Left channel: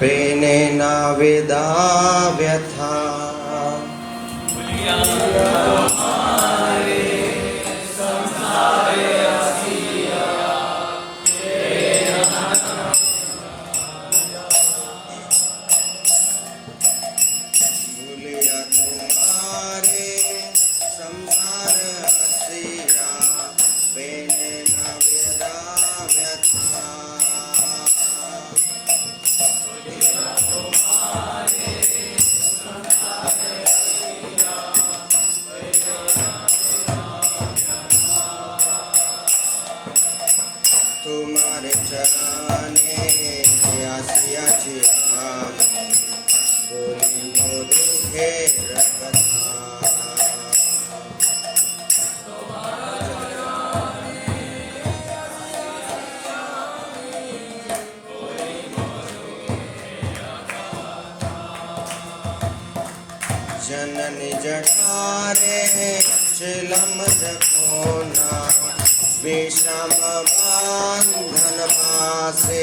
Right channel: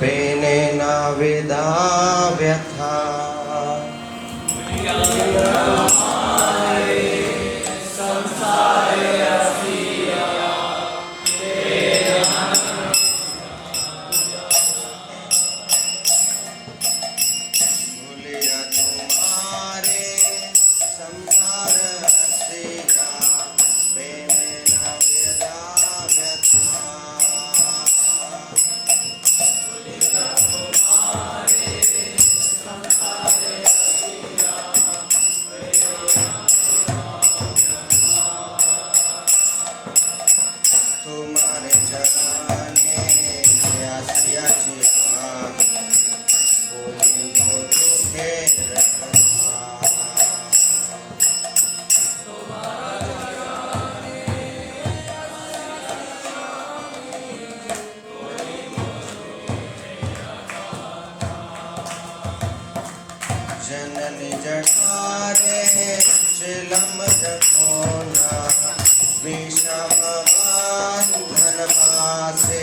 पेने न वेदा व्यथा जननी जठारे चिलम जपोना विषम बंधन पासे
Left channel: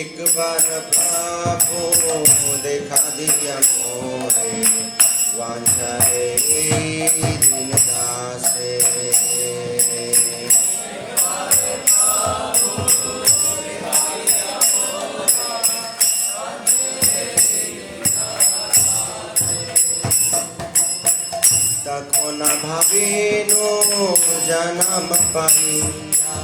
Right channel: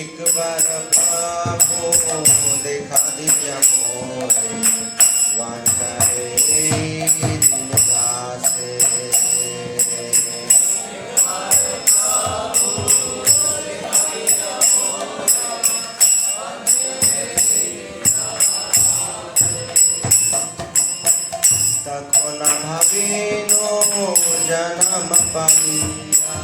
एक बार प्रभु देखा दिया मोरे वांछा दिन दासे तखन भाविनु जन्म पाइया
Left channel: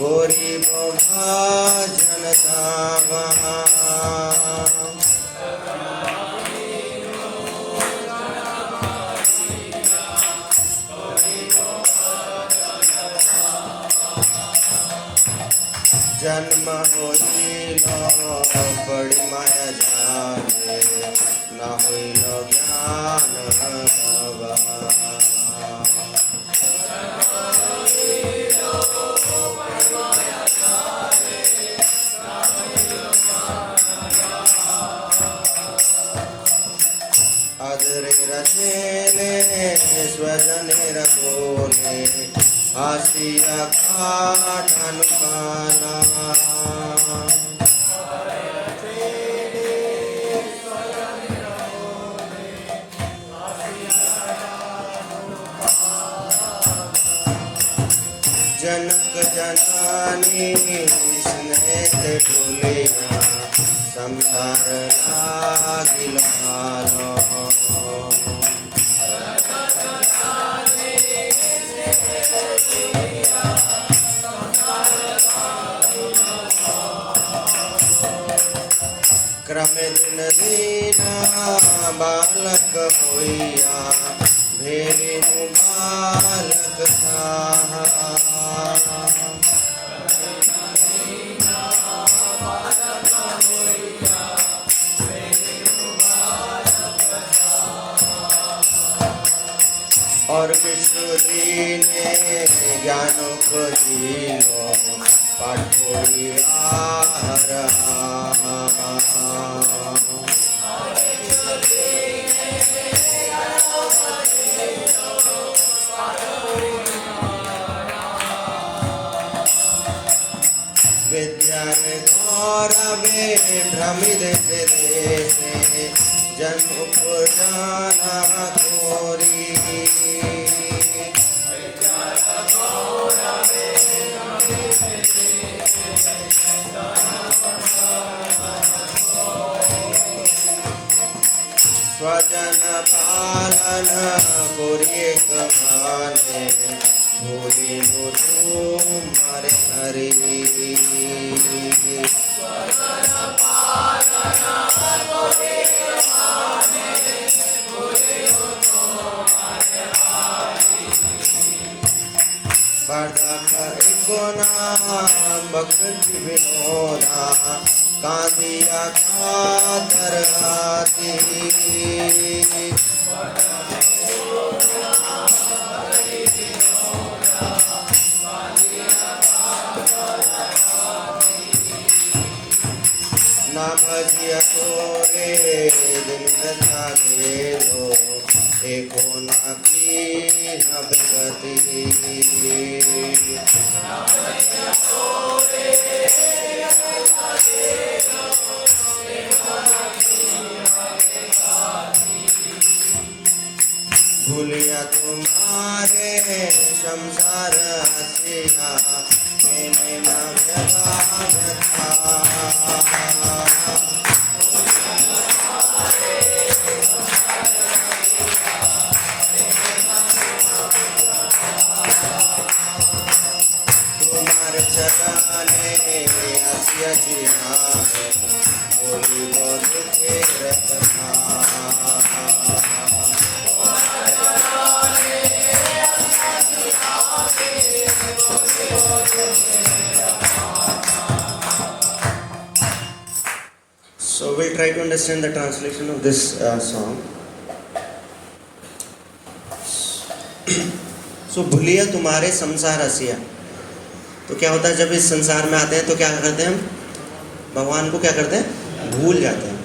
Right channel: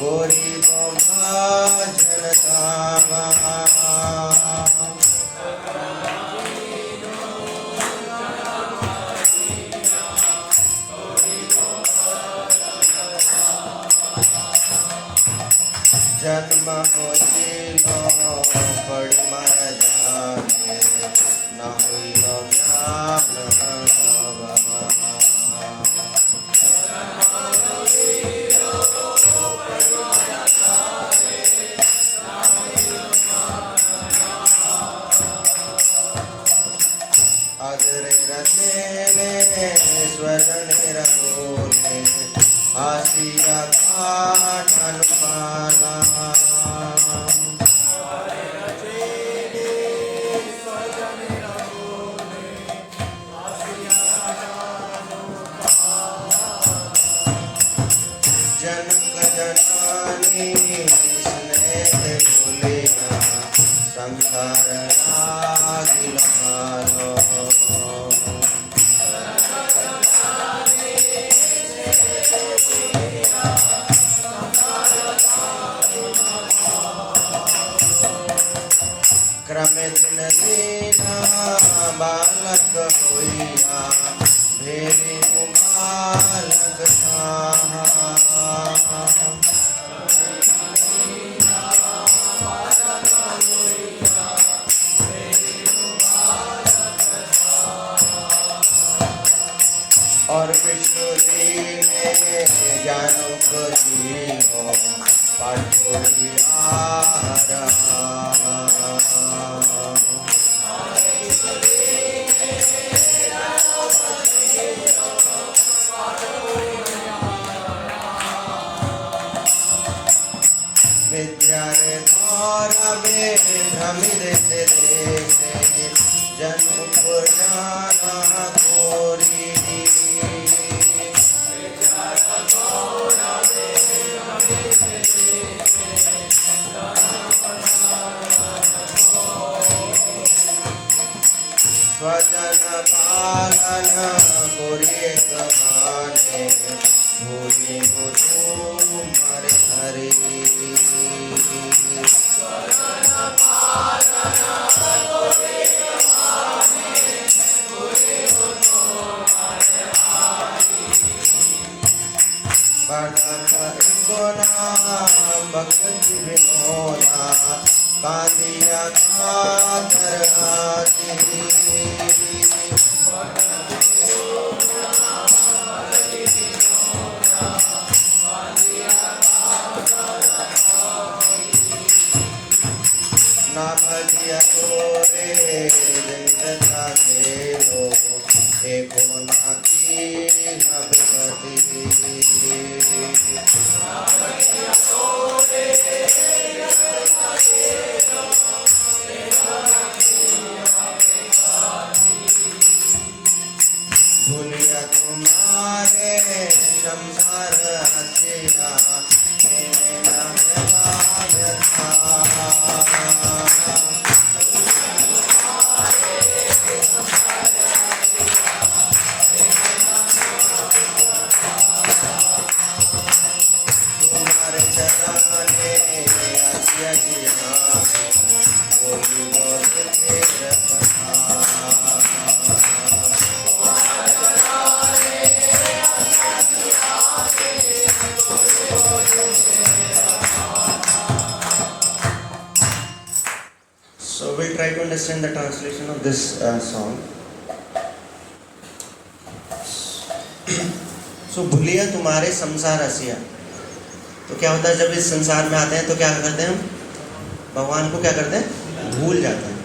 गरीब भजन धामा जन्म होइलो बड़ी माया जागे न होइलो ज्ञान अदरे रसेले स्वरने रखोले आसिया काठ अनुपाना जनक जननी स्नेह भूलिया संसार लागिल भालो क्रमे दिन दीना बालक होइया भेरी बालक साहा और विष्णु जी ने ज्ञानो खोजियो पाठोरी विद्यारे गौरवे भ्रमित देशे जन पुराना कोरी स्वजन पालन गोरी कमाने भूरी मुझू मर हरी भक्त विनोदा कांदिया खातर आती न भजिया तोरे चिंता घेलो एको ना की गति भूलिया तुम्हारे संसार हसिया मैंने व्यथा तुम्हारे चरणे हसिया जिया बोली बोलते व्यथा So we'll try to understand the translation of this song. So भूलिया तुम्हारे संसार हसिया। तो क्या होता है जब इस संसार में आते हैं तो क्या करते हैं हम भगवान को क्या करते हैं भूल जाते हैं।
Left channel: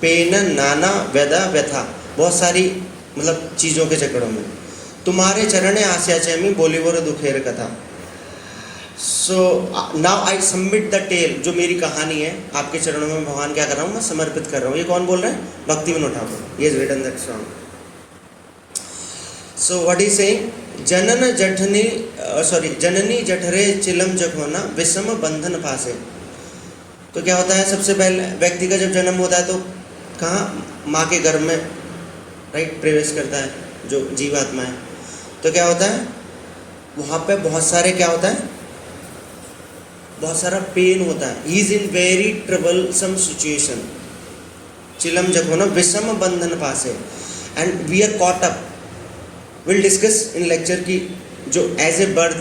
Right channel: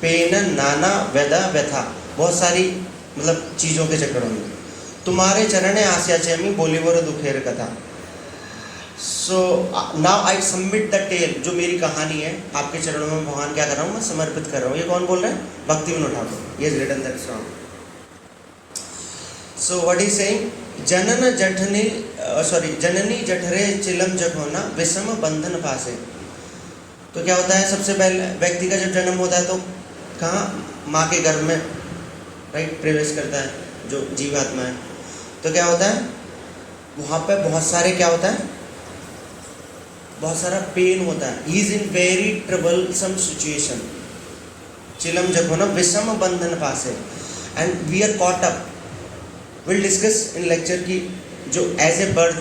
पेन नाना व्यदा व्यथा बहुत सारी मतलब चीज़ों के चक्कर में तुम्हारे चरणे आस्या चैमी बोली बोरो दुखेर कथा। So now I submit the tale जो मेरी कहानी है आपके चरणों में भगवान क्या कर रहा हूँ मैं समर्पित कर रहा हूँ। ये कौन बोल रहे हैं भक्ति विनोद ठाकुर। ये written that song. So what is saying जननी जठरे चिलम जठोना विषम बंधन फासे। तो क्या होता है सबसे पहले व्यक्ति का जब जन्म होता है तो कहाँ माँ के गर्भ में राइट प्रवेश करता है जो जीवात्मा है। तो क्या होता है वहाँ पे बहुत सारे क्या होता है बहुत सारा पेन होता है। He is in very troublesome situation चिलम जखोना विषम बंधन पासे and we are caught up. Will discuss in lecture की जो as a birth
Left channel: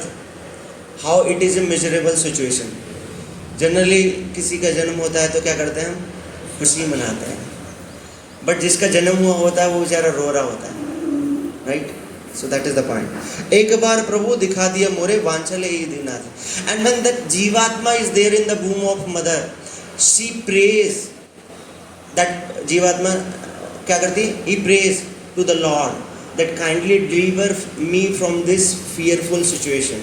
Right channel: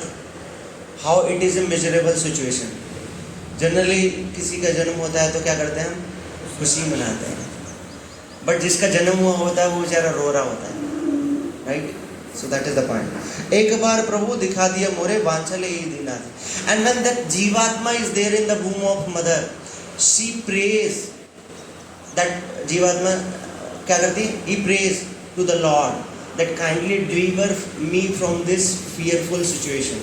how it is a miserable situation. Generally किसी का जन्म होता है तो क्या करते हैं हम खुशी मनाते हैं बट जिसका जन्म हुआ होता है वो बेचारा रो रहा होता है right. So that is the point. एक बार प्रभु दिखा दिया मोरे वांछले ये दीनाथ। And when that जीवात्मा is there in the womb of mother, she prays that जीवात्मा क्या करती? He prays to the Lord that kindly deliver me from this fearful situation.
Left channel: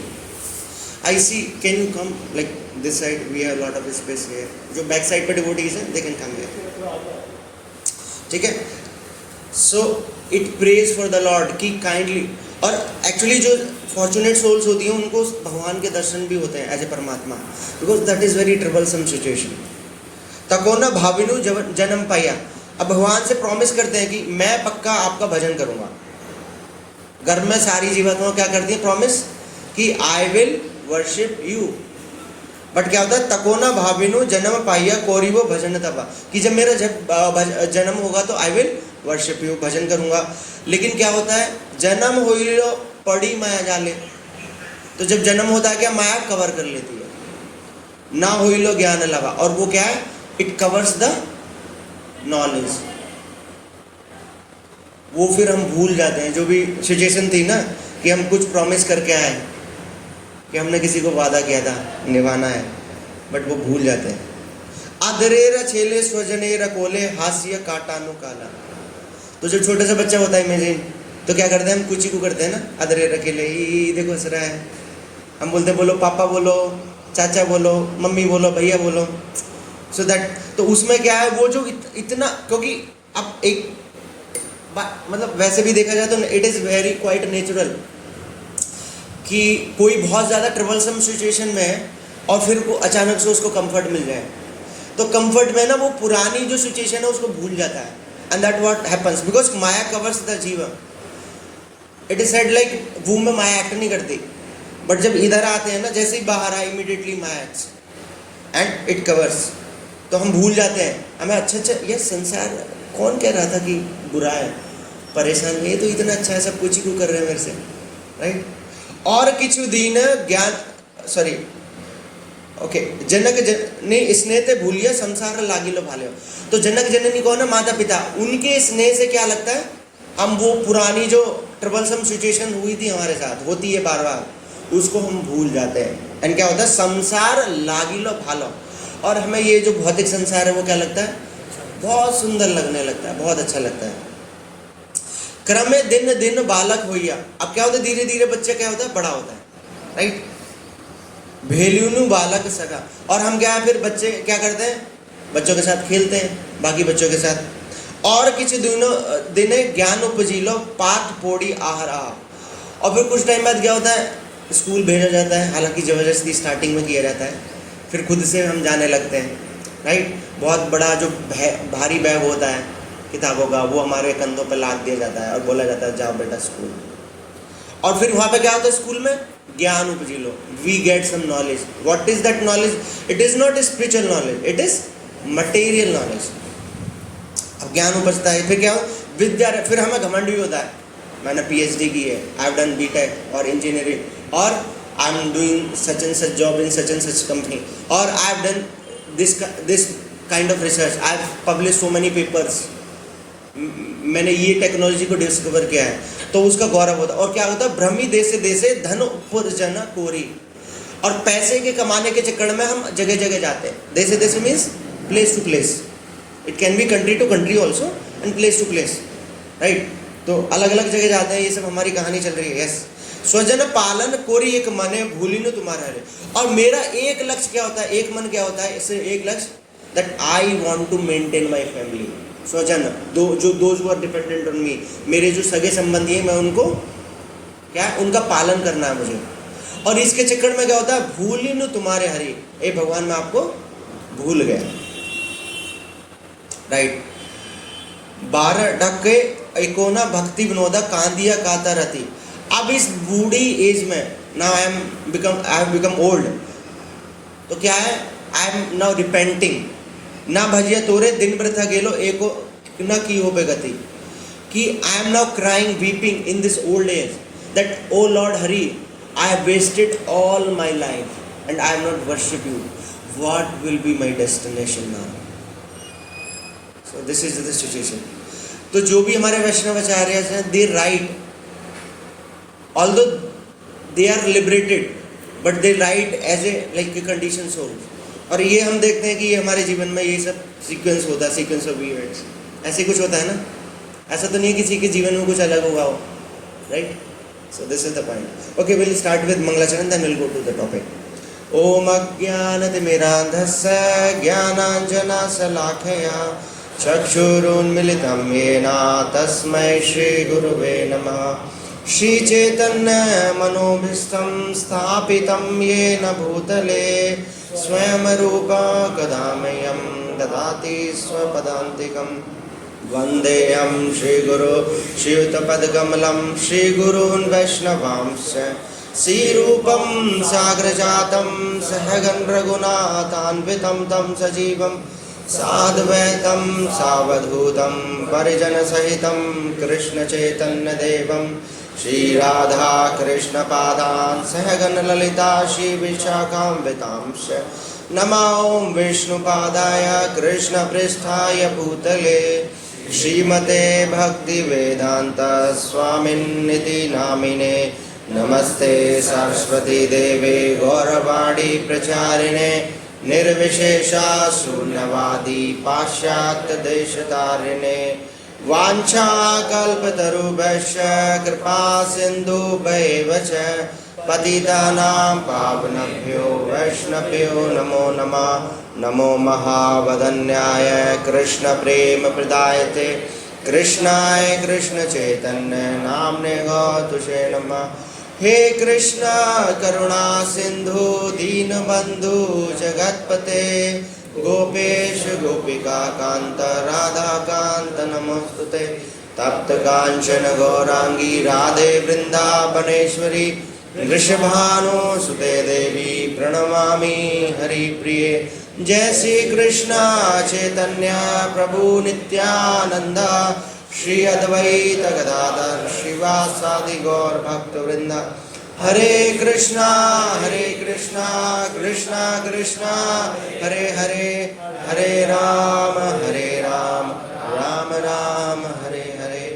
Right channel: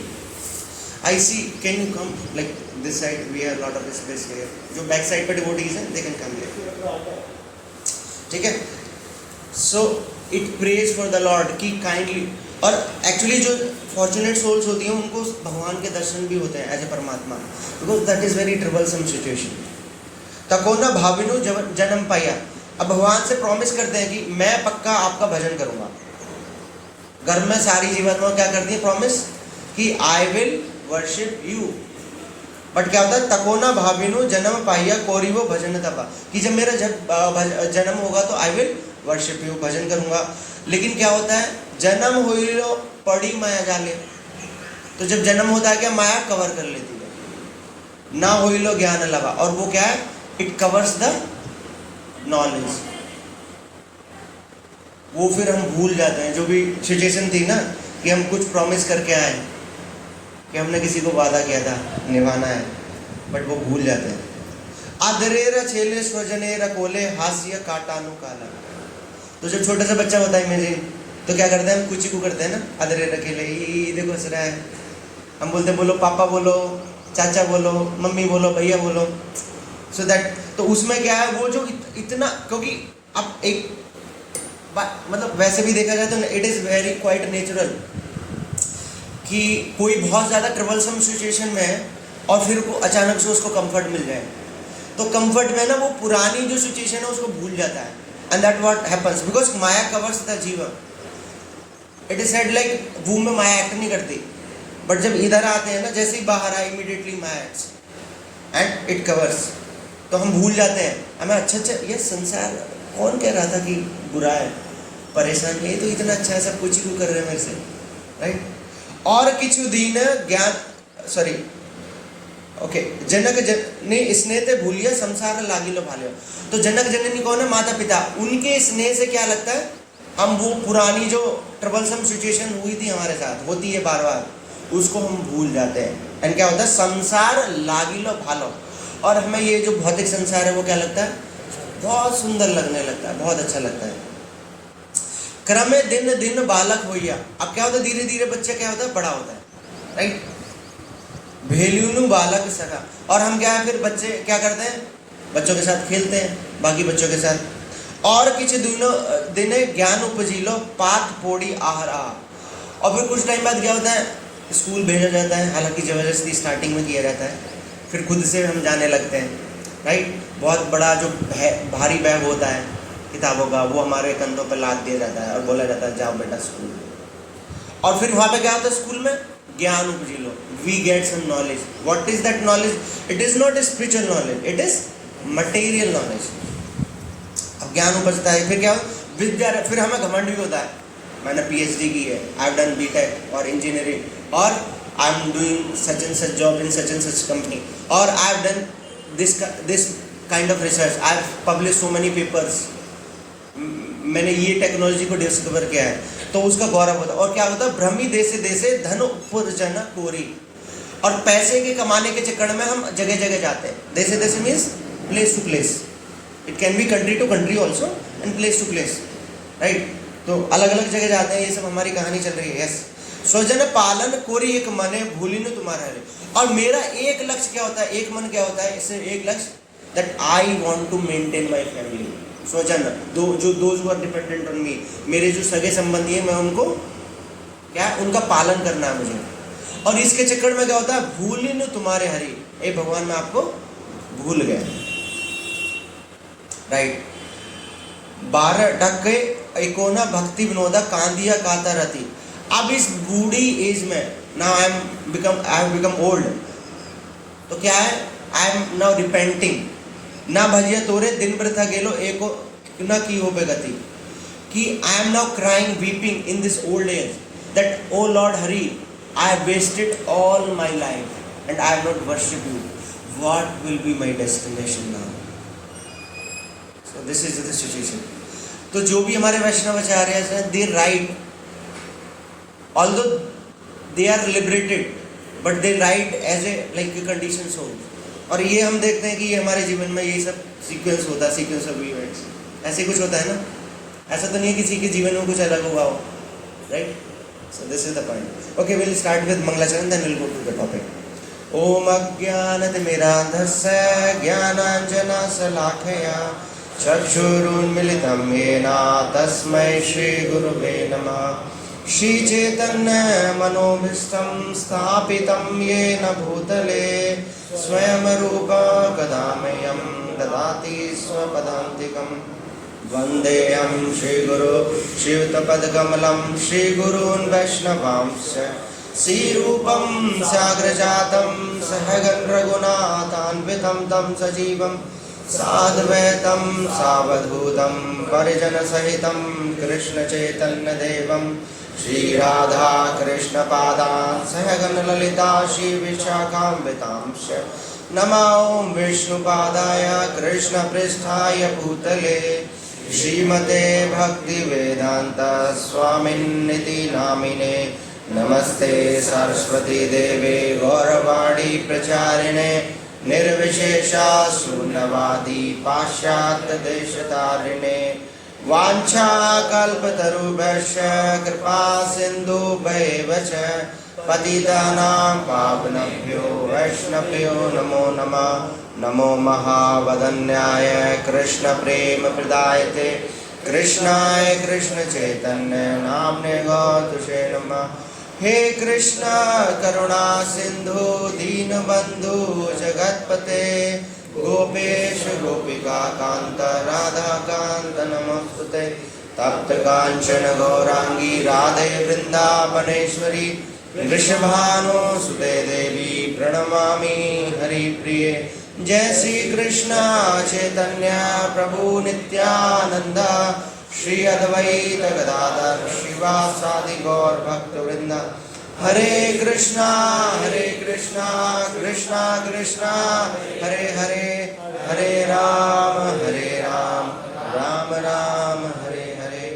I see. Can you come like this side? We have a lot of space here. जो back side पे devotees हैं, they can come here. ठीक है? So it prays for the Lord कि kindly। और actually जो fortunate souls होती हैं उनको भगवान के दर्शन भी होते हैं एज ए परमात्मा because that is very troublesome situation. तको न भाविनु जन्म पाया। अब भगवान से प्रॉमिस करते हैं कि मैं पक्का आपका भजन करूंगा। घर में सारी जीवात्माएं क्या करती है प्रॉमिस कि I will worship you. But क्या होता है तको न भाविनु जन्म पाया कोरी वो भजन तबा कि जब मेरा जन्म होगा तो आई विल वर्शिप यू भजन करूंगा। लेकिन क्या होता है जन्म हुई लो पड़ी माया जाले। तो जब जन्म होता है क्या माया कवर कर लेती है ना हुई लो ज्ञान लगा। और वो क्या है इट कवर्स द नॉलेज। वो फिर हम भूल जाते हैं जो भी सिचुएशन थी ना कि हम कुछ प्रॉमिस करके आए कि हमने किसी को वादा किया था निभाना है बट वो भूल जाते हैं। अधरेरा छेले स्वजनेरा कोले हास्य काटानु काला। तो जब छोटा सा बच्चा होता है इमेजिन तो क्या करते हैं हम कुछ को करते हैं ना अधरेरा अकेले ही देखो हंस रहा है। हम बोलते हैं बोलो पापा बोलो चाचा बोलो मम्मी बोलो भैया बोलो। सो दैट तो उसमें क्या है वो जो इतना क्योंकि अब एक मतलब वैसे भी देखा जाए तो it is very quite natural कि कोई बहुत ज़्यादा ट्रबलसम सिचुएशन में है और फिर वो अचानक से उसको कंफर्ट मिल जाए तो कंफर्ट में ना वो पुरानी जो सिचुएशन है उसको भूल जाता है। And that what happens because Maya covers the जीवा। इट इज सेड लाइक वूम में माया एक्ट नहीं करती बट जब इधर आते हैं ना जैसे ही बाहर आए immediately Maya acts and it covers. तो हम भूल जाते हैं हमें अच्छा ये संसार कौन कह रहा था कि बुरा है परेशान है, ये तो इतना अच्छा है सब कुछ ही को कर रहे हैं मेरे से राइट। और किछु दीन ज्ञान सॉरी ओके जनक ने स्नेह ते भूलिया संसार लागी लो भाले। तो जनक जननी कौन है माता पिता। उनके स्नेह से क्या लगता है हम वो पुरानी जो ट्रबलसम सिचुएशन हुई थी हमारे साथ होती है बार बार उसको हम भूल जाते हैं। एंड क्या होता है संसार लागी लो भालो। और हमें ये जो भौतिक संसार है वो क्या लगता है बहुत सुंदर लगने लगता है, बहुत अच्छा लगता है। क्रमे दिन दिन बालक होइया, अब क्या होता है, धीरे धीरे बच्चा क्या होता है, बड़ा होता है, राइट। भेल्यूनु बालक सका, और हम क्या है, फिर बच्चे क्या करते हैं, बच्चों के साथ खेलते हैं, बाकी बच्चों के साथ। और किछ दिने ज्ञान उपजिलो पाठ पोड़ी आहार आहा, और फिर कुछ टाइम बाद क्या होता है, स्कूल भेजा जाता है, हालांकि ज़बरदस्ती स्टार्टिंग में किया जाता है, फिर खुद से हम जाने लगते हैं, राइट। बहुत बड़ा जो भारी बैग होता है किताबों का, वो हमारे कंधों पर लाद दिया जाता है और बोला जाता है जाओ बेटा स्कूल। और फिर वहाँ पे क्या होता है, स्कूल में ज्ञान उपजी लो, we get some knowledge. What is that knowledge? It is not a spiritual knowledge, it is material knowledge. अब ज्ञान उपजता है, फिर क्या हो, विद्या, फिर हमें घमंड भी होता है, मैंने PhD की है, आई हैव डन BTech और इंजीनियरिंग, और I am doing such and such job in such and such company, और I have done this kind of research, I have publish so many papers, मैंने ये technology को discover किया है, तो उसका गौरव होता है। और क्या होता है, भ्रमी देशे देशे धन उपार्जन कोरी, और पैसे के कमाने के चक्कर में हम जगह जगह जाते हैं। देशे देशे means place to place, it can be country to country also and place to place, right. तो अलग अलग जगह जाते हैं, ये सब हमारी कहानी चल रही है। यस, स्वजन पालन कोरी एक मने भूलिनु तुम्हारा है। और मेरा एक लक्ष्य क्या होता है, एक मन क्या होता है, इससे एक लक्ष्य, that I want to maintain my family. स्वजन those who are dependent on me, मेरे जो सगे संबंधी हैं, मैं उनको क्या, उनका पालन करना है मुझे। और इसके चक्कर में क्या होता है, भूलिनु तुम्हारे हरि, ए भगवान मैं आपको भूल गया, राइट। 12 टक्के इकोना भक्ति विनोदा कांदिया काता रति। अब इस बूढ़ी एज में, now I have become old, तो क्या है, आई एम नाउ रिपेंटिंग, ना भजिया तोरे दिन वृथा गेलो एको न की हो पे गति, कि I am now crying weeping in this old age, that O lord Hari, I have wasted all my life and I have not worship you, what will be my destination now. So this is the situation. तो जो भी हमारे वैष्णवाचार्य हैं, they write, although they are liberated, but they write as a like condition soul. और ये हम देखते हैं कि ये हमारे जीवन में ये सब सीक्वेंस होता है, सीक्वेंस ऑफ इवेंट्स, ऐसे कुछ होता है ना। ऐसा तो नहीं है किसी के जीवन में कुछ अलग हुआ हो, right. So this is the point. Okay, will start with मंगलाचरण, then will go to the topic. ओम अज्ञानतिमिरान्धस्य ज्ञानाञ्जनशलाखया चक्षुरुन्मिलितं येन तस्मै श्रीगुरुवे नमः। श्रीचैतन्य मनोभीष्टं स्थापितं येन भूतले स्वयं रूप कदा मह्यं ददाति स्वपदान्तिकं। वन्देऽहं श्रीगुरो शिवतपदकमलं श्रीगुरून् वैष्णवांश्च श्रीरूपं साग्रजातं सहगण रघुनाथान्वितं तं सजीवं साद्वैतं सावधूतं परिजनसहितं कृष्णचैतन्यदेवं श्रीराधा कृष्णपादान् सहगण ललिता श्रीविशाखान्वितांश्च। नमो विष्णुपादाय कृष्णपृष्ठाय भूतले श्रीमते भक्तिवेदान्त स्वामिन्निति नामिने। नमस्ते सरस्वती देवे गौरवाणी प्रचारिणे निर्विशेषा शून्यवादी पाश्चात्य देशतारिणे। वाञ्छाकल्पतरुभ्यश्च कृपा सिन्धुभ्यैव च पतितानां पावनेभ्यो वैष्णवेभ्यो नमो नमः। नमो महावदन्याय कृष्णप्रेमप्रदायते कृष्णाय कृष्णचैतन्य नाम्ने गौतुषे नमः। हे कृष्ण करुणा सिंधु दीनबंधु जगतपते गोपेश गोपिका कांत राधा कांत नमस्तुते। तप्त कांचन गौरांगी राधे वृंदावनेश्वरी वृषभानु सुते देवी प्रणमामि हरिप्रिये। जय श्री कृष्ण चैतन्य प्रभु नित्यानंद श्री अद्वैत गदाधर श्रीवासादि गौर भक्तवृंद। हरे कृष्णा कृष्णा कृष्णा हरे हरे, हरे राम राम राम हरे हरे।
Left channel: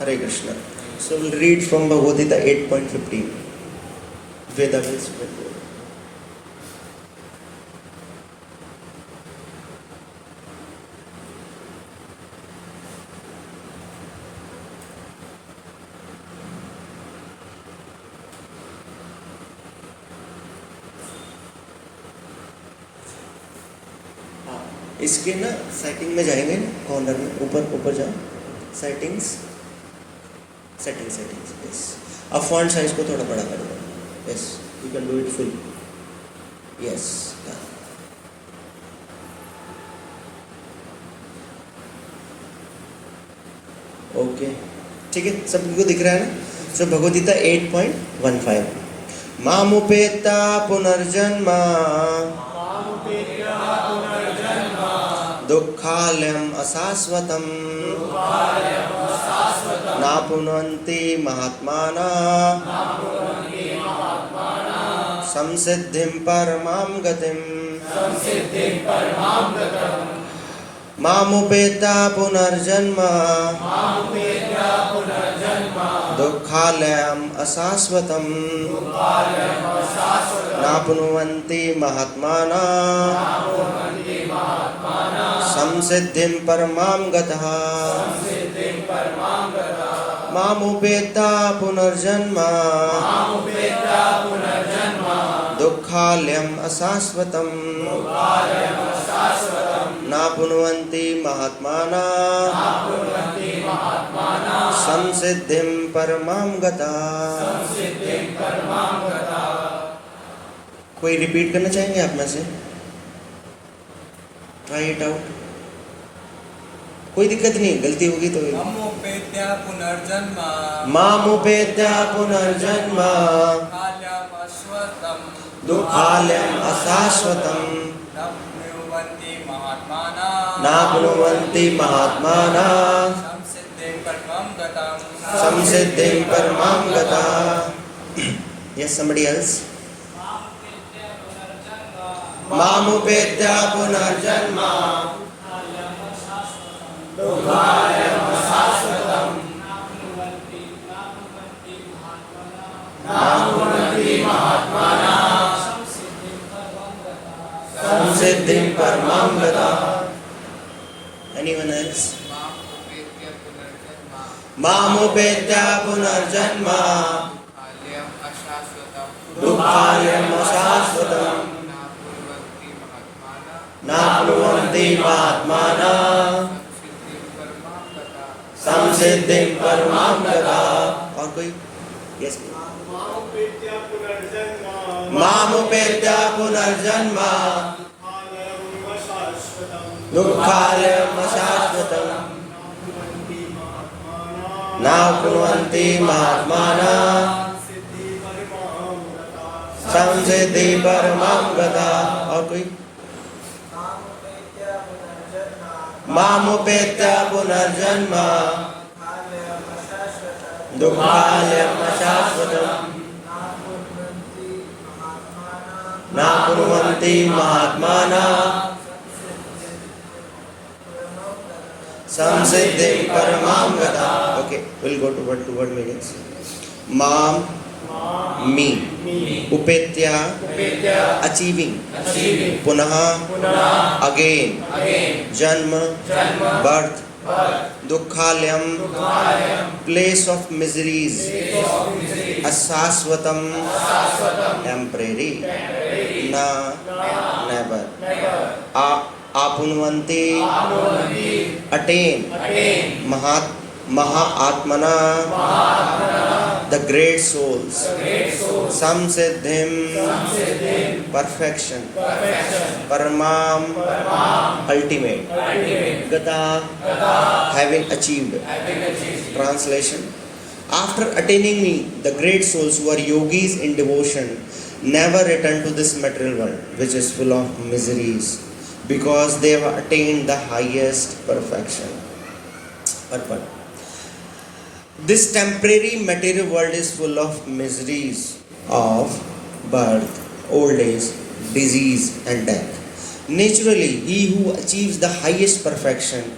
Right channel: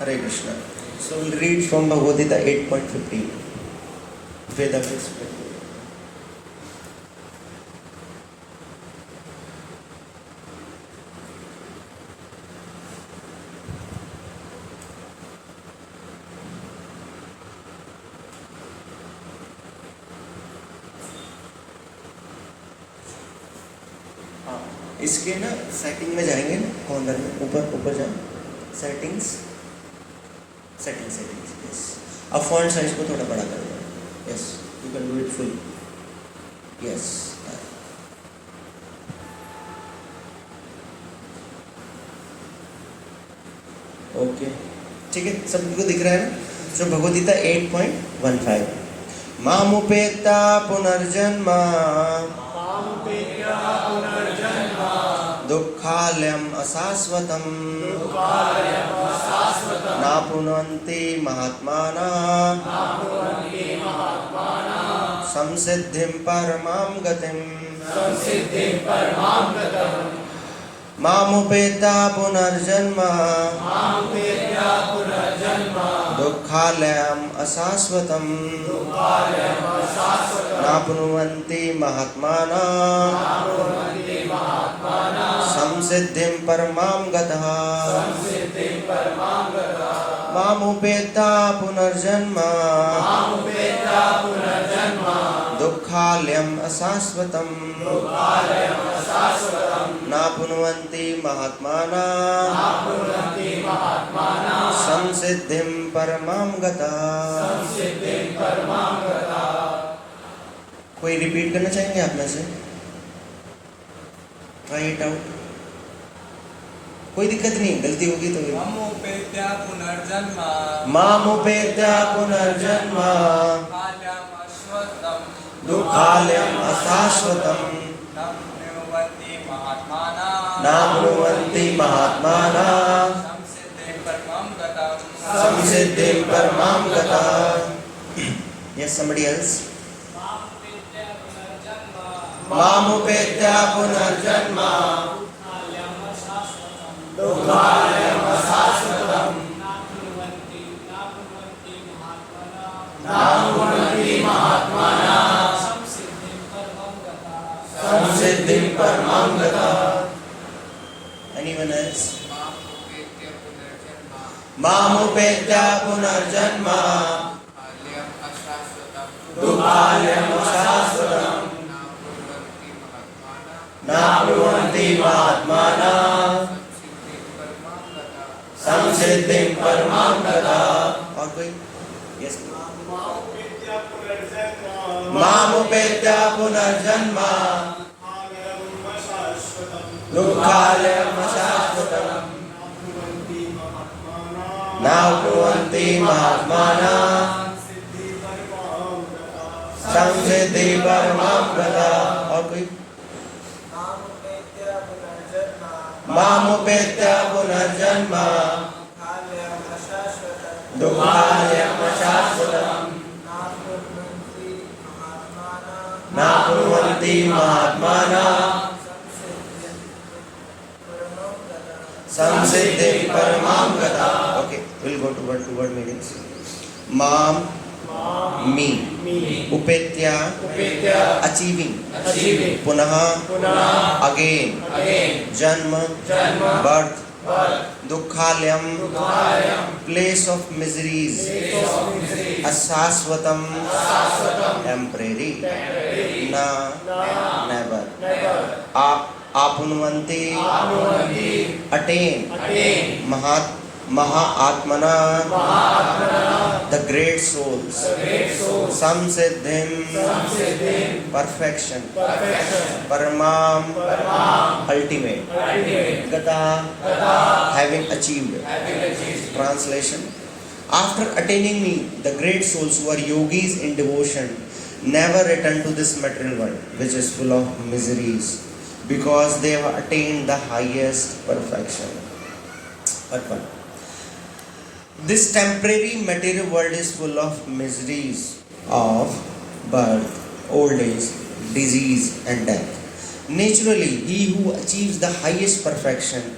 हरे Krishna. So we'll read from Bhagavad Gita 8.15. Veda means इसके ना सेटिंग में जाएंगे ना, कॉर्नर में ऊपर जाओ, सेटिंग्स, यस। अब फॉन्ट साइज को थोड़ा बड़ा कर दो, yes, you can do it full, yes. Okay, ठीक है, सबको दिख रहा है ना? सो भगवद्गीता 8.15 मामुपेता पुनर्जन्म दुःखालयम् अशाश्वतम् नापुनन्ति महात्मानः संसिद्धिं परमां गतिम् मामुपेता पुनर्जन्म दुःखालयम् अशाश्वतम् नाप्नुवन्ति महात्मानः संसिद्धिं परमां गतः मामुपेता पुनर्जन्म दुःखालयम् अशाश्वतम् नाप्नुवन्ति महात्मानः संसिद्धिं परमां गतः। कोई रिपीट करना चाहेंगे आप में से? ट्राई इट आउट, कोई दिक्कत नहीं, गलती होगी तो मामुपेत्या पुनर्जन्म दुःखालयम् अशाश्वतम् नाप्नुवन्ति महात्मानः संसिद्धिं परमां गतः। Yes, somebody else. मामुपेत्या पुनर्जन्म दुःखालयम् अशाश्वतम् नाप्नुवन्ति महात्मानः संसिद्धिं परमां गतः। Anyone else? मामुपेत्या पुनर्जन्म दुःखालयम् अशाश्वतम् नाप्नुवन्ति महात्मानः संसिद्धिं परमां गतः। और कोई? यस, मामुपेत्या पुनर्जन्म दुःखालयम् अशाश्वतम् नाप्नुवन्ति महात्मानः संसिद्धिं परमां गतः। और कोई? मामुपेत्या पुनर्जन्म दुःखालयम् अशाश्वतम् नाप्नुवन्ति महात्मानः संसिद्धिं परमां गतः। Okay, we'll go to word meanings. Mam, me, upetya, achieving, punah, again, janma, birth, dukkhalayam, place of miseries, asaswatam, temporary, na, never, apunvanti, attain, mahatmana, the great souls, samsiddhim, perfection, paramam, ultimate, gata, having achieved. Translation: after attaining me, the great souls who are yogis in devotion never return to this material world, which is full of miseries, because they have attained the highest perfection. Part 1. This temporary material world is full of miseries of birth, old age, disease and death. Naturally, he who achieves the highest perfection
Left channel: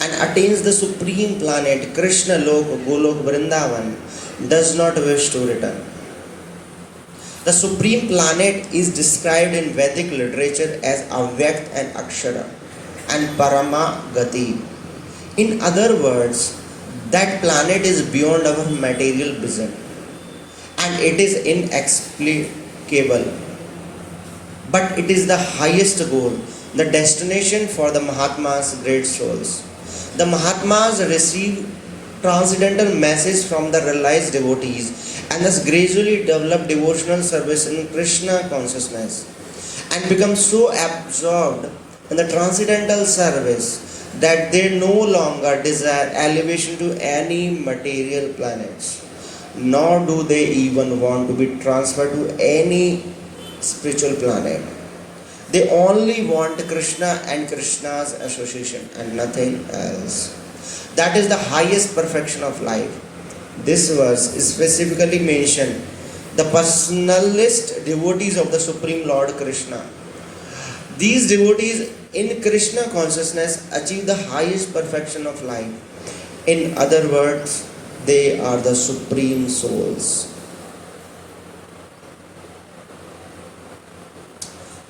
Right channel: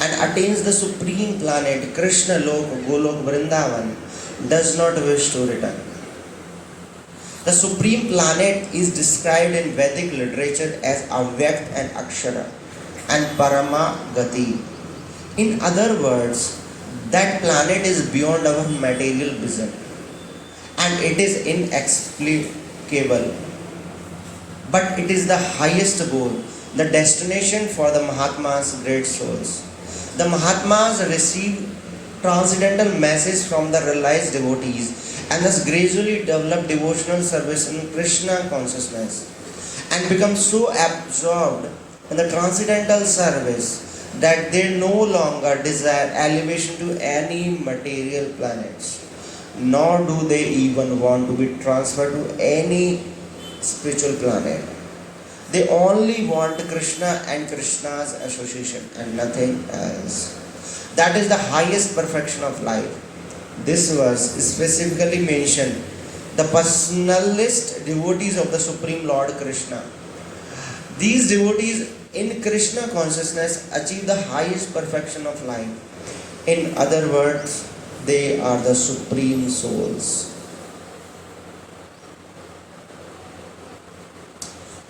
and attains the supreme planet, Krishna Lok, Golok, Vrindavan, does not wish to return. The supreme planet is described in Vedic literature as Avyakt and Akshara and Parama Gati. In other words, that planet is beyond our material vision and it is inexplicable. But it is the highest goal the destination for the Mahatmas, great souls. The Mahatmas receive transcendental message from the realized devotees and thus gradually develop devotional service in Krishna consciousness and become so absorbed in the transcendental service that they no longer desire elevation to any material planets, nor do they even want to be transferred to any spiritual planet. They only want Krishna and Krishna's association and nothing else. That is the highest perfection of life. This verse specifically mentions the personalist devotees of the Supreme Lord Krishna. These devotees in Krishna consciousness achieve the highest perfection of life. In other words, they are the supreme souls.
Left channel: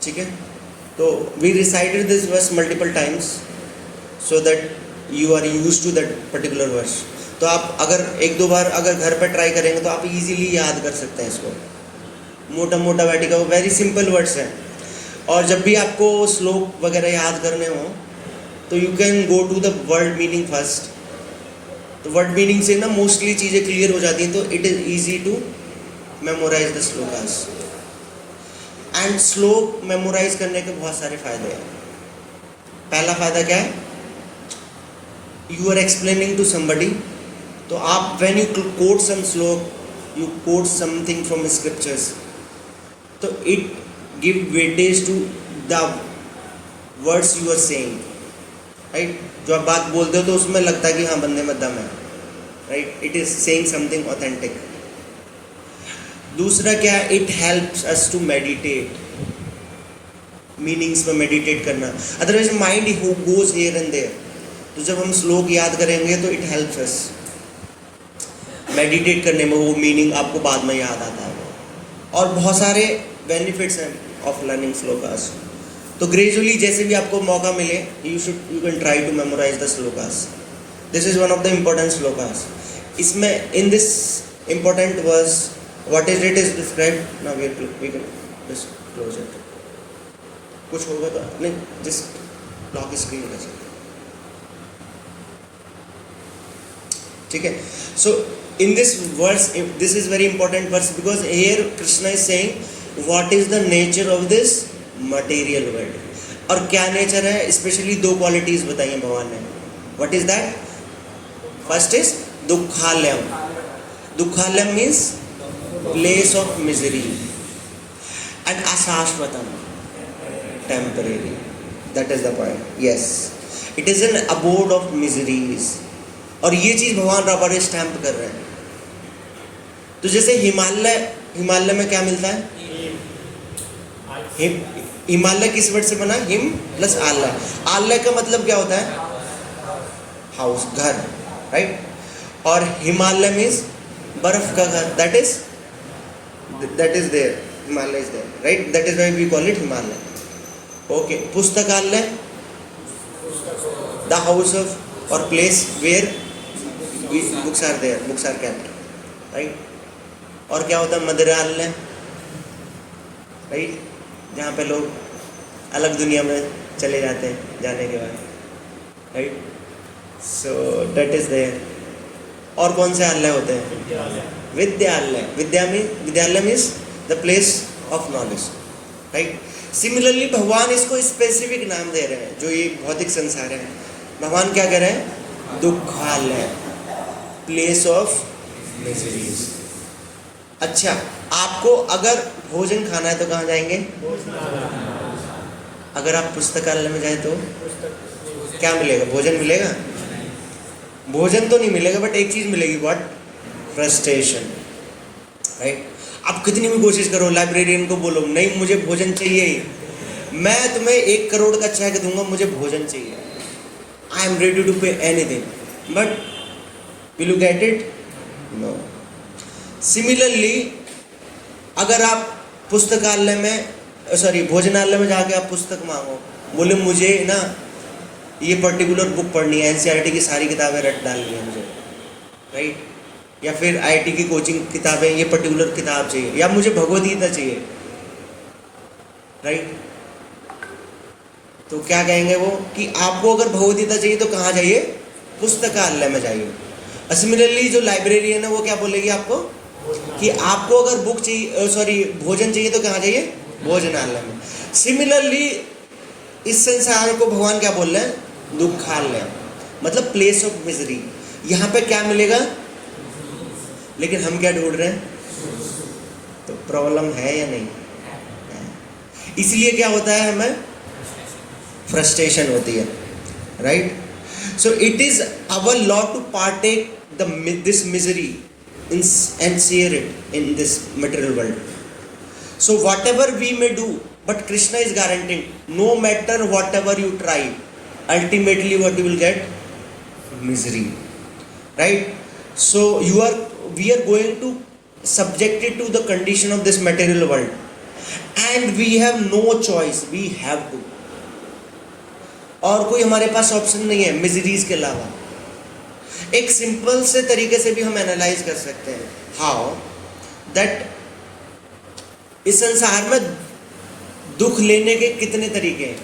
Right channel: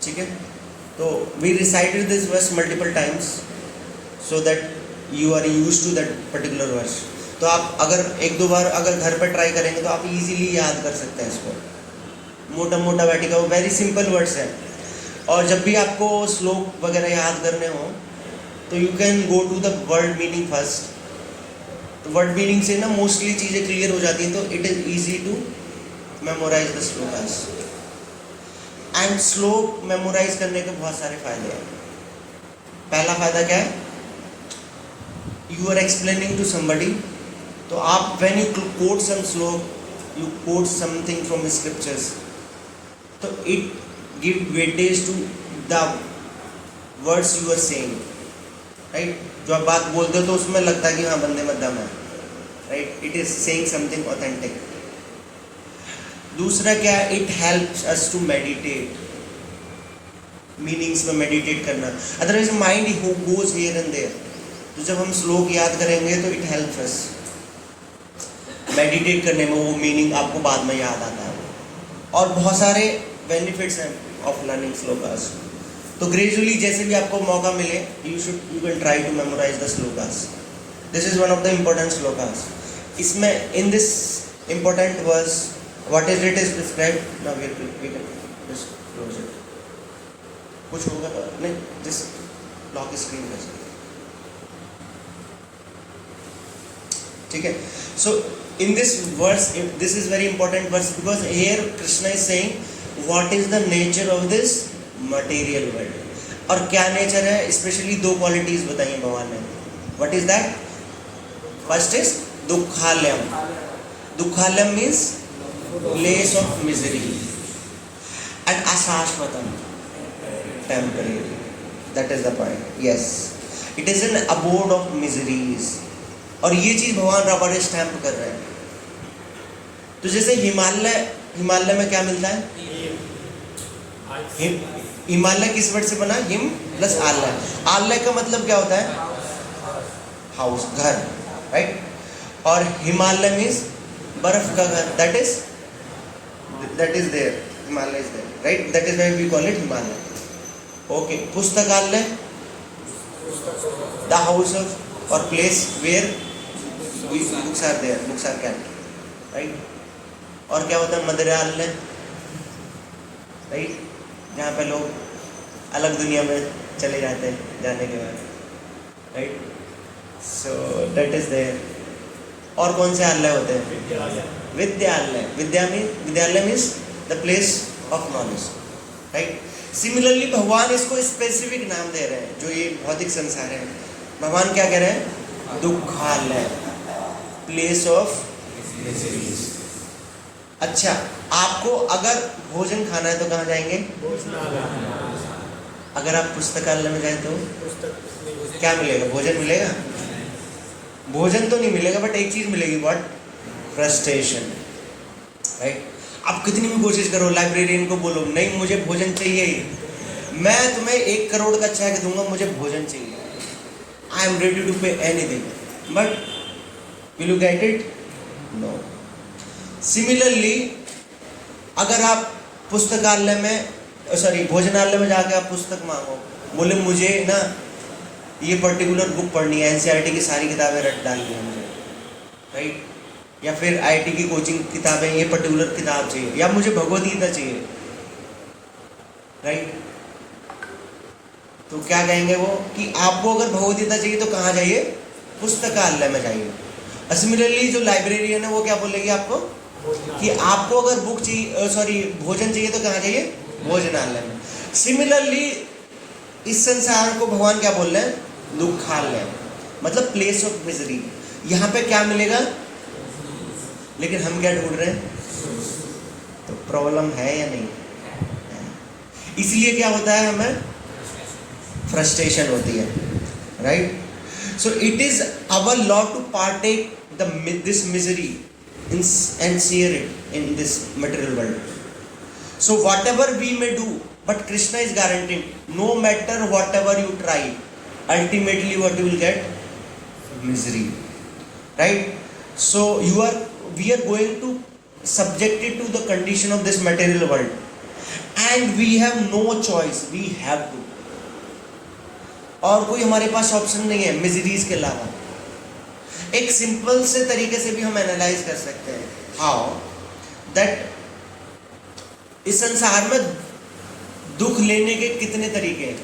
ठीक है, तो we recited this verse multiple times so that you are used to that particular verse. तो आप अगर एक दो बार अगर घर पे ट्राई करेंगे तो आप इजीली याद कर सकते हैं इसको. मोटा मोटा बैठेगा, वो वेरी सिंपल वर्ड्स है. और जब भी आपको श्लोक वगैरह याद करने हो तो you can go to the word meaning first. तो वर्ड मीनिंग से ना मोस्टली चीज़ें क्लियर हो जाती हैं, तो it is easy to memorise the shlokas. And श्लोक मेमोराइज करने के बहुत सारे फायदे हैं. पहला फायदा क्या है? You are explaining to somebody. तो आप when you quote some shloka, you quote something from scriptures, तो it give weightage to the words you are saying, right. जो आप बात बोलते हो तो उसमें लगता है कि हाँ बंदे में दम है, right. It is saying something authentic. दूसरा क्या है? It helps us to meditate. Meanings में मेडिटेट करना, otherwise mind goes here and there. तो जब हम श्लोक याद करेंगे तो इट हेल्प्स अस मेडिटेट करने में. वो मीनिंग आपको बाद में याद आता है. और बहुत सारे बेनिफिट्स हैं ऑफ लर्निंग श्लोकास. तो ग्रेजुअली जैसे भी आपको मौका मिले, you can try to memorise the shlokas. This is one of the important shlokas. इसमें in this important verse what is it is described. Now we can just close it. कुछ होगा तो नहीं, just lock screen कर सकते. ठीक है. So in this verse, this is very important verse because here Krishna is saying what is the nature of this material world. और क्या नेचर है? स्पेशली दो क्वालिटीज बताई हैं भगवान ने. What is that? First is दुखालयम. दुखालयम means place of misery, and ashashvatam, temporary. That is the point. Yes, it is an abode of miseries. और ये चीज भगवान रबर स्टैम्प कर रहे हैं. तो जैसे हिमालय में क्या मिलता है? हिमालय किस वर्ड से बना? हिम प्लस आलय. आलय का मतलब क्या होता है? हाउस, घर, राइट. और हिमालय मीन्स बर्फ का घर. that is there. Himalaya is there, right? That is why we call it Himalaya. Okay. Pustakalaya, the house of or place where books are there, books are kept, right? और क्या होता है? मदिरालय, right? जहाँ पे लोग अलग दुनिया में चले जाते हैं जाने के बाद, right? So that is there. और कौन से आलय होते हैं? विद्यालय. विद्यालय means the place of knowledge, right. Similarly भगवान इसको स्पेसिफिक नाम दे रहे हैं. जो ये भौतिक संसार है, भगवान क्या कह रहे हैं? दुखालय, प्लेस ऑफ मिजरीज. अच्छा, आपको अगर भोजन खाना है तो कहाँ जाएंगे? अगर आप पुस्तकालय में जाए तो क्या मिलेगा? भोजन मिलेगा? भोजन तो नहीं मिलेगा, बट एक चीज मिलेगी. व्हाट? Frustration, right. आप कितनी भी कोशिश करो, लाइब्रेरियन को बोलो नहीं मुझे भोजन चाहिए ही, मैं तुम्हें 1 करोड़ का चेक दूंगा, मुझे भोजन चाहिए, I am ready to pay anything, but will you get it? No. Similarly अगर आप पुस्तकालय में भोजनालय में जाके आप पुस्तक मांगो, बोले मुझे ना ये पर्टिकुलर बुक पढ़नी है, एनसीईआरटी की सारी किताबें रट डालनी है मुझे, राइट. या फिर आईआईटी की कोचिंग किताबें, ये पर्टिकुलर किताब चाहिए, या मुझे भगवद गीता चाहिए, राइट. तो क्या कहेंगे वो कि आपको अगर भगवदगीता चाहिए तो कहाँ जाइए, पुस्तकालय में जाइए। सिमिलरली जो लाइब्रेरियन है वो क्या बोलेगी आपको कि आपको अगर बुक चाहिए, सॉरी भोजन चाहिए तो कहाँ जाइए, भोजनालय में। सिमिलरली इस संसार को भगवान क्या बोल रहे हैं, दुखालय, मतलब प्लेस ऑफ मिजरी। यहाँ पे क्या मिलेगा, लेकिन हम क्या ढूंढ रहे हैं, तो प्रॉब्लम है या नहीं है। इसलिए क्या होता है, हमें फ्रस्ट्रेशन होती है, right. So it is our law to partake this misery and share it in this material world. So whatever we may do, but Krishna is guaranteeing, no matter whatever you try, ultimately what you will get, misery, right? So we are going to subject it to the condition of this material world, and we have no choice, we have to, और कोई हमारे पास option नहीं है miseries के अलावा। एक simple से तरीके से भी हम एनालाइज कर सकते हैं, हाउ दैट इस संसार में दुख लेने के कितने तरीके हैं।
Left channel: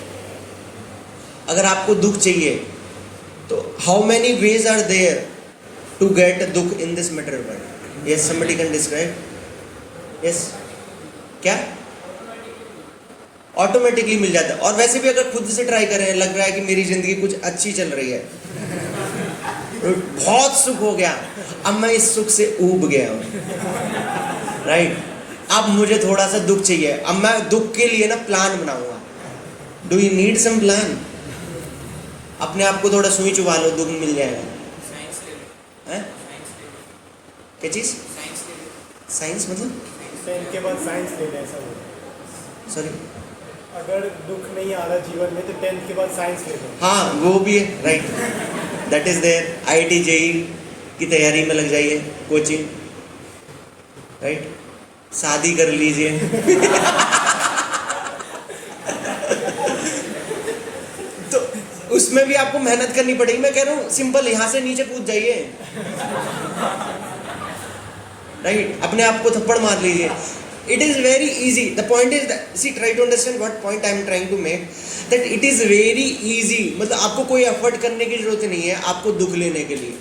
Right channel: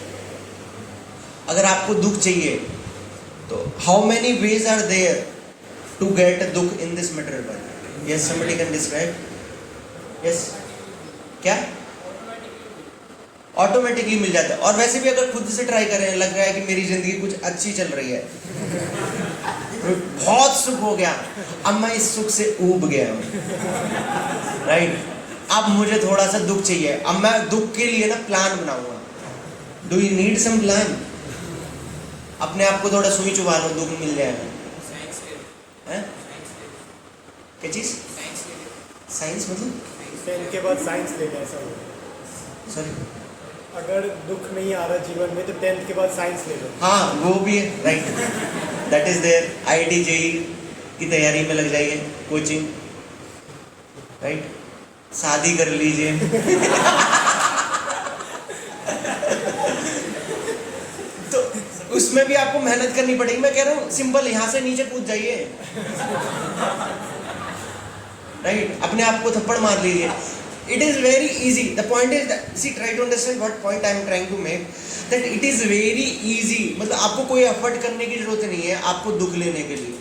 अगर आपको दुख चाहिए तो how many ways are there to get dukh in this material world. Yes, somebody can describe. Yes, क्या ऑटोमेटिकली मिल जाता है। और वैसे भी अगर खुद से ट्राई करें, लग रहा है कि मेरी जिंदगी कुछ अच्छी चल रही है, बहुत सुख हो गया, अब मैं इस सुख से ऊब गया हूं, राइट। अब मुझे थोड़ा सा दुख चाहिए, अब मैं दुख के लिए ना प्लान बनाऊंगा। Do you need some plan? अपने आप को थोड़ा सुई चुबा लो, दुख मिल जाएगा। हैं? क्या चीज? साइंस मतलब पेन के बाद साइंस लेना, ऐसा हो। सॉरी, अगर दुख नहीं आ रहा जीवन में तो 10th के बाद साइंस ले लो। हाँ वो भी है, right, that is there. IIT JEE की तैयारी में लग जाइए, कोचिंग, राइट। शादी कर लीजिए तो उसमें भी आपको मेहनत करनी पड़ेगी। मैं कह रहा हूँ सिंपल, यहां से नीचे कूद जाइए, राइट। अपने आप को थप्पड़ मार लीजिए। It is very easy. The point is that, see, try to understand what point I am trying to make. That it is very easy. मतलब आपको कोई एफर्ट करने की जरूरत नहीं है आपको दुख लेने के लिए।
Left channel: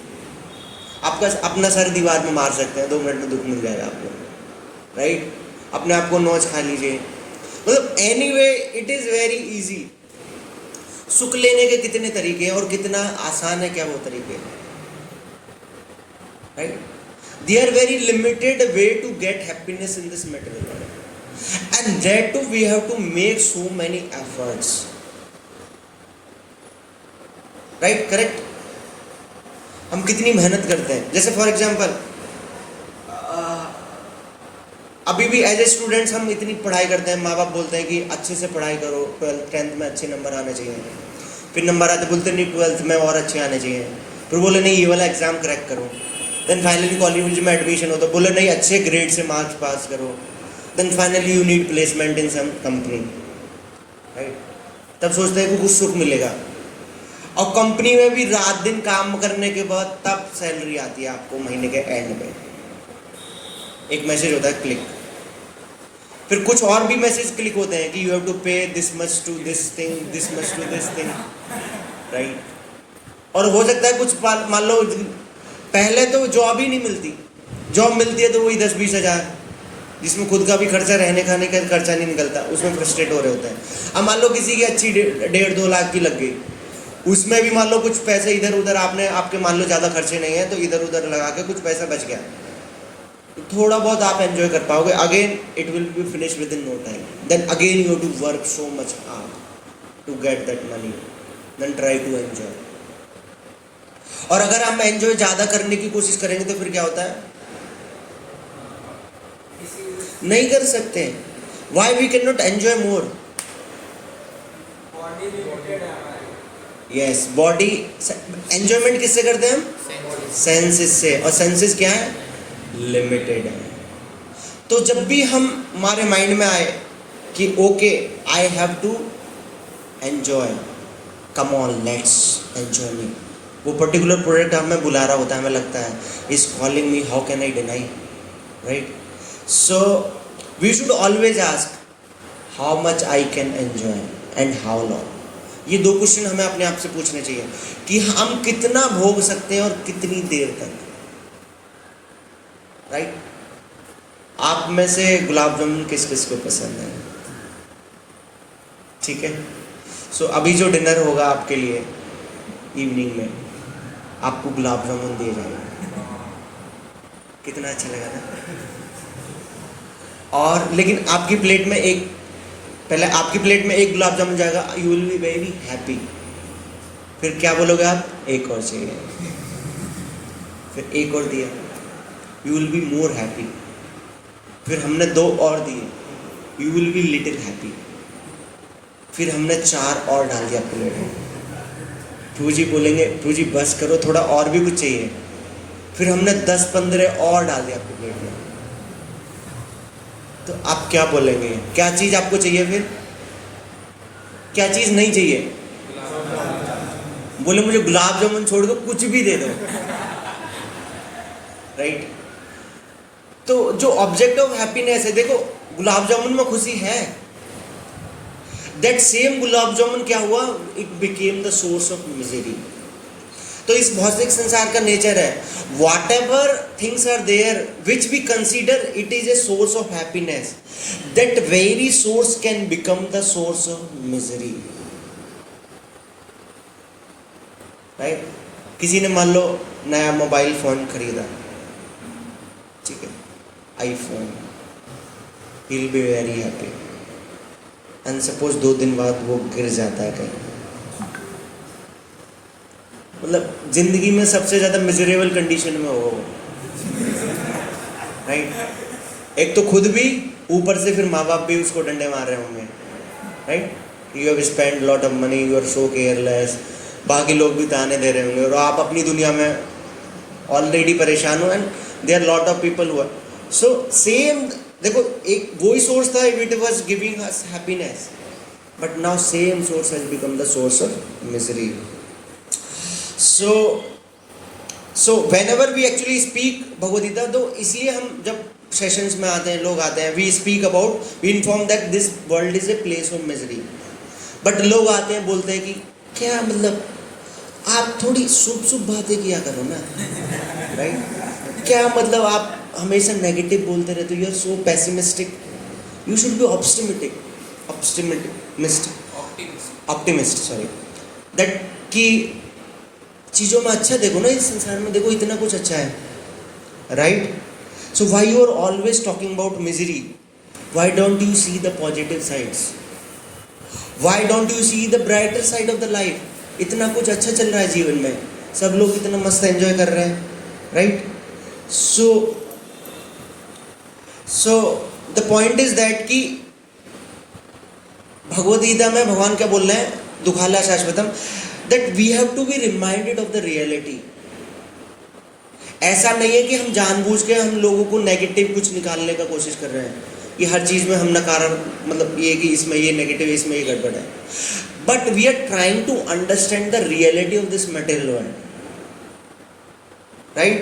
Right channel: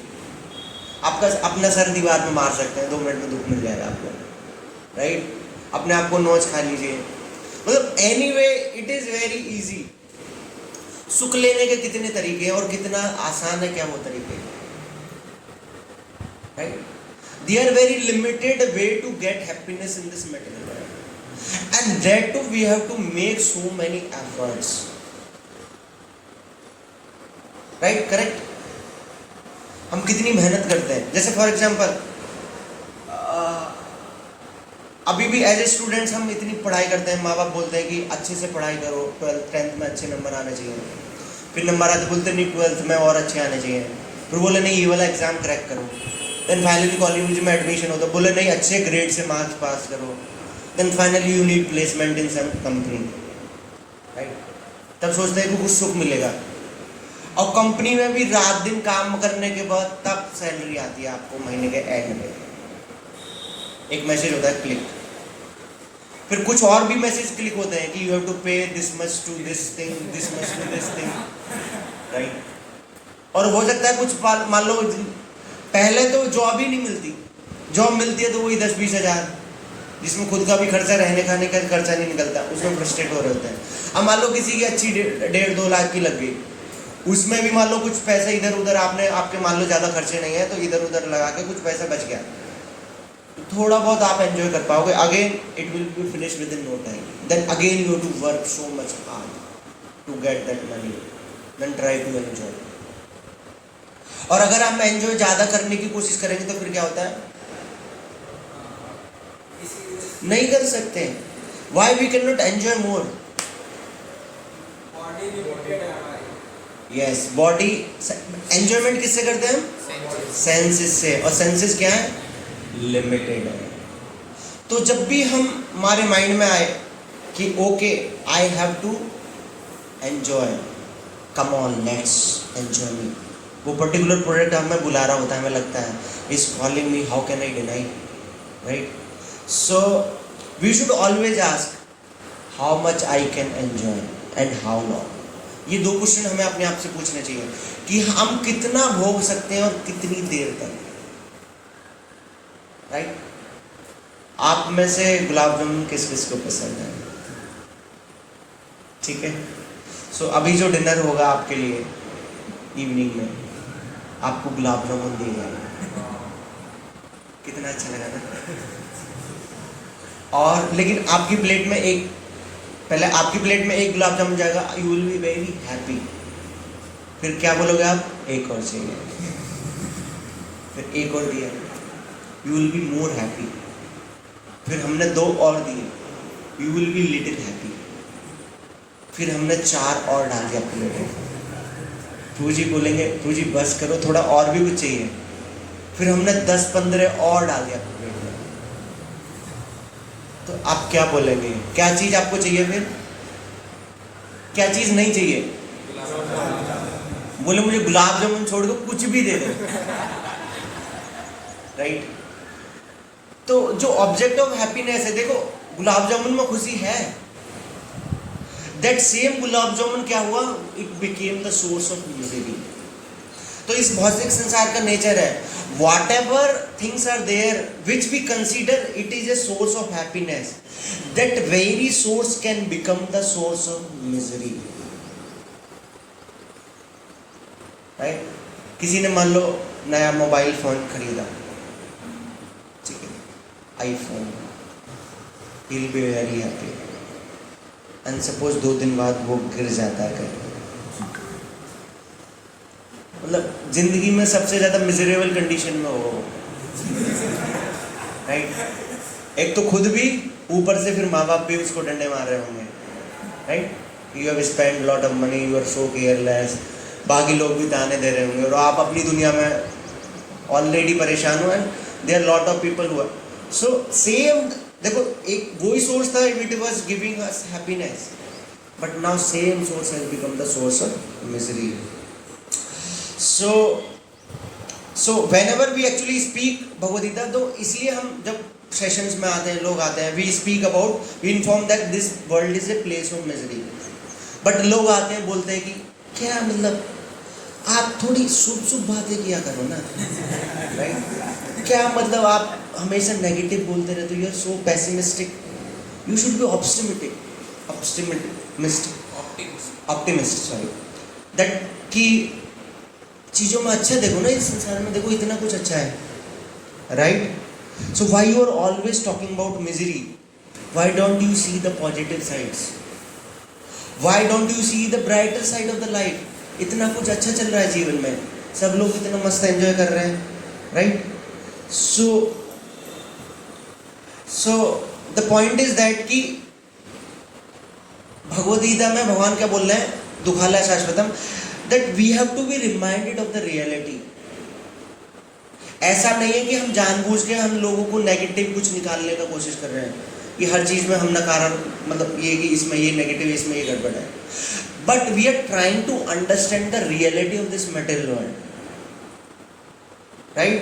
आपका अपना सर दीवार में मार सकते हैं, 2 मिनट में दुख मिल जाएगा आपको, राइट। अपने आप को नोच खा लीजिए, मतलब anyway it is very easy. सुख लेने के कितने तरीके हैं और कितना आसान है, क्या वो तरीके, right. There are very limited way to get happiness in this material world, and that too we have to make so many efforts, right? Correct? हम कितनी मेहनत करते हैं। जैसे फॉर एग्जाम्पल अभी भी एज ए स्टूडेंट्स हम इतनी पढ़ाई करते हैं, माँ बाप बोलते हैं कि अच्छे से पढ़ाई करो, 12th 10th में अच्छे नंबर आने चाहिए। फिर नंबर आते बोलते नहीं 12th में और अच्छे आने चाहिए, फिर बोले नहीं ये वाला एग्जाम क्रैक करो। देन फाइनली कॉलेज में एडमिशन होता, बोले नहीं अच्छे ग्रेड से मार्क्स पास करो। Then finally you need placement in some company, right. तब सोचते हैं कि कुछ सुख मिलेगा, और कंपनी में भी रात दिन काम करने के बाद तब सैलरी आती है आपको महीने के एंड में। एक मैसेज होता है क्लिक, फिर कुछ और भी मैसेज क्लिक होते हैं कि you have to pay this much to this thing, this much to this thing, right. और हो सकता है कुछ मान लो पहले तो जॉब ही नहीं मिलती, जॉब मिलती है तो वही 10-20 हज़ार, जिसमें खुद का भी खर्चा, रहने खाने का खर्चा नहीं निकलता, उसमें फ्रस्ट्रेट हो रहे होते हैं। अब मान लो किसी की अच्छी 1.5-2 लाख की लग गई, उसमें भी मान लो कुछ पैसे इधर उधर आपके मान लो ज़्यादा खर्चे नहीं है तो इधर उधर लगा के कुछ पैसा बच गया, थोड़ा बहुत आप एंजॉय कर पाओगे। Again it will be finish with in no time, then again you have to work so much hard to get that money, then try to enjoy. और अगर हम एंजॉय ज्यादा करने की कोशिश करेंगे तो फिर क्या होता है, नहीं कर सकते। Why we can not enjoy more? Yes, body enjoyment किससे करते हैं हम? सेंसेस से, और सेंसेस क्या है? लिमिटेड है। तो जब भी हम हमारे माइंड में आए कि okay I have to enjoy, come on let's enjoy me, वो पर्टिकुलर प्रोडक्ट हमें बुला रहा होता है, हमें लगता है is calling me, how can I deny, right. So we should always ask how much I can enjoy and how long. ये 2 क्वेश्चन हमें अपने आप से पूछने चाहिए कि हम कितना भोग सकते हैं और कितनी देर तक, राइट? आप में से गुलाब जामुन किस किस को पसंद है? ठीक है, सो अभी जो डिनर होगा आपके लिए इवनिंग में, आपको गुलाब जामुन दिए जाएंगे। कितना अच्छा लगा ना? और लेकिन आपकी प्लेट में आपकी प्लेट में एक गुलाब जामुन जाएगा, you will be very happy. फिर क्या बोलोगे आप? एक और चाहिए। फिर एक और दिया, you will be more happy. फिर हमने 2 और दिए, you will be little happy. फिर हमने 4 और डाल दिया प्लेट में। प्रभु जी बोलेंगे, प्रभु जी बस करो, थोड़ा और भी कुछ चाहिए। फिर हमने 10-15 और डाल दिया आपकी प्लेट में। तो आप क्या बोलेंगे? क्या चीज आपको चाहिए? फिर क्या चीज नहीं चाहिए? बोले मुझे गुलाब जामुन छोड़ दो, कुछ भी दे दो, राइट? तो जो ऑब्जेक्ट ऑफ हैप्पीनेस है, देखो गुलाब जामुन में खुशी है, दैट सेम गुलाब जामुन क्या हुआ? It became the source of misery. तो इस भौतिक संसार का नेचर है, whatever things are there which we consider it is a source of happiness, that very source can become the source of misery, right? किसी ने मान लो नया मोबाइल फोन खरीदा, ठीक है, iPhone, he will be very happy. And suppose 2 दिन बाद वो गिर जाता है कहीं, मतलब जिंदगी में सबसे ज्यादा मिजरेबल कंडीशन में हो, राइट? एक तो खुद भी, ऊपर से फिर माँ बाप भी उसको डंडे मार रहे होंगे, right? You have spend lot of money, you are so careless, बाकी लोग भी ताने दे रहे होंगे और आप अपनी दुनिया में ऑलरेडी परेशान हो, and there lot of people who are so same. देखो एक वही सोर्स था, it was giving us happiness, but now same source has become the source of misery. So whenever we actually speak Bhagavad Gita, तो इसलिए हम जब सेशंस में आते हैं, लोग आते हैं, we speak about, we inform that this world is a place of misery. But लोग आते हैं, बोलते हैं कि क्या मतलब, आप थोड़ी शुभ बातें किया करो ना, राइट? क्या मतलब आप हमेशा नेगेटिव बोलते रहते हो, you are so pessimistic, you should be optimist, sorry, that कि चीज़ों में अच्छा देखो ना, इस संसार में देखो इतना कुछ अच्छा है, right? So why you are always talking about misery? Why don't you see the positive sides? Why don't you see the brighter side of the life? इतना कुछ अच्छा चल रहा है जीवन में, सब लोग इतना मस्त एंजॉय कर रहे हैं, right? So the point is that कि भगवद गीता में भगवान क्या बोल रहे हैं? दुखालय शाश्वतम, that we have to be reminded of the reality. ऐसा नहीं है कि हम जानबूझ के हम लोगों को नेगेटिव कुछ निकालने का कोशिश कर रहे हैं, कि हर चीज में हम नकारा, मतलब ये कि इसमें ये नेगेटिव, इसमें ये गड़बड़ है, but we are trying to understand the reality of this material world, right?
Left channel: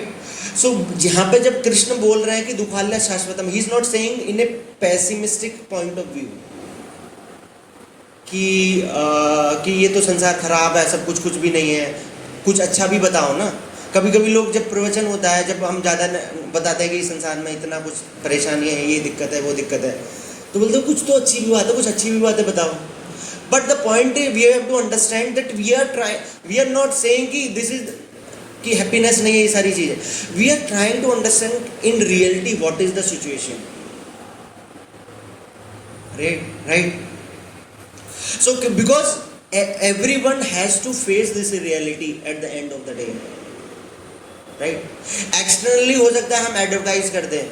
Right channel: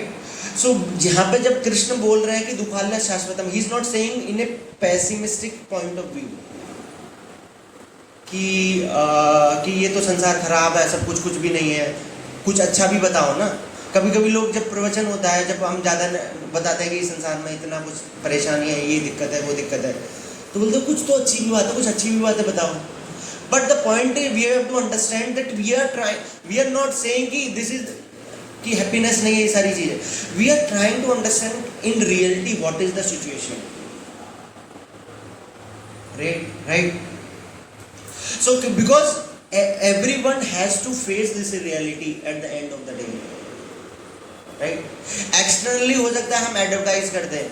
So यहाँ पे जब कृष्ण बोल रहे हैं कि दुखालय शाश्वतम, he is not saying in a pessimistic point of view कि ये तो संसार खराब है, सब कुछ भी नहीं है, कुछ अच्छा भी बताओ ना। कभी कभी लोग जब प्रवचन होता है, जब हम ज़्यादा बताते हैं कि इस संसार में इतना कुछ परेशानी है, ये दिक्कत है, वो दिक्कत है, तो बोलते कुछ तो अच्छी भी बात है, कुछ अच्छी भी बातें बताओ। But the point is we have to understand that we are not saying कि दिस इज कि हैप्पीनेस नहीं है, ये सारी चीजें, we are trying to understand in reality what is the situation, right? So because everyone has to face this reality at the end of the day, right? Externally हो सकता है हम एडवर्टाइज करते हैं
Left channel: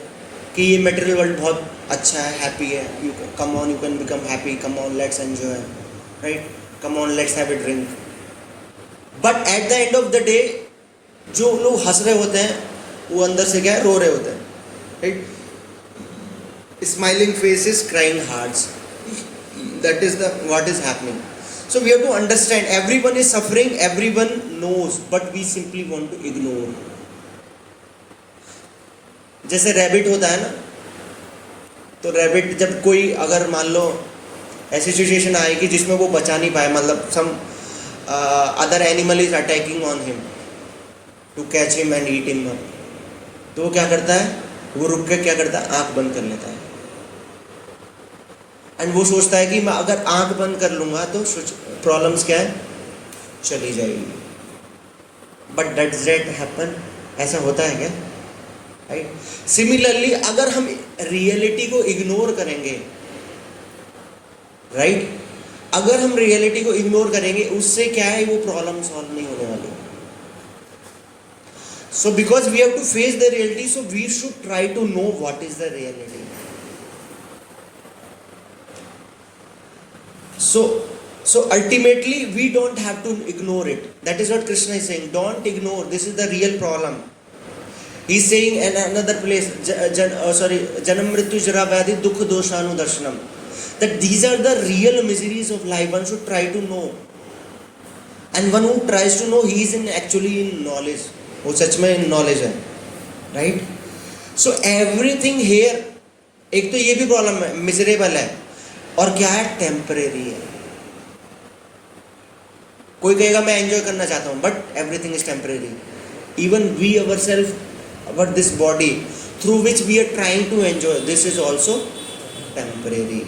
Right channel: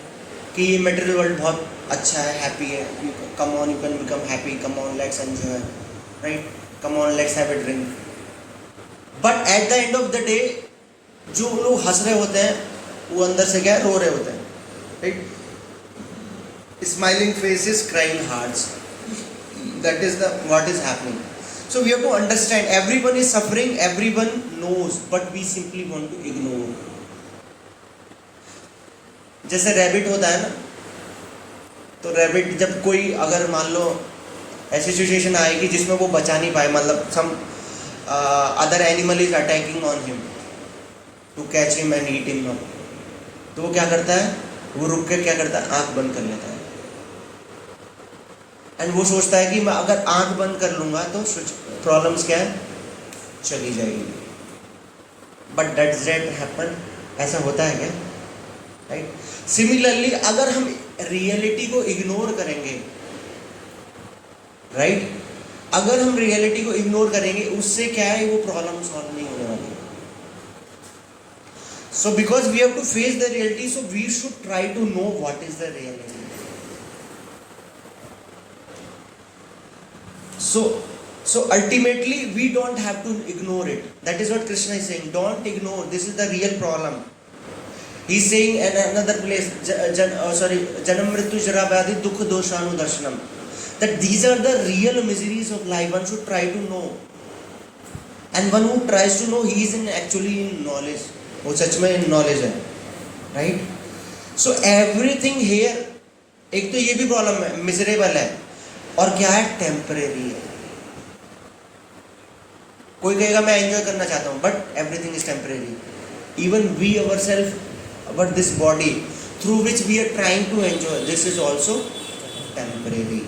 कि ये मटेरियल वर्ल्ड बहुत अच्छा है, हैप्पी है, you come on, you can become happy, come on let's enjoy, right? Come on let's have a drink. But at the end of the day जो लोग हंस रहे होते हैं वो अंदर से क्या रो रहे होते हैं, right? Smiling faces, crying hearts, that is what is happening. So we have to understand everyone is suffering, everyone knows, but we simply want to ignore. जैसे रैबिट होता है ना, तो रैबिट जब कोई अगर मान लो ऐसी सिचुएशन आएगी जिसमें वो बचा नहीं पाए, मतलब some other animal is attacking on him to catch him and eat him, तो वो क्या करता है, वो रुक के क्या करता है, आंख बंद कर लेता है। एंड वो सोचता है कि मैं अगर आंख बंद कर लूंगा तो प्रॉब्लम्स क्या है, चली जाएगी। But does that happen? ऐसा होता है क्या? राइट। सिमिलरली अगर हम रियलिटी को इग्नोर करेंगे, राइट, अगर हम रियलिटी को इग्नोर करेंगे, उससे क्या है, वो प्रॉब्लम सॉल्व नहीं होने वाली। So because we have to face the reality, so we should try to know what is the reality. So ultimately we don't have to ignore it. That is what Krishna is saying. Don't ignore. This is the real problem. He's saying in another place, Janam Mrityu Jara Vyadhi Dukha Doshanu Darshanam, that these are the real miseries of life. One should try to know. And one who tries to know, he is actually in knowledge. वो सच में in knowledge है. Right? So everything here, एक तो ये भी problem है, miserable है, और क्या है, टेम्परेरी है। कोई कहेगा मैं एंजॉय करना चाहता हूं, but everything is temporary. Even we our self, our this body through which we are trying to enjoy, this is also temporary.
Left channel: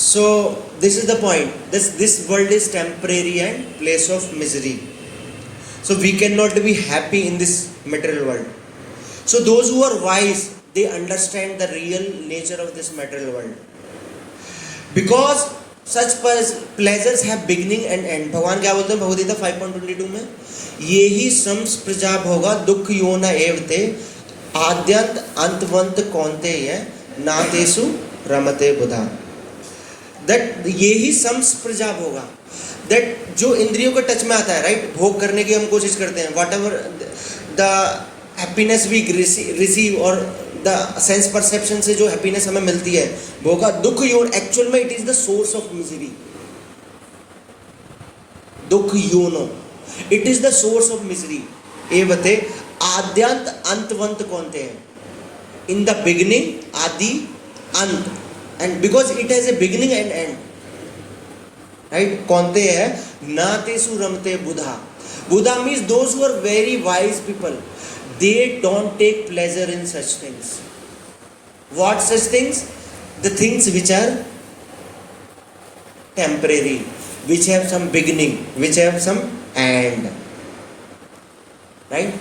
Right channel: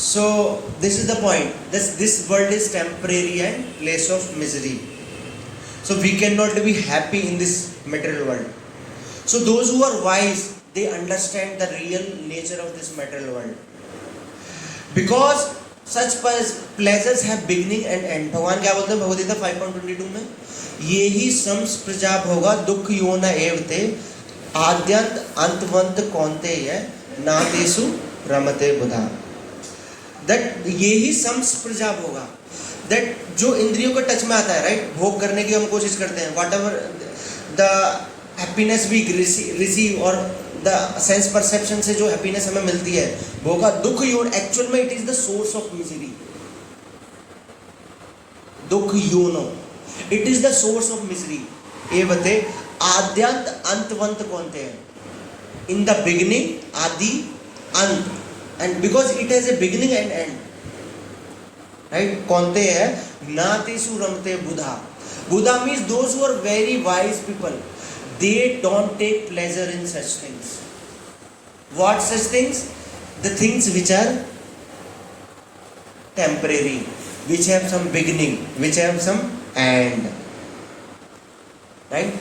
So this is the point, this world is temporary and place of misery. So we can not be happy in this material world. So those who are wise, they understand the real nature of this material world, because such pleasures have beginning and end. भगवान क्या बोलते हैं भगवद गीता 5.22 में, ये ही संस्प्रजा भोगा दुख योना एवते आद्यंत अंतवंत कौन्तेय नातेषु रमते बुधा। दैट ये ही संस्प्रजा भोगा, दैट जो इंद्रियों के टच में आता है, राइट, भोग करने की हम कोशिश करते हैं, whatever the happiness we receive और द सेंस परसेप्शन से जो हैप्पीनेस हमें मिलती है, भोगा दुख योन, एक्चुअल में it is the source of misery. दुख योनो, it is the source of misery. ये बते आद्यंत अंतवंत कौनते हैं, इन द बिगिनिंग, आदि, अंत, end because it has a beginning and end, right. कौनते हैं नातेषु रमते बुधा। बुधा means those who are very wise people, they don't take pleasure in such things. What such things? The things which are temporary, which have some beginning, which have some end. Right?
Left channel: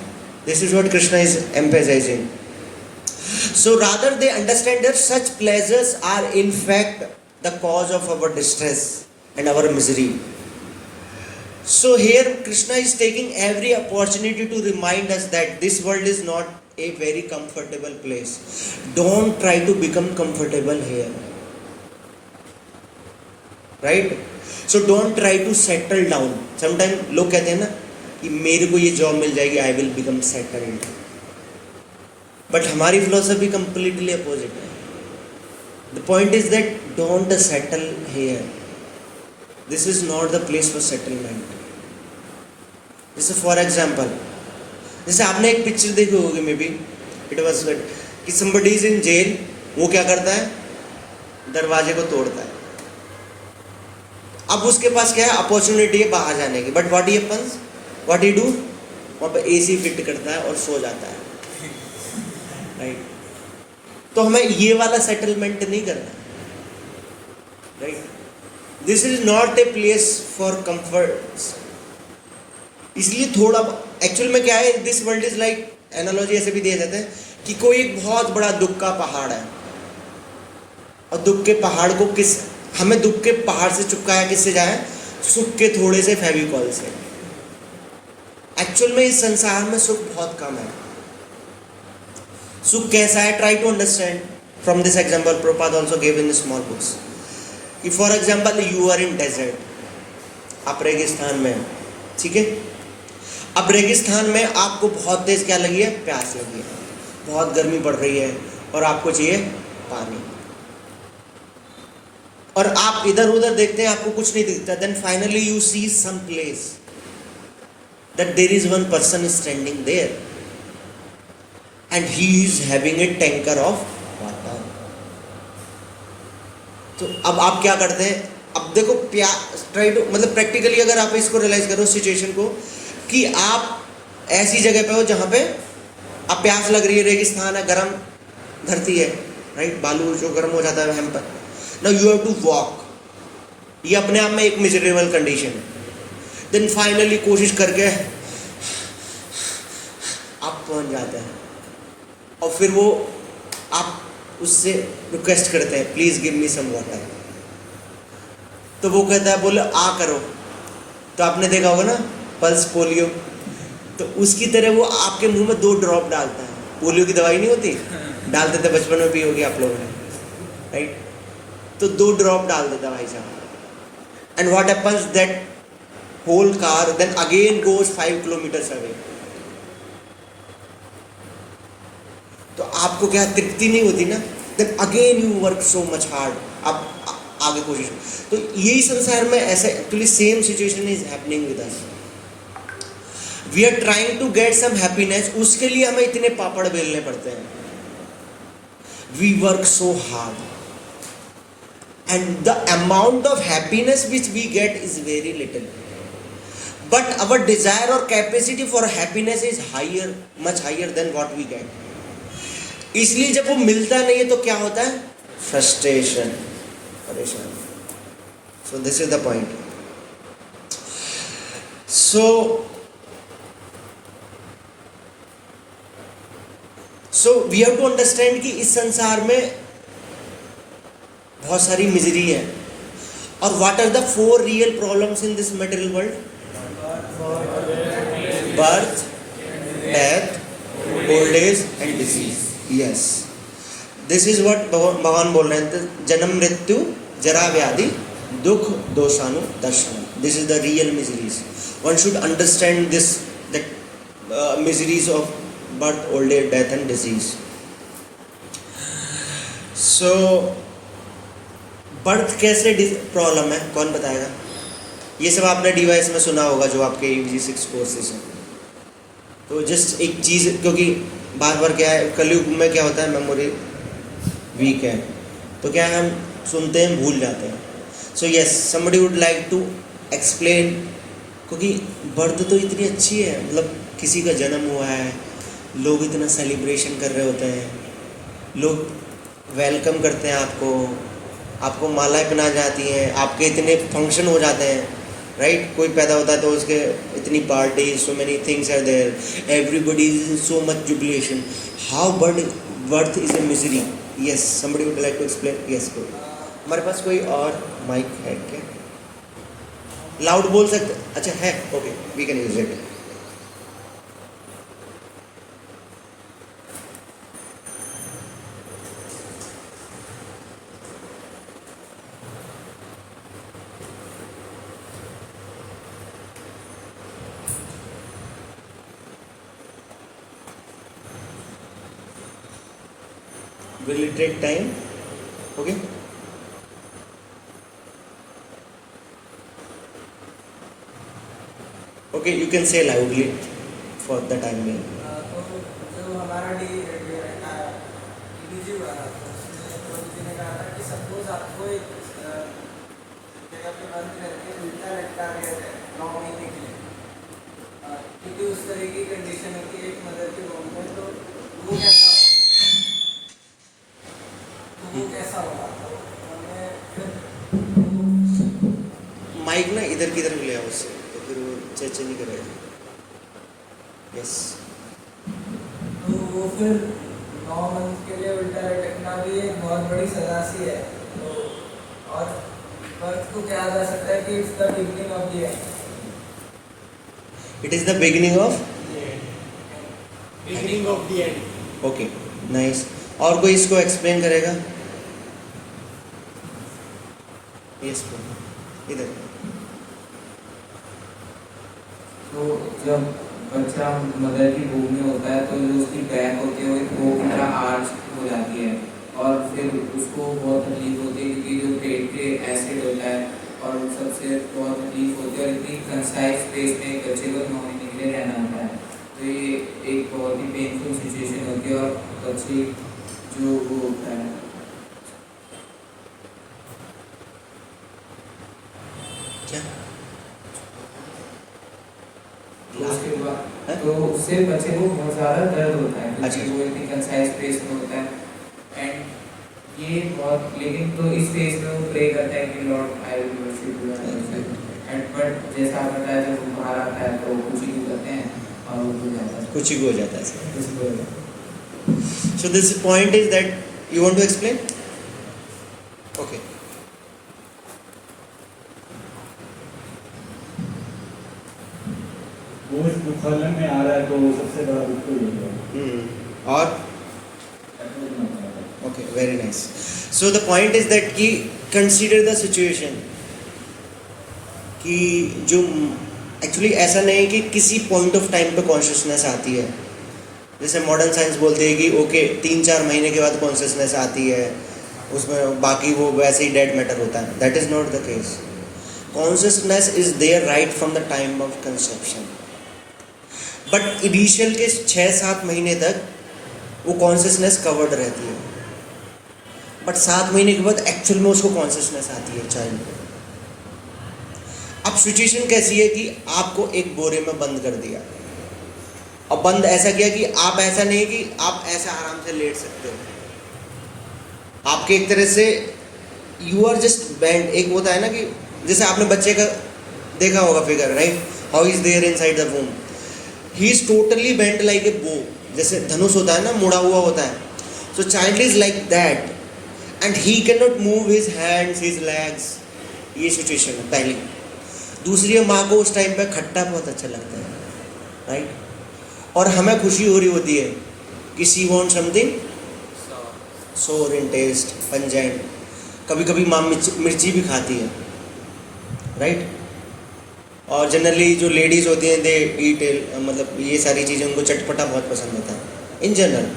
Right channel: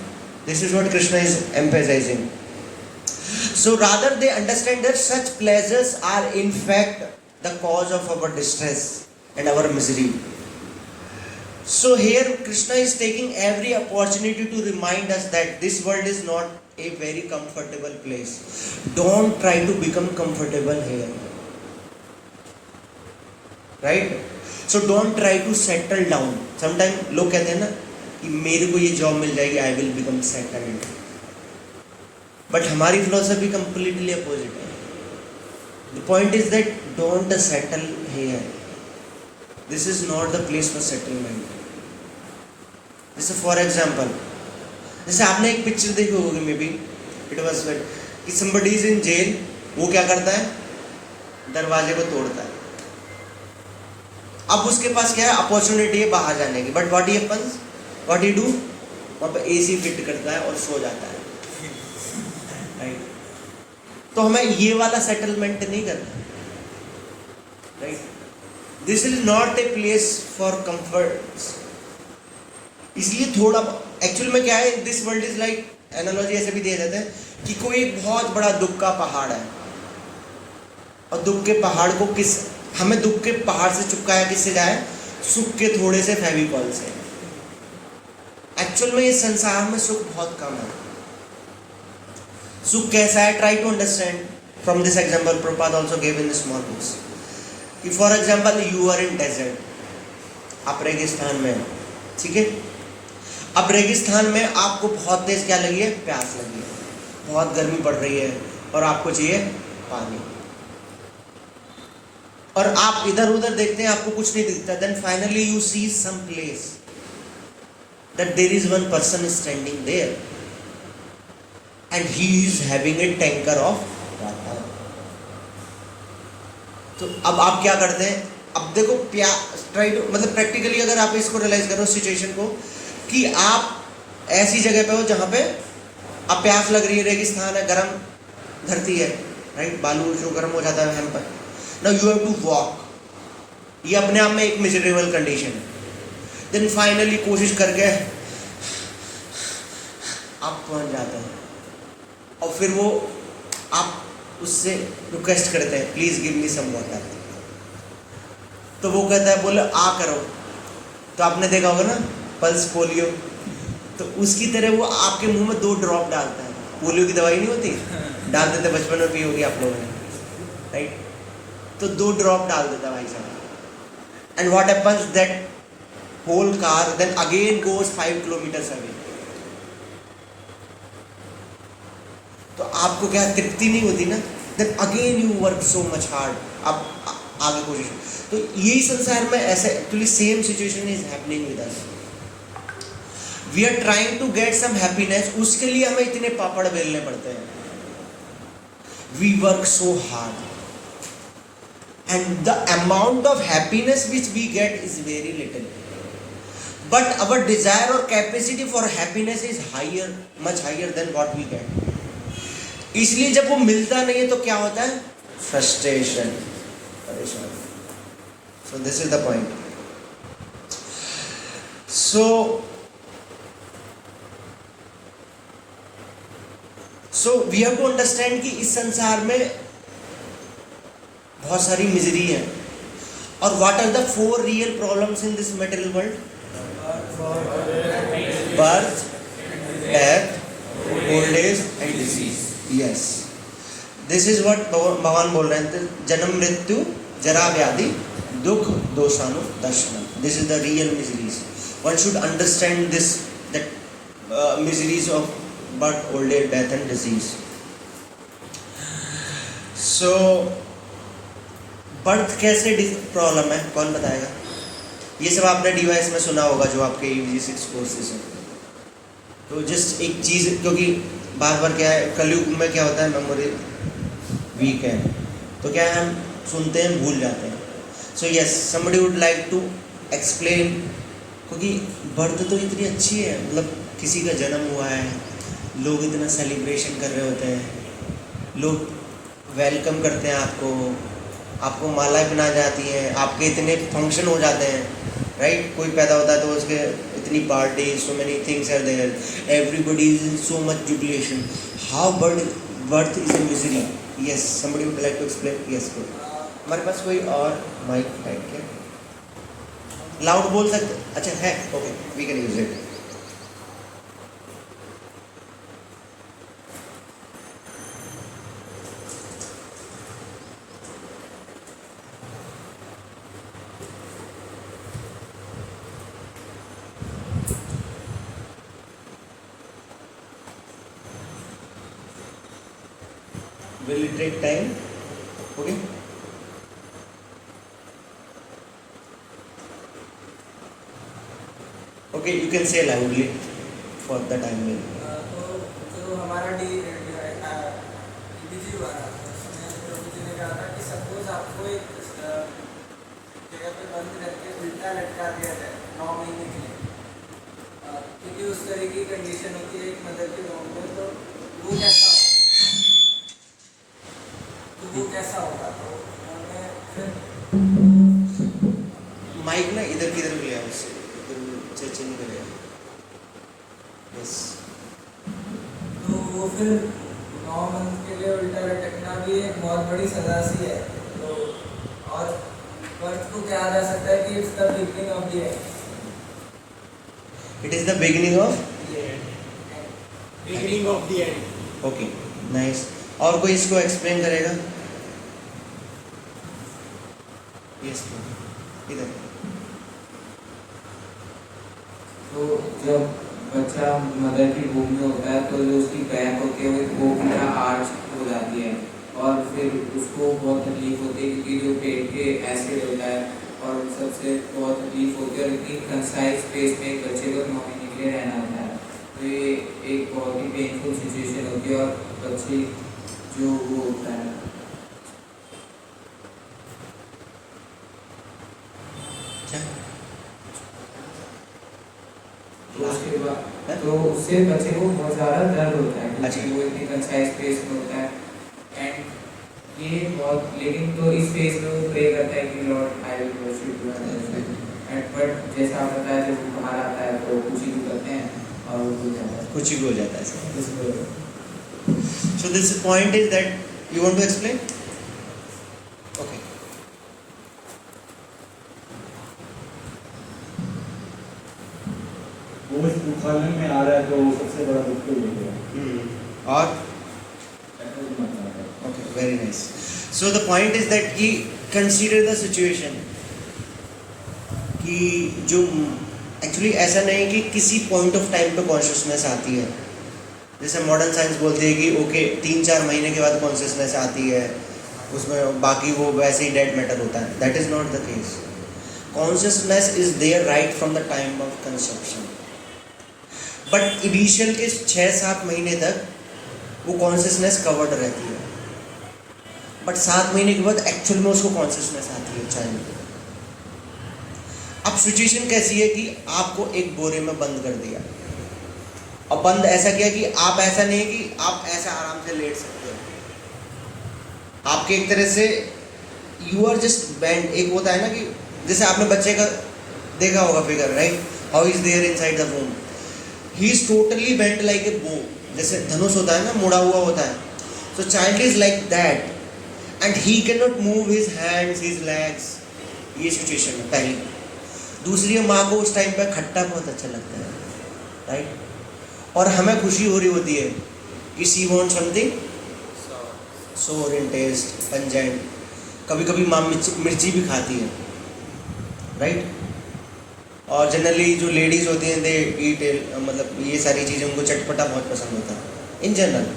This is what Krishna is emphasizing. So rather they understand that such pleasures are in fact the cause of our distress and our misery. So here Krishna is taking every opportunity to remind us that this world is not a very comfortable place. Don't try to become comfortable here. Right? So don't try to settle down. Sometimes लोग कहते हैं ना कि मेरे को ये job मिल जाएगी, I will become settled. But हमारी philosophy completely opposite है. The point is that don't settle here. This is not the place for settlement. जैसे फॉर एग्जाम्पल, जैसे आपने एक पिक्चर देखी होगी, may be it was like कि somebody is in jail, वो क्या करता है, दरवाजे को तोड़ता है। अब उसके पास क्या है, अपॉर्चुनिटी है बाहर जाने की, but what happens, what he do, वहाँ पे AC फिट करता है और सो जाता है, राइट। तो हमें ये वाला सेटलमेंट नहीं करना, right. This is not a place for comfort. इसलिए थोड़ा एक्चुअल में क्या है, this world is like, analogy ऐसे भी दे देते हैं कि कोई एक बहुत बड़ा दुख का पहाड़ है, और दुख के पहाड़ को हमें दुख के पहाड़ से चिपकाया किससे जाए, सुख के थोड़े से फेविकॉल से। एक्चुअल में इस संसार में सुख बहुत कम है। सुख कैसा है, try to understand from this example Prabhupada also give in small books, कि for example you are in desert, आप रेगिस्तान में, ठीक है। अब रेगिस्तान में आपको बहुत तेज क्या लगी है, प्यास लगी है, बहुत गर्मी पड़ रही है, और आपको चाहिए पानी, और आप इधर उधर देखते हैं, आपको कुछ नहीं दिखता। Then finally you see some place that there is one person standing there and he is having a tanker of water. तो अब आप क्या करते हैं, अब देखो ट्राई टू, मतलब प्रैक्टिकली अगर आप इसको रियलाइज करो सिचुएशन को, कि आप ऐसी जगह पे हो जहाँ पे अब प्यास लग रही है, रेगिस्तान है, गर्म धरती है, राइट, बालू जो गर्म हो जाता है हम पर, now you have to walk, ये अपने आप में एक मिजरेबल कंडीशन है। देन फाइनली कोशिश करके आप पहुंच जाते हैं, और फिर वो आप उससे रिक्वेस्ट करते हैं please give me some water, तो वो कहता है बोले आ करो, तो आपने देखा होगा ना पल्स पोलियो, तो उसकी तरह वो आपके मुंह में 2 ड्रॉप डालता है, पोलियो की दवाई नहीं होती, डालते थे बचपन में भी होगी आप लोगों ने, राइट, तो 2 ड्रॉप डाल देता भाई साहब, and what happens that whole car then again goes 5 kilometres away. तो आपको क्या तृप्ति नहीं होती ना, then again you work so much hard, अब आगे कोशिश, तो यही संसार में ऐसे actually same situation is happening with us, we are trying to get some happiness, उसके लिए हमें इतने पापड़ बेलने पड़ते हैं, we work so hard and the amount of happiness which we get is very little, but our desire or capacity for happiness is higher, much higher than what we get, इसलिए जब वो मिलता नहीं है तो क्या होता है, फ्रस्ट्रेशन, परेशान। So this is the point. So we have to understand कि इस संसार में बहुत सारी मिजरी है, और what are the 4 real problems in this material world, birth, death, old age and disease, yes, this is what भगवान बोल रहे हैं, जन्म मृत्यु जरा व्याधि दुख दोषानु दर्शन, this is the real miseries, one should understand this, that miseries of birth, old age, death and disease. So birth कैसे प्रॉब्लम है, कौन बताएगा? ये सब आपने डिवाइस में सुना होगा जो आपके EVG6 कोर्सेज हैं। तो जस्ट एक चीज़, क्योंकि बार बार क्या है, कलयुग में क्या होता है, मेमोरी वीक है, तो क्या है, हम सुनते हैं भूल जाते हैं। So yes, somebody would like to explain, क्योंकि बर्थ तो इतनी अच्छी है, मतलब किसी का जन्म हुआ है, लोग इतना सेलिब्रेशन कर रहे होते हैं, लोग वेलकम करते हैं आपको मालाएं पहनाई जाती हैं, आपके इतने फंक्शन हो जाते हैं, राइट, कोई पैदा होता है तो उसके इतनी party, so many things are there, everybody is in so much jubilation, how birth is a misery, yes, somebody would like to explain, yes. हमारे पास कोई और माइक है क्या, लाउड बोल सकते, अच्छा है, okay, we can use it. Will it take time? Okay. Okay, you can say loudly for the time being. तो हमारा EVG वाला उसने कहा था कि सपोज आपको एक जगह पे बंद करके उल्टा लटका दिया जाए 9 महीने के लिए, क्योंकि उस तरह की कंडीशन होती है एक मदर के वॉम में, तो वो कैसा होगा, तो हमें माइक ना इधर की तरफ ले आओ, उससे फिर वो चर्चा नहीं करेगा। यस, तो वो फिर 9 मंथ के लिए उल्टा लटकना भी एक बहुत बड़ी सजा सी है। तो और बर्थ को कहा जा सकता है कि it's the beginning of the end, it is the beginning of and. Okay, nice. और कोई इसको एक्सप्लेन करेगा? यस, इधर। तो जब बच्चा मदर की भूमि में होता है तो जो उसकी बैक होती है वो पूरा आर्च हो जाती है, और फिर उसको बहुत तकलीफ होती है क्योंकि जो पेट के एसिड होता है और उन सबसे बहुत तकलीफ होती है, और इतनी कंसाइज स्पेस में बच्चे को 9 महीने के लिए रहना होता है, तो ये एक बहुत ही पेनफुल सिचुएशन होती है। और बच्चे जो वो होता है क्या तो उसके बाद तो उससे बच्चे को बहुत ज़्यादा दर्द होता है अच्छा। क्योंकि वो इतनी कंसाइज स्पेस में होता है एंड ये बहुत लेकिन तो इस स्पेस में वो प्रे करता है कि Lord I will worship you and but जैसा आप बताया जब वो बाहर आता है तो कुछ ही करते हैं और वो हो जाता है कुछ ही हो जाता है सर. कुछ हो जाता है। So this point is that you want to explain? Okay. वो इस दुखालय में आ रहा है तो वो सबसे बड़ा दुख तो यही है। और ऐसा ही मानता है। okay, very nice. So the point is that कि consider the situation कि जो एक्चुअली ऐसा नहीं कि किसी पॉइंट ऑफ टाइम पे कॉन्शियसनेस आती है. जैसे मॉडर्न साइंस बोलते हैं कि ओके 3-4 महीने के बाद कॉन्शियसनेस आती है, उसमें बाकी वो वैसे ही डेड मैटर होता है. That is not the case. Consciousness is there right from the time of conception, but initial के 6-7 महीने तक वो कॉन्शियसनेस कवर्ड रहती है, बट 7 महीने के बाद एक्चुअल में उसको कॉन्शियसनेस आती है चाइल्ड को. अब सिचुएशन कैसी है कि आपको एक बोरे में बंद कर दिया, और बंद ऐसा किया कि आप ऐसा नहीं कि आप ऐसा आराम से लेट सकते हो. आपके एक तरह से यू आर जस्ट बैंड. एक होता है ना कि जैसे आपने बच्चे का देखा होगा figure, right, how is there inside the womb. He is totally bent like a bow. जैसे धनुष होता है ना, मुड़ा हुआ होता है. So child is like that and he can not move his hands, his legs. ये सिचुएशन है पहली. दूसरी, माँ को उस टाइम पे खट्टा बहुत अच्छा लगता है, राइट, और हमें खुशी हो रही होती है कि शी वांट समथिंग सोर इन टेस्ट, पंजेंट. कभी कभी माँ मिर्ची भी खाती है, राइट. और जनरली जो लेडीज़ होती हैं दे ईट, मतलब ये सारी चीज़ें उनको चटपटा बहुत पसंद होता है इन जनरल.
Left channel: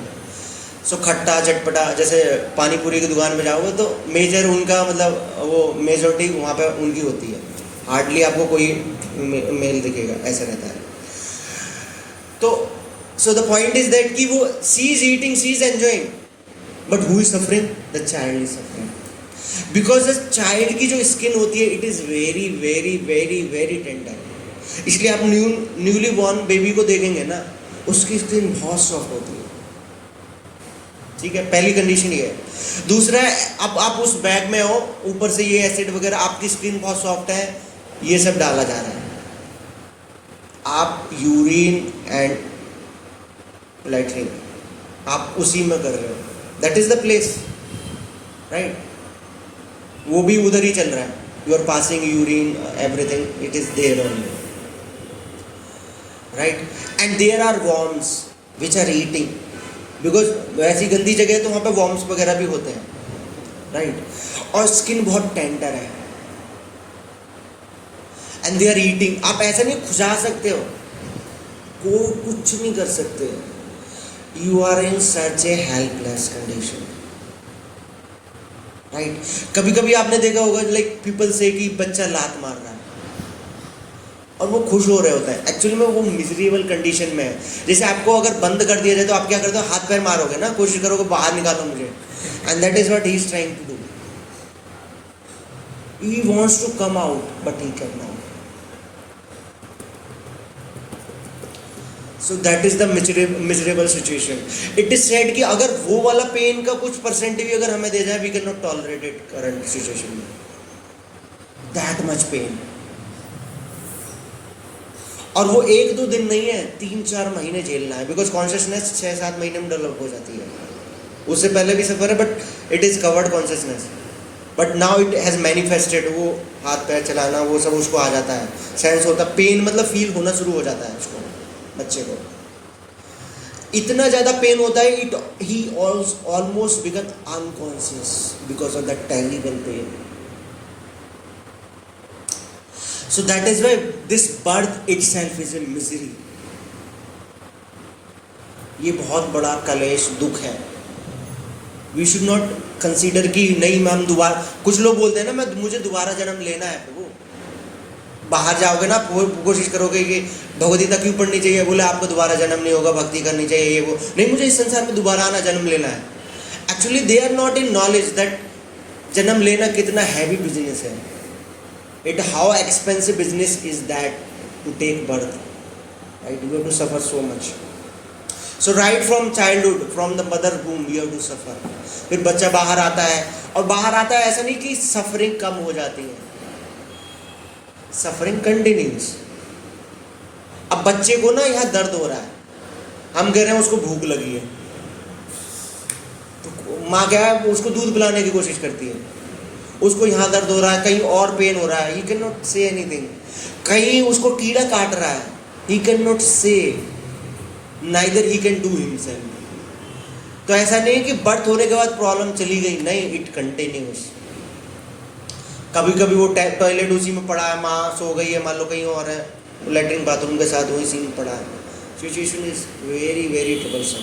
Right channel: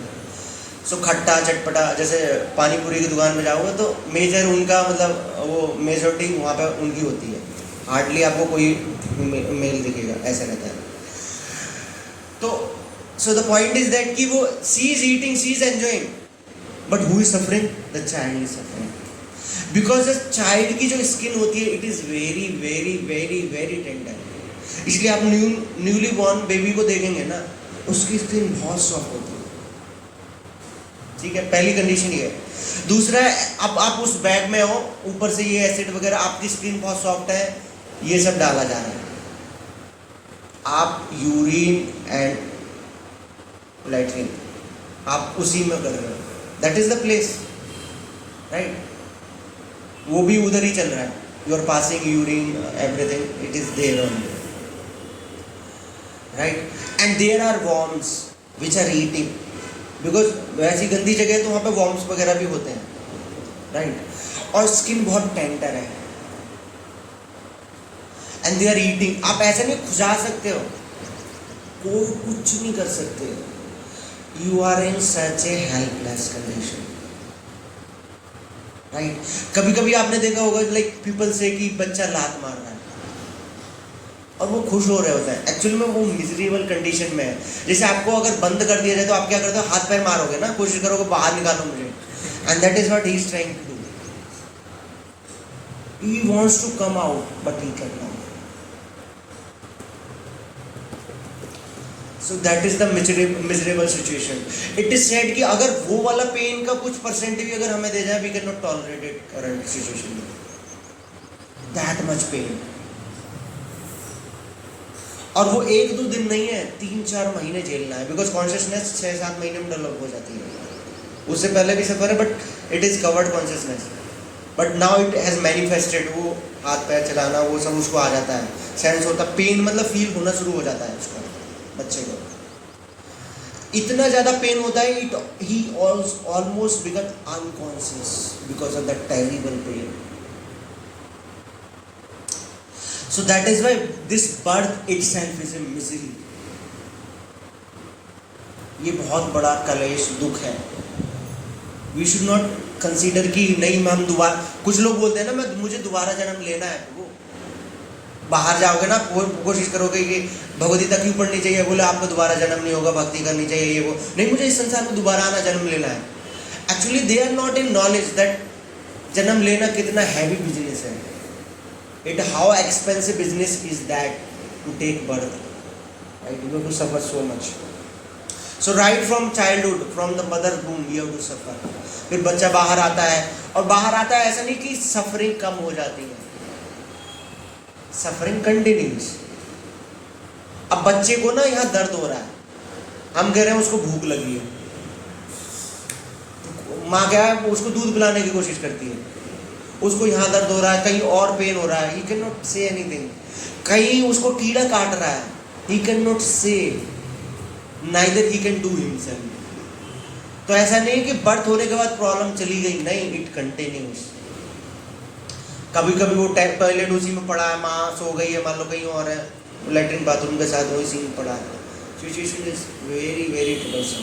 सो खट्टा चटपटा, जैसे पानी पूरी की दुकान में जाओगे तो मेजर उनका मतलब वो मेजॉरिटी वहाँ पे उनकी होती है. हार्डली आपको कोई मेल दिखेगा, ऐसा रहता है. तो सो द पॉइंट इज दैट कि वो she is eating, she is enjoying, but who is suffering? The child is suffering. Because the child की जो स्किन होती है it is very very very very tender. इसलिए आप न्यूली बॉर्न बेबी को देखेंगे ना, उसकी स्किन बहुत सॉफ्ट होती है. ठीक है, पहली कंडीशन ये है. दूसरा है, अब आप उस बैग में हो, ऊपर से ये एसिड वगैरह, आपकी स्किन बहुत सॉफ्ट है, ये सब डाला जा रहा है. आप यूरिन एंड लैट्रिन आप उसी में कर रहे हो. That is the place, right. वो भी उधर ही चल रहा है. You are passing urine, everything, it is there only, right. And there are worms which are eating, because वैसी गंदी जगह है तो वहाँ पे वॉर्म्स वगैरह भी होते हैं, राइट. और स्किन बहुत टेंडर है एंड दे आर ईटिंग. आप ऐसा नहीं खुजा सकते हो, को कुछ नहीं कर सकते. You are in such a helpless condition, right. कभी कभी आपने देखा होगा लाइक पीपल से कि बच्चा लात मार रहा है और वो खुश हो रहे होते हैं. एक्चुअली में वो मिजरेबल कंडीशन में है. जैसे आपको अगर बंद कर दिया जाए तो आप क्या करते हो? हाथ पैर मारोगे ना, कोशिश करोगे बाहर निकालो मुझे. And that is what he is trying to do. He wants to come out but he can not. So that is the miserable situation. It is said कि अगर वो वाला पेन का कुछ परसेंट भी अगर हमें दे जाए, we can not tolerate it current situation में. That much pain. और वो 1-2 दिन नहीं है, 3-4 महीने झेलना है. बिकॉज कॉन्शियसनेस 6-7 महीने में डेवलप हो जाती है. उससे पहले भी सफर है, but it is covered consciousness. But now it has manifested. वो हाथ पैर चलाना वो सब उसको आ जाता है, सेंस होता है. पेन मतलब फील होना शुरू हो जाता है उसको, बच्चे को. इतना ज्यादा पेन होता है, it he almost become unconscious because of that terrible pain. So that is why this birth itself is a misery. ये बहुत बड़ा कलेश, दुख है. We should not consider कि नहीं मैं हम दोबारा, कुछ लोग बोलते हैं ना मुझे दोबारा जन्म लेना है. वो बाहर जाओगे ना, कोशिश करोगे कि भगवद्गीता क्यों पढ़नी चाहिए, बोले आपको दोबारा जन्म नहीं होगा, भक्ति करनी चाहिए, ये वो नहीं, मुझे इस संसार में दोबारा आना, जन्म लेना है. Actually they are not in knowledge that जन्म लेना कितना हैवी बिजनेस है. It how expensive business is that to take birth, right? You have to suffer so much. So right from childhood, from the mother womb, you have to suffer. फिर बच्चा बाहर आता है, और बाहर आता है ऐसा नहीं कि सफरिंग कम हो जाती है, सफरिंग कंटिन्यूस. अब बच्चे को ना यहाँ दर्द हो रहा है, हम कह रहे हैं उसको भूख लगी है, तो माँ क्या है उसको दूध पिलाने की कोशिश करती है. उसको यहाँ दर्द हो रहा है, कहीं और पेन हो रहा है, ही कैन नॉट से एनीथिंग. कहीं उसको कीड़ा काट रहा है, ही कैन नॉट से, neither he can do himself. तो ऐसा नहीं कि बर्थ होने के बाद प्रॉब्लम चली गई, नहीं, इट कंटिन्यूस. कभी कभी वो टॉयलेट उसी में पड़ा है, माँ सो गई है, मान लो कहीं और है, लेटरिन बाथरूम के साथ वही सीन पड़ा है. Situation is very very troublesome.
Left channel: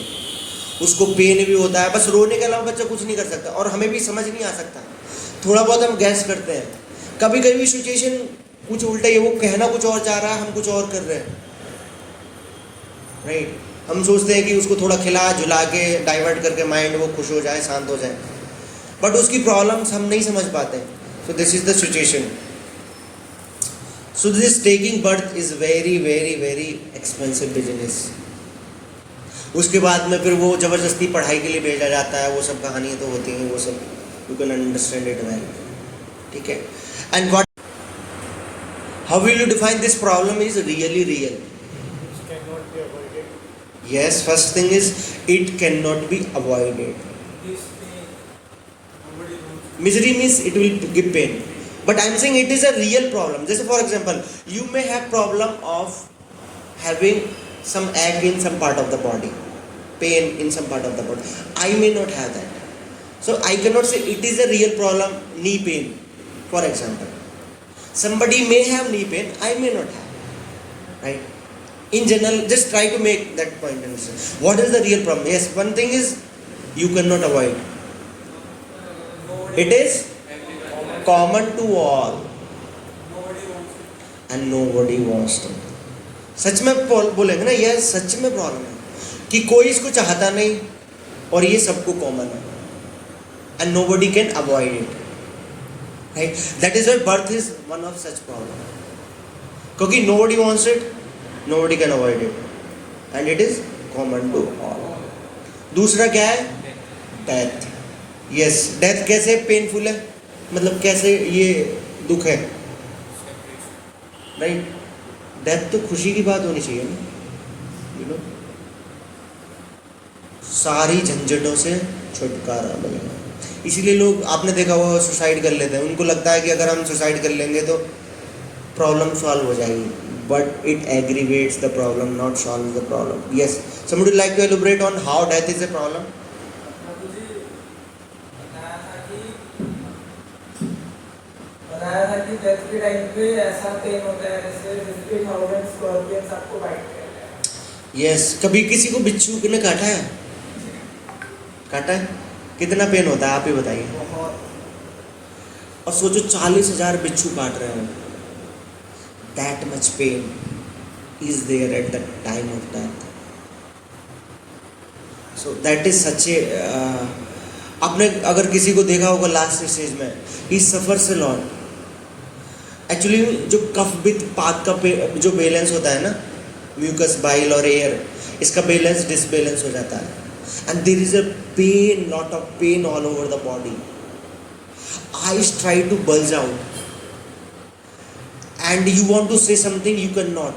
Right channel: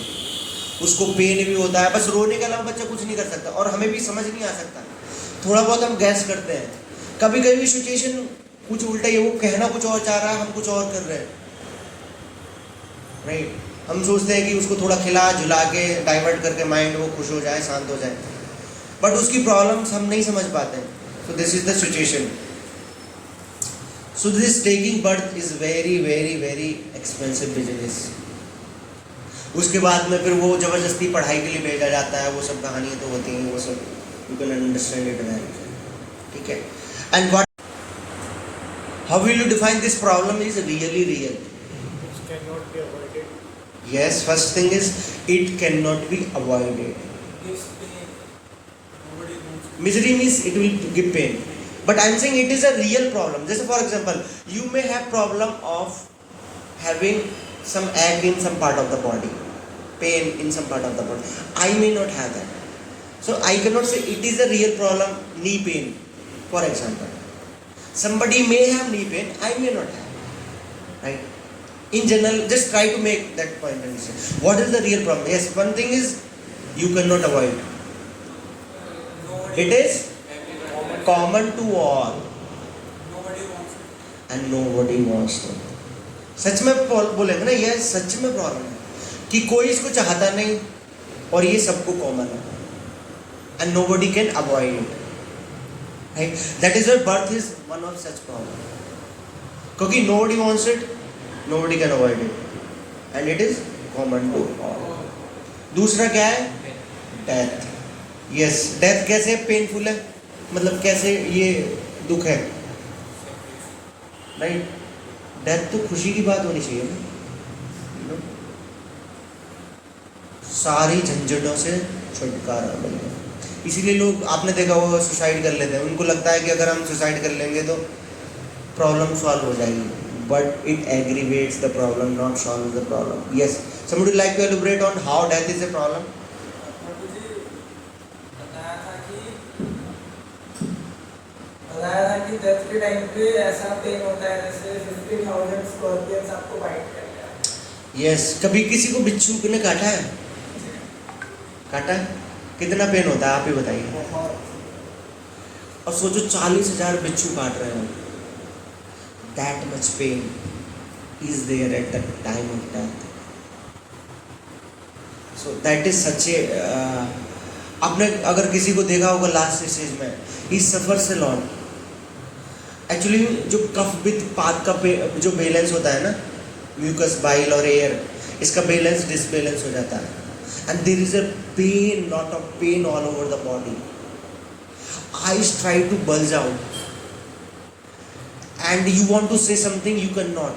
उसको पेन भी होता है, बस रोने के अलावा बच्चा कुछ नहीं कर सकता, और हमें भी समझ नहीं आ सकता. थोड़ा बहुत हम गैस करते हैं. कभी कभी सिचुएशन कुछ उल्टा है, वो कहना कुछ और चाह रहा है, हम कुछ और कर रहे हैं, राइट. हम सोचते हैं कि उसको थोड़ा खिला झुला के डाइवर्ट करके माइंड वो खुश हो जाए, शांत हो जाए, बट उसकी प्रॉब्लम्स हम नहीं समझ पाते हैं. सो this is the situation. So this taking birth is very very very expensive business. उसके बाद में फिर वो जबरदस्ती पढ़ाई के लिए भेजा जाता है, वो सब कहानियाँ तो होती हैं, वो सब you can understand it well. ठीक है. And what, how will you define this problem is really real? Which cannot be avoided. Yes, first thing is it cannot be avoided. This pain, nobody wants. Misery means it will give pain, but I'm saying it is a real problem. Just for example, you may have problem of having some ache in some part of the body, pain in some part of the body. I may not have that, so I cannot say it is a real problem. Knee pain, for example, somebody may have knee pain, I may not have, right? In general, just try to make that point and say what is the real problem. Yes, one thing is you cannot avoid. It is common to all Nobody wants it. and nobody wants to. सच में बोलेंगे ना, यह सच में problem है कि कोई इसको चाहता नहीं, और ये सबको कॉमन है, and nobody can avoid it, right? That is why birth is one of such problem, क्योंकि nobody wants it, nobody can avoid it, and it is common to all. दूसरा क्या है? डेथ. यस, डेथ कैसे painful है, मतलब कैसे ये दुख है, राइट? डेथ तो खुशी की बात होनी चाहिए ना, you know? सारी झंझटों से छुटकारा मिलेगा. इसीलिए लोग, आपने देखा वो सुसाइड कर लेते हैं, उनको लगता है कि अगर हम सुसाइड कर लेंगे तो प्रॉब्लम सॉल्व हो जाएगी, but it aggravates the problem, not solves the problem. Yes, somebody would like to elaborate on how death is a problem? प्रभु जी बताया था कि डेथ के टाइम पे ऐसा पेन होता है जैसे 50,000 स्कॉर्पियंस आपको बाइट कर रहे हैं. Yes, कभी किसी को बिच्छू ने काटा है? काटा है? कितना पेन होता है आप ही बताइए. बहुत. और सोचो 40,000 बिच्छू काट रहे हैं, that much pain is there at the time of death. So that is such a आपने अगर किसी को देखा होगा लास्ट स्टेज में, he suffers a lot. Actually जो कफ विथ पाथ का जो बैलेंस होता है ना, म्यूकस, बाइल और एयर, इसका बैलेंस डिसबैलेंस हो जाता है, and there is a pain, lot of pain all over the body. Eyes try to bulge out and you want to say something, you cannot.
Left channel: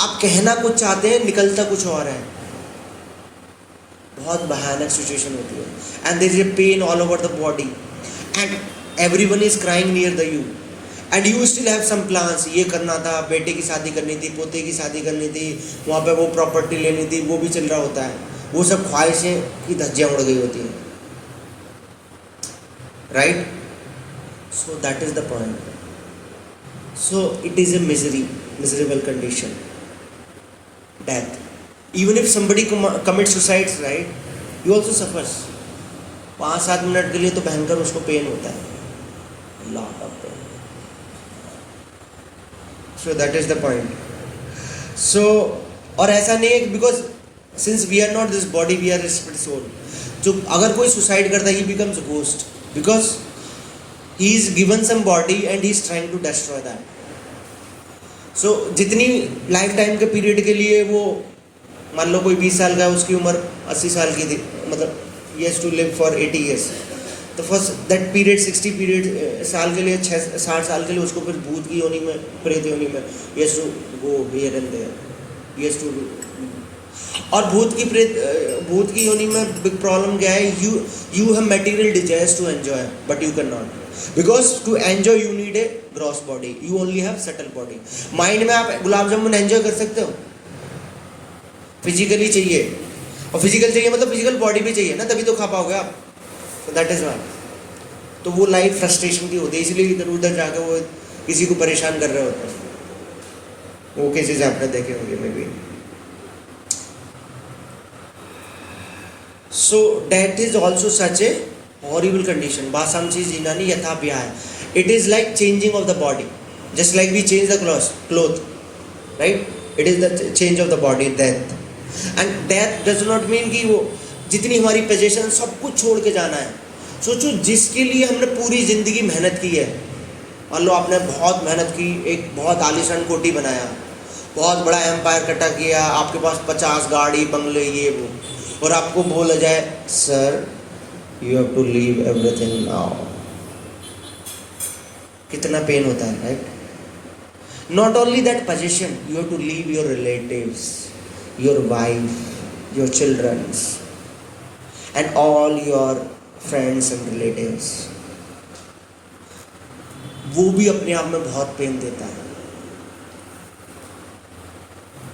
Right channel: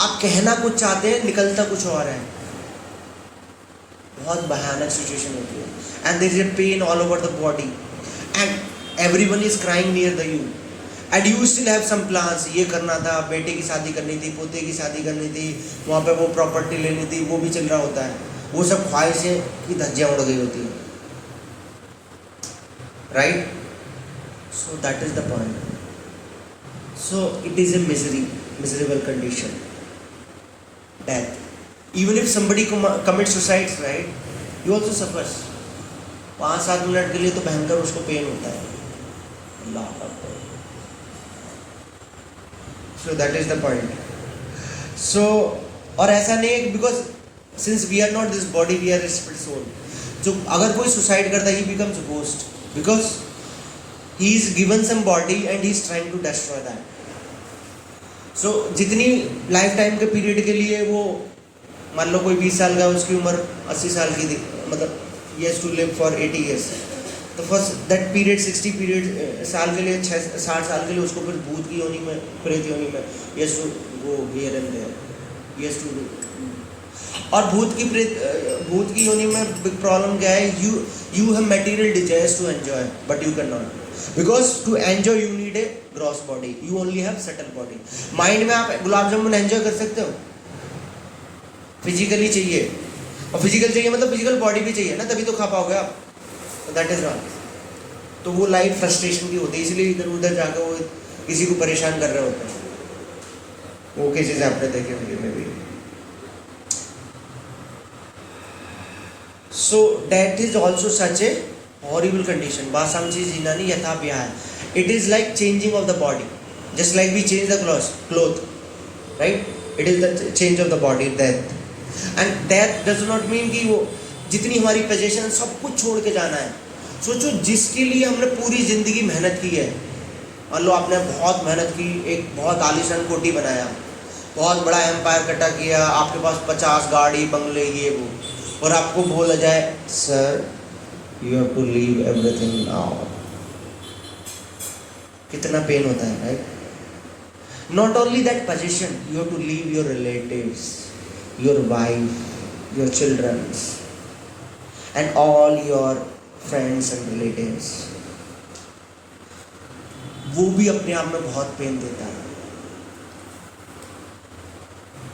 आप कहना कुछ चाहते हैं, निकलता कुछ और है. बहुत भयानक सिचुएशन होती है, and there is a pain all over the body, and everyone is crying near the you, and you still have some plans. ये करना था, बेटे की शादी करनी थी, पोते की शादी करनी थी, वहाँ पे वो प्रॉपर्टी लेनी थी, वो भी चल रहा होता है, वो सब ख्वाहिशें की धज्जियाँ उड़ गई होती हैं, right? So that is the point. So it is a miserable condition, death. Even if somebody commits suicide, right, he also suffers. 5-7 minute के लिए तो भयंकर उसको पेन होता है. अल्लाह Akbar. So that is the point. So और ऐसा नहीं है, because since we are not this body, we are a spirit soul. जो अगर कोई सुसाइड करता है, he becomes a ghost, because he is given some body and he is trying to destroy that. So जितनी life time के period के लिए वो, मान लो कोई 20 साल का है, उसकी उम्र 80 साल की थी, मतलब he has to live for 80 years. तो फर्स्ट दैट पीरियड 60 पीरियड साल के लिए 60 साल के लिए उसको फिर भूत की योनि में, प्रेत योनि में he has to go here and there. He has to go. और भूत की योनि में बिग प्रॉब्लम क्या है? you have material desires to enjoy but you cannot, because to enjoy you need a gross body, you only have subtle body. Mind में आप gulab jamun enjoy कर सकते हो, फिजिकली चाहिए, और फिजिकल चाहिए मतलब फिजिकल बॉडी भी चाहिए ना, तभी तो खा पाओगे आप. That is one. तो वो लाइफ फ्रस्ट्रेशन की होती है, इसलिए इधर उधर जाकर वो किसी को परेशान कर रहे होते हैं. वो केसेस आपने देखे होंगे maybe. So death is also such a horrible condition. बासांची जीनानी यथा व्याय. It is like changing of the body, just like we change the cloth, right? It is the change of the body, death. And death does not mean कि वो जितनी हमारी position सब कुछ छोड़ के जाना है. सोचो जिसके लिए हमने पूरी ज़िंदगी मेहनत की है, मान लो आपने बहुत मेहनत की, एक बहुत आलीशान कोठी बनाया, बहुत बड़ा एम्पायर इकट्ठा किया, आपके पास 50 गाड़ी बंगले ये वो, और आपको बोला जाए sir you have to leave everything now. कितना पेन होता है, right? Not only that position, you have to leave your relatives, your wife, your children, and all your friends and relatives. वो भी अपने आप में बहुत पेन देता है,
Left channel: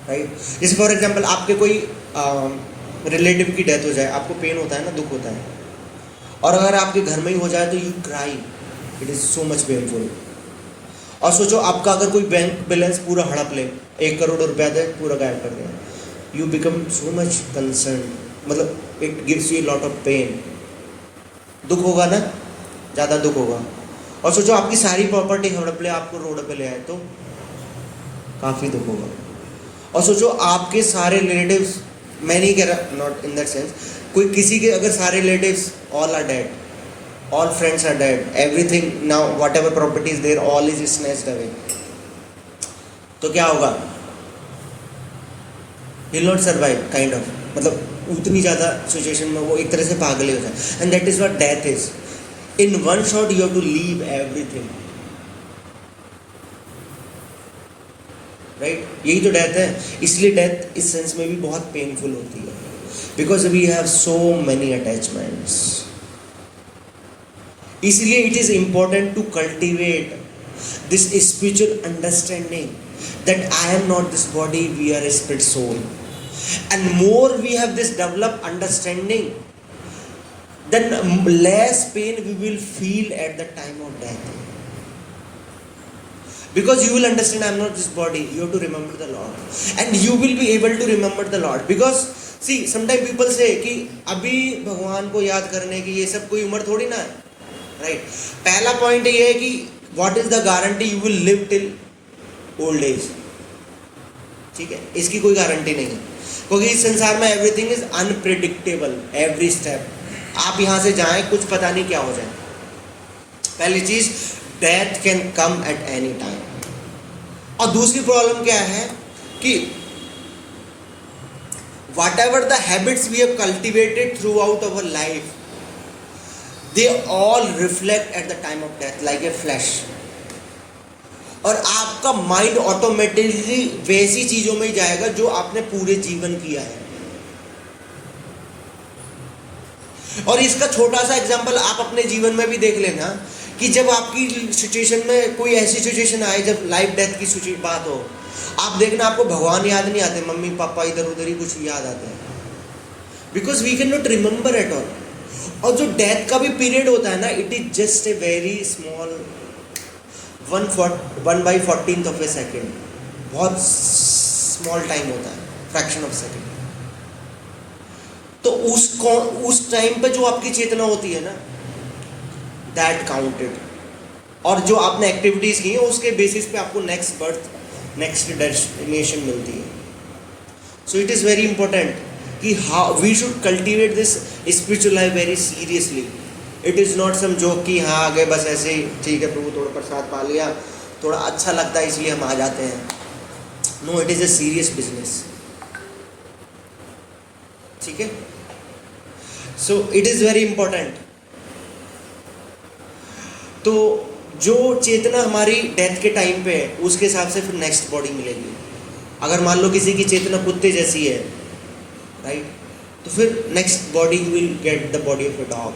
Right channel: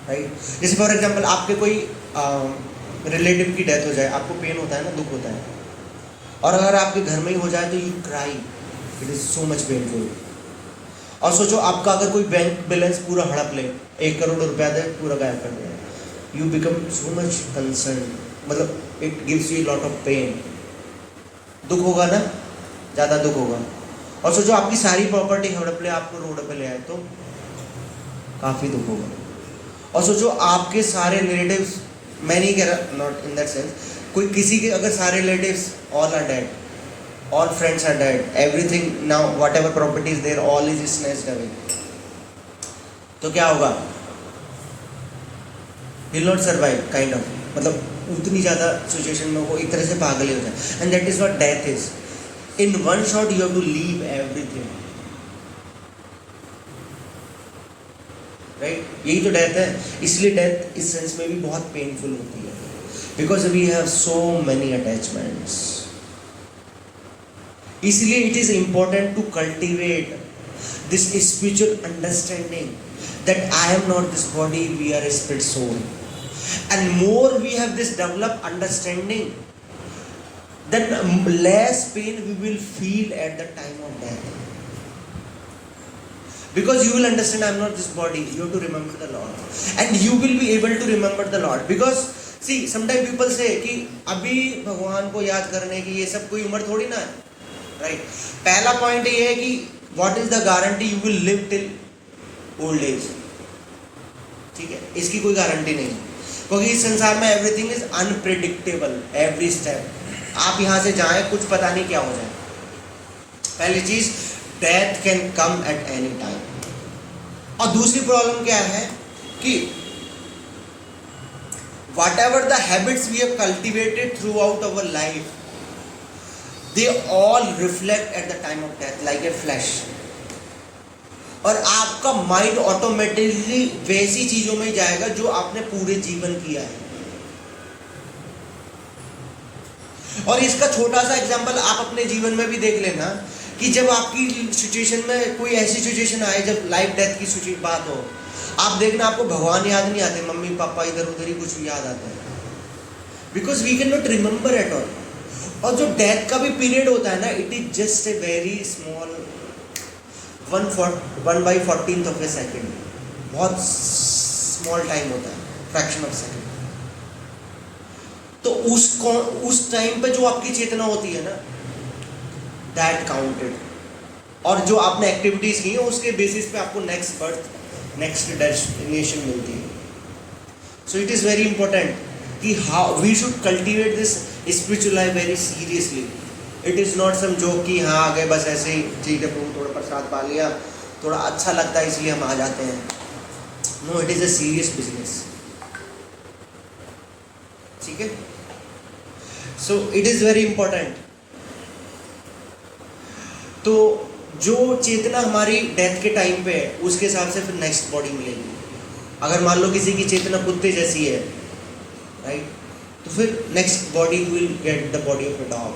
राइट? जैसे फॉर एग्जाम्पल आपके कोई रिलेटिव की डेथ हो जाए, आपको पेन होता है ना, दुख होता है. और अगर आपके घर में ही हो जाए तो you cry, it is so much painful. और सोचो आपका अगर कोई बैंक बैलेंस पूरा हड़प ले, 1 करोड़ रुपया दे, पूरा गायब कर दे, you become so much concerned, मतलब it gives you a lot of pain. दुख होगा ना, ज़्यादा दुख होगा. और सोचो आपकी सारी प्रॉपर्टी हड़प ले, आपको रोड पे ले आए तो काफ़ी दुख होगा. और सोचो आपके सारे रिलेटिव्स, मैं नहीं कह रहा, नॉट इन दैट सेंस, कोई किसी के अगर सारे relatives all are dead, all friends are dead, everything now whatever property is there all is snatched away, तो क्या होगा? He will not survive, kind of. मतलब उतनी ज़्यादा सिचुएशन में वो एक तरह से पागल ही हो जाए. And that is what death is. In one shot you have to leave everything, right? यही तो डेथ है. इसलिए डेथ इस सेंस में भी बहुत पेनफुल होती है, because we have so many attachments. इसलिए it is important to cultivate this spiritual understanding that I am not this body, we are a spirit soul. And more we have this developed understanding, then less pain we will feel at the time of death. Because you will understand I am not this body, you have to remember the Lord. And you will be able to remember the Lord. Because see, sometimes people say कि अभी भगवान को याद करने की ये सब कोई उम्र थोड़ी ना है, right? पहला पॉइंट ये है कि what is the guarantee you will live till old age. ठीक है, इसकी कोई गारंटी नहीं है, क्योंकि इस संसार में everything is unpredictable. Every step आप यहाँ से जाएं, कुछ पता नहीं क्या हो जाए. पहली चीज, death can come at any time. और दूसरी प्रॉब्लम क्या है कि whatever the habits we have cultivated throughout our life, they all reflect at the time of death like a flash. और आपका माइंड ऑटोमेटिकली वैसी चीजों में जाएगा जो आपने पूरे जीवन किया है. और इसका छोटा सा एग्जांपल आप अपने जीवन में भी देख लेना कि जब आपकी सिचुएशन में कोई ऐसी सिचुएशन आए जब लाइफ डेथ की बात हो, आप देखना आपको भगवान याद नहीं आते, मम्मी पापा इधर उधर ही कुछ याद आता है, because we can not remember at all. और जो डेथ का भी पीरियड होता है ना, it is just a very small 1/14 of a second. बहुत स्मॉल टाइम होता है, फ्रैक्शन ऑफ सेकेंड. तो उस टाइम पे जो आपकी चेतना होती है ना, दैट काउंटेड. और जो आपने एक्टिविटीज की है उसके बेसिस पे आपको नेक्स्ट बर्थ, नेक्स्ट डेस्टिनेशन मिलती है. So it is very important कि how we should cultivate this spiritual life very seriously. It is not some joke कि हाँ आ गए बस ऐसे ही, ठीक है प्रभु थोड़ा प्रसाद पा लिया, थोड़ा अच्छा लगता है इसलिए हम आ जाते हैं. No, it is a serious business. ठीक है. So it is very important. तो जो चेतना हमारी डेथ के टाइम पे है उसके हिसाब से फिर नेक्स्ट बॉडी मिलेगी. अगर मान लो किसी की चेतना कुत्ते जैसी है, राइट, तो फिर next body will get the body of a dog.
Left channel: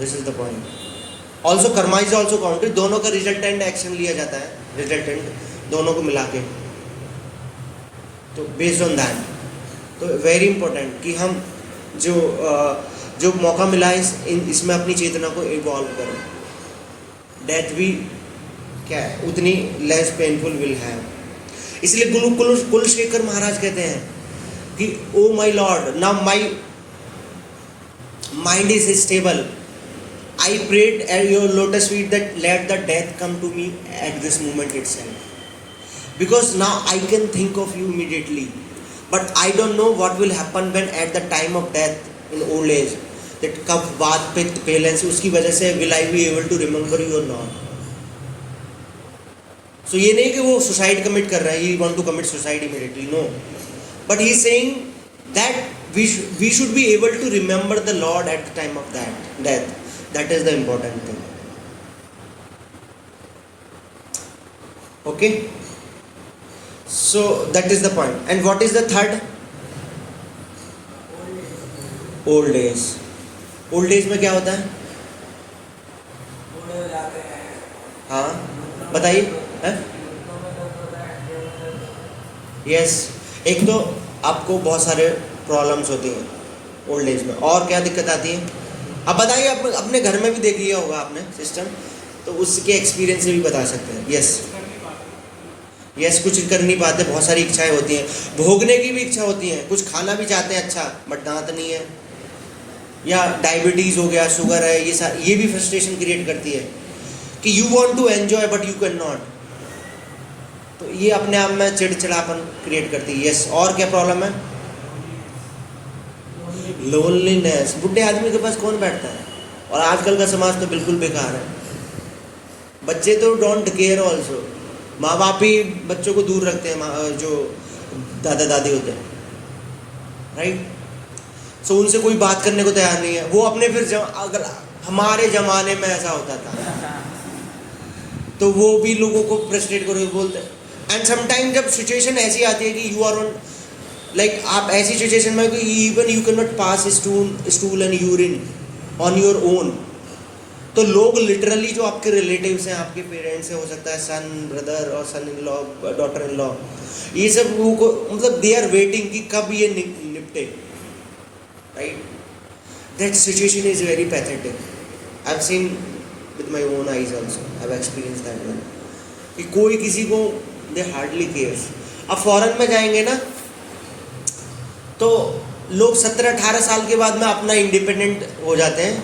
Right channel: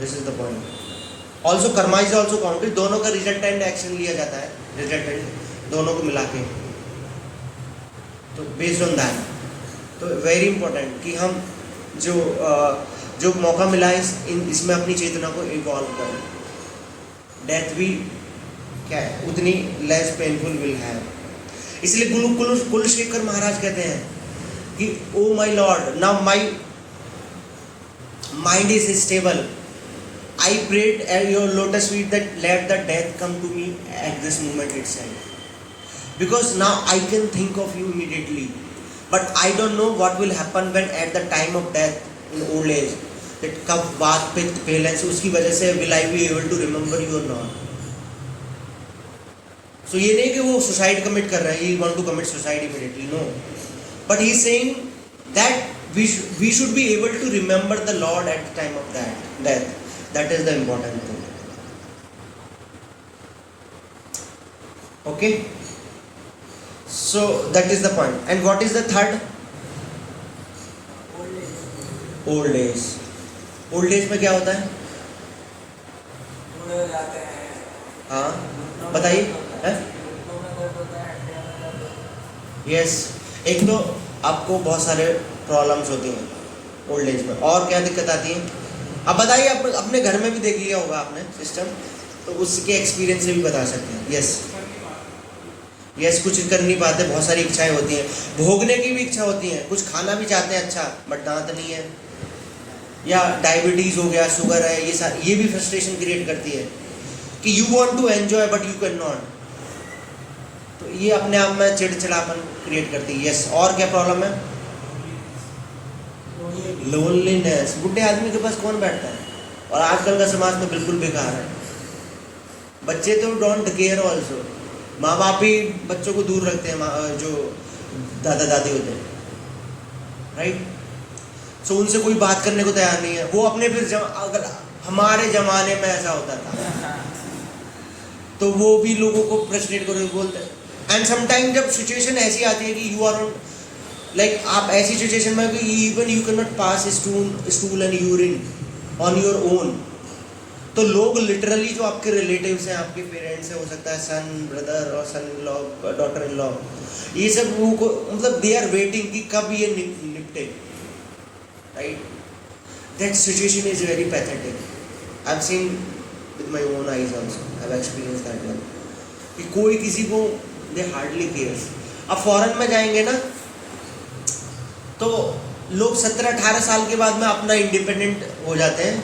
This is the point. Also Karma is also counted. दोनों का रिजल्टेंट एक्शन लिया जाता है, रिजल्टेंट दोनों को मिला के. तो बेस्ड ऑन दैट, तो वेरी इंपॉर्टेंट कि हम जो मौका मिला है इसमें अपनी चेतना को इवॉल्व करें. डेथ भी क्या है, उतनी लेस पेनफुल विल है. इसलिए कुलशेखर महाराज कहते हैं कि oh my lord, now my mind is stable. I prayed at your lotus feet that let the death come to me at this moment itself, because now I can think of you immediately, but I don't know what will happen when at the time of death in old age, that कब बात पित्त palace उसकी वजह से will I be able to remember you or not. So ये नहीं कि वो suicide commit कर रहा है, he want to commit suicide immediately, no, but he is saying that we should be able to remember the Lord at the time of that death. That is the important thing. Okay. So that is the point. And what is the third? Old age. Old age में क्या होता है? बूढ़े हो जाते हैं. हाँ बताइए. यस, एक तो आपको बहुत सारे प्रॉब्लम्स होती हैं ओल्ड एज में. और क्या दिक्कत आती है? अब बताइए, अपने घर में भी देख लिया होगा आपने सिस्टम, तो उसके एक्सपीरियंस से भी बता सकते हैं. यस, कुछ कर नहीं पाते, बहुत सारी इच्छाएं होती हैं, भोगने की भी इच्छा होती है, कुछ खाना भी चाहते हैं अच्छा, बट दांत नहीं है, या डायबिटीज़ हो गया, शुगर है, ये भी फ्रस्ट्रेशन क्रिएट करती है कि you want to enjoy but you can not. तो ये अपने आप में चिड़चिड़ापन क्रिएट करती है. यस, और क्या प्रॉब्लम है? लोनलीनेस. बुढ़े आदमी के पास कौन बैठता है? और आजकल का समाज तो बिल्कुल बेकार है. बच्चे तो डोंट केयर ऑल्सो. माँ बाप ही बच्चों को दूर रखते हैं, जो दादा दादी होते हैं, राइट. सो उनसे कोई बात करने को तैयार नहीं है. वो अपने फिर अगर हमारे ज़माने में ऐसा होता था तो वो भी लोगों को फ्रस्ट्रेट करके बोलते हैं. एंड समटाइम जब सिचुएशन ऐसी आती है कि यू आर ऑन लाइक आप ऐसी सिचुएशन में कि even you can not pass stool and urine on your own, तो लोग लिटरली जो आपके रिलेटिव्स हैं, आपके पेरेंट्स हैं, हो सकता है सन ब्रदर और son in law, daughter in law, ये सब लोगों को मतलब दे आर वेटिंग कि कब ये निपटे, right. That situation is very pathetic. I have seen with my own eyes also, I have experience that one, कि कोई किसी को दे हार्डली केयर्स. अब फॉरेन में जाएंगे ना तो लोग 17-18 साल के बाद में अपना इंडिपेंडेंट हो जाते हैं.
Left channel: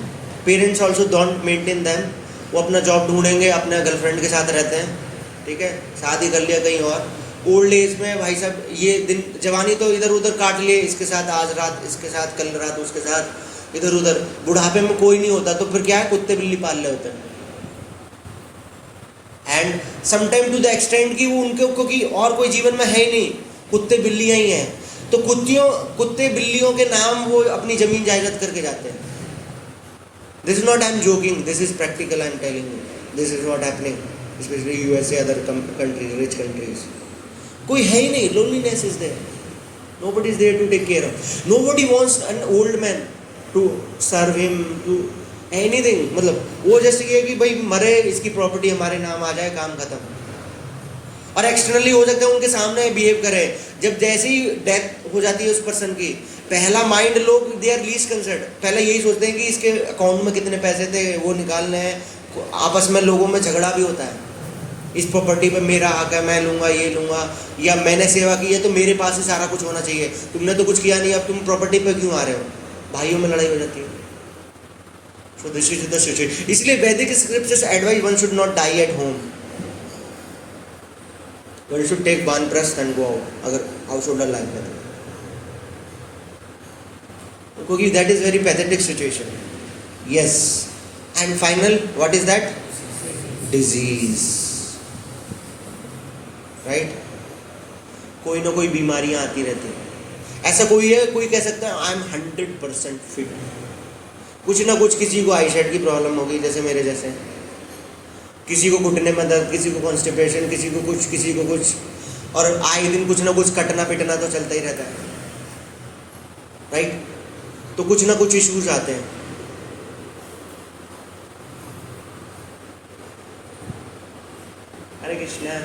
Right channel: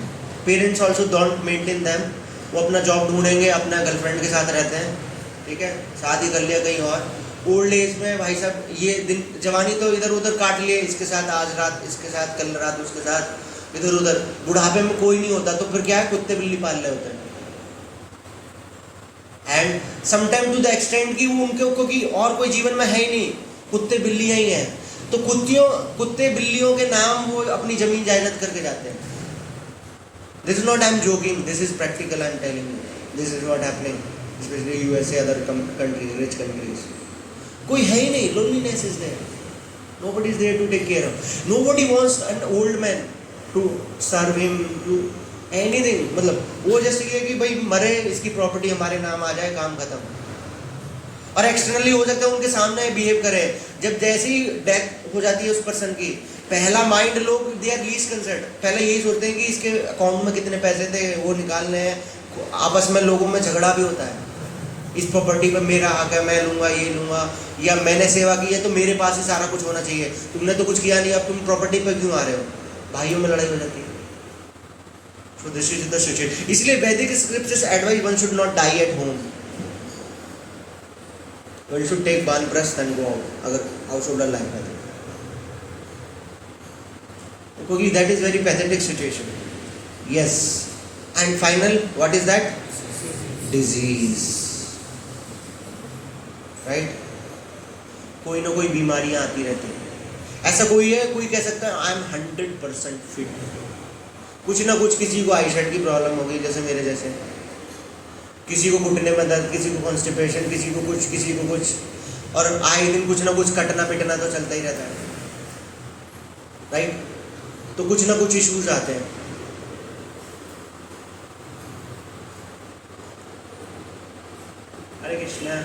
Parents also don't maintain them. वो अपना जॉब ढूंढेंगे, अपने गर्लफ्रेंड के साथ रहते हैं, ठीक है, शादी कर लिया कहीं और. ओल्ड एज में भाई साहब ये दिन जवानी तो इधर उधर काट लिए, इसके साथ आज रात, इसके साथ कल रात, उसके साथ इधर उधर. बुढ़ापे में कोई नहीं होता तो फिर क्या है, कुत्ते बिल्ली पाल रहे होते हैं. And sometime to the extend कि वो उनके क्योंकि और कोई जीवन में है ही नहीं, कुत्ते बिल्लियाँ ही हैं, तो कुत्ते बिल्लियों के नाम वो अपनी जमीन जायदाद करके जाते हैं. This is not I'm joking. This is practical. I'm telling you. This is what happening, especially USA, other countries, rich countries. कोई है ही नहीं. Loneliness is there. Nobody is there to take care of. Nobody wants an old man to serve him, to anything. मतलब वो जैसे कि भाई मरे, इसकी प्रॉपर्टी हमारे नाम आ जाए, काम खत्म. और एक्सटर्नली हो सकता है उनके सामने बिहेव करे. जब जैसी डेथ हो जाती है उस पर्सन की, पहला माइंड लोग दे आर लीस्ट कंसर्न, पहले यही सोचते हैं कि इसके अकाउंट में कितने पैसे थे, वो निकालने हैं. आपस में लोगों में झगड़ा भी होता है, इस प्रॉपर्टी पे मेरा हक है, मैं लूँगा, ये लूँगा, या मैंने सेवा की है तो मेरे पास ही सारा कुछ होना चाहिए, तुमने तो कुछ किया नहीं, अब तुम प्रॉपर्टी पे क्यों आ रहे हो. भाइयों में लड़ाई हो जाती है. So this is the situation. इसलिए वैदिक scriptures advice one should not die at home. One should take वानप्रस्थ एंड गो आउट, अगर हाउस होल्डर लाइफ में. क्योंकि that is very pathetic situation. Yes. And final what is that? Disease. Right. कोई ना कोई बीमारियां आती रहती हैं. ऐसा कोई है, कोई कह सकता है आई एम 100% फिट. कुछ ना कुछ, किसी को आईसाइट की प्रॉब्लम होगी जैसे मेरे जैसे, किसी को घुटने में दर्द, किसी को कॉन्स्टिपेशन, किसी को कुछ, और आए दिन कुछ ना कुछ कटना पिटना तो चलता ही रहता है. राइट. तो कुछ ना कुछ इश्यूज आते हैं. Hare Krishna.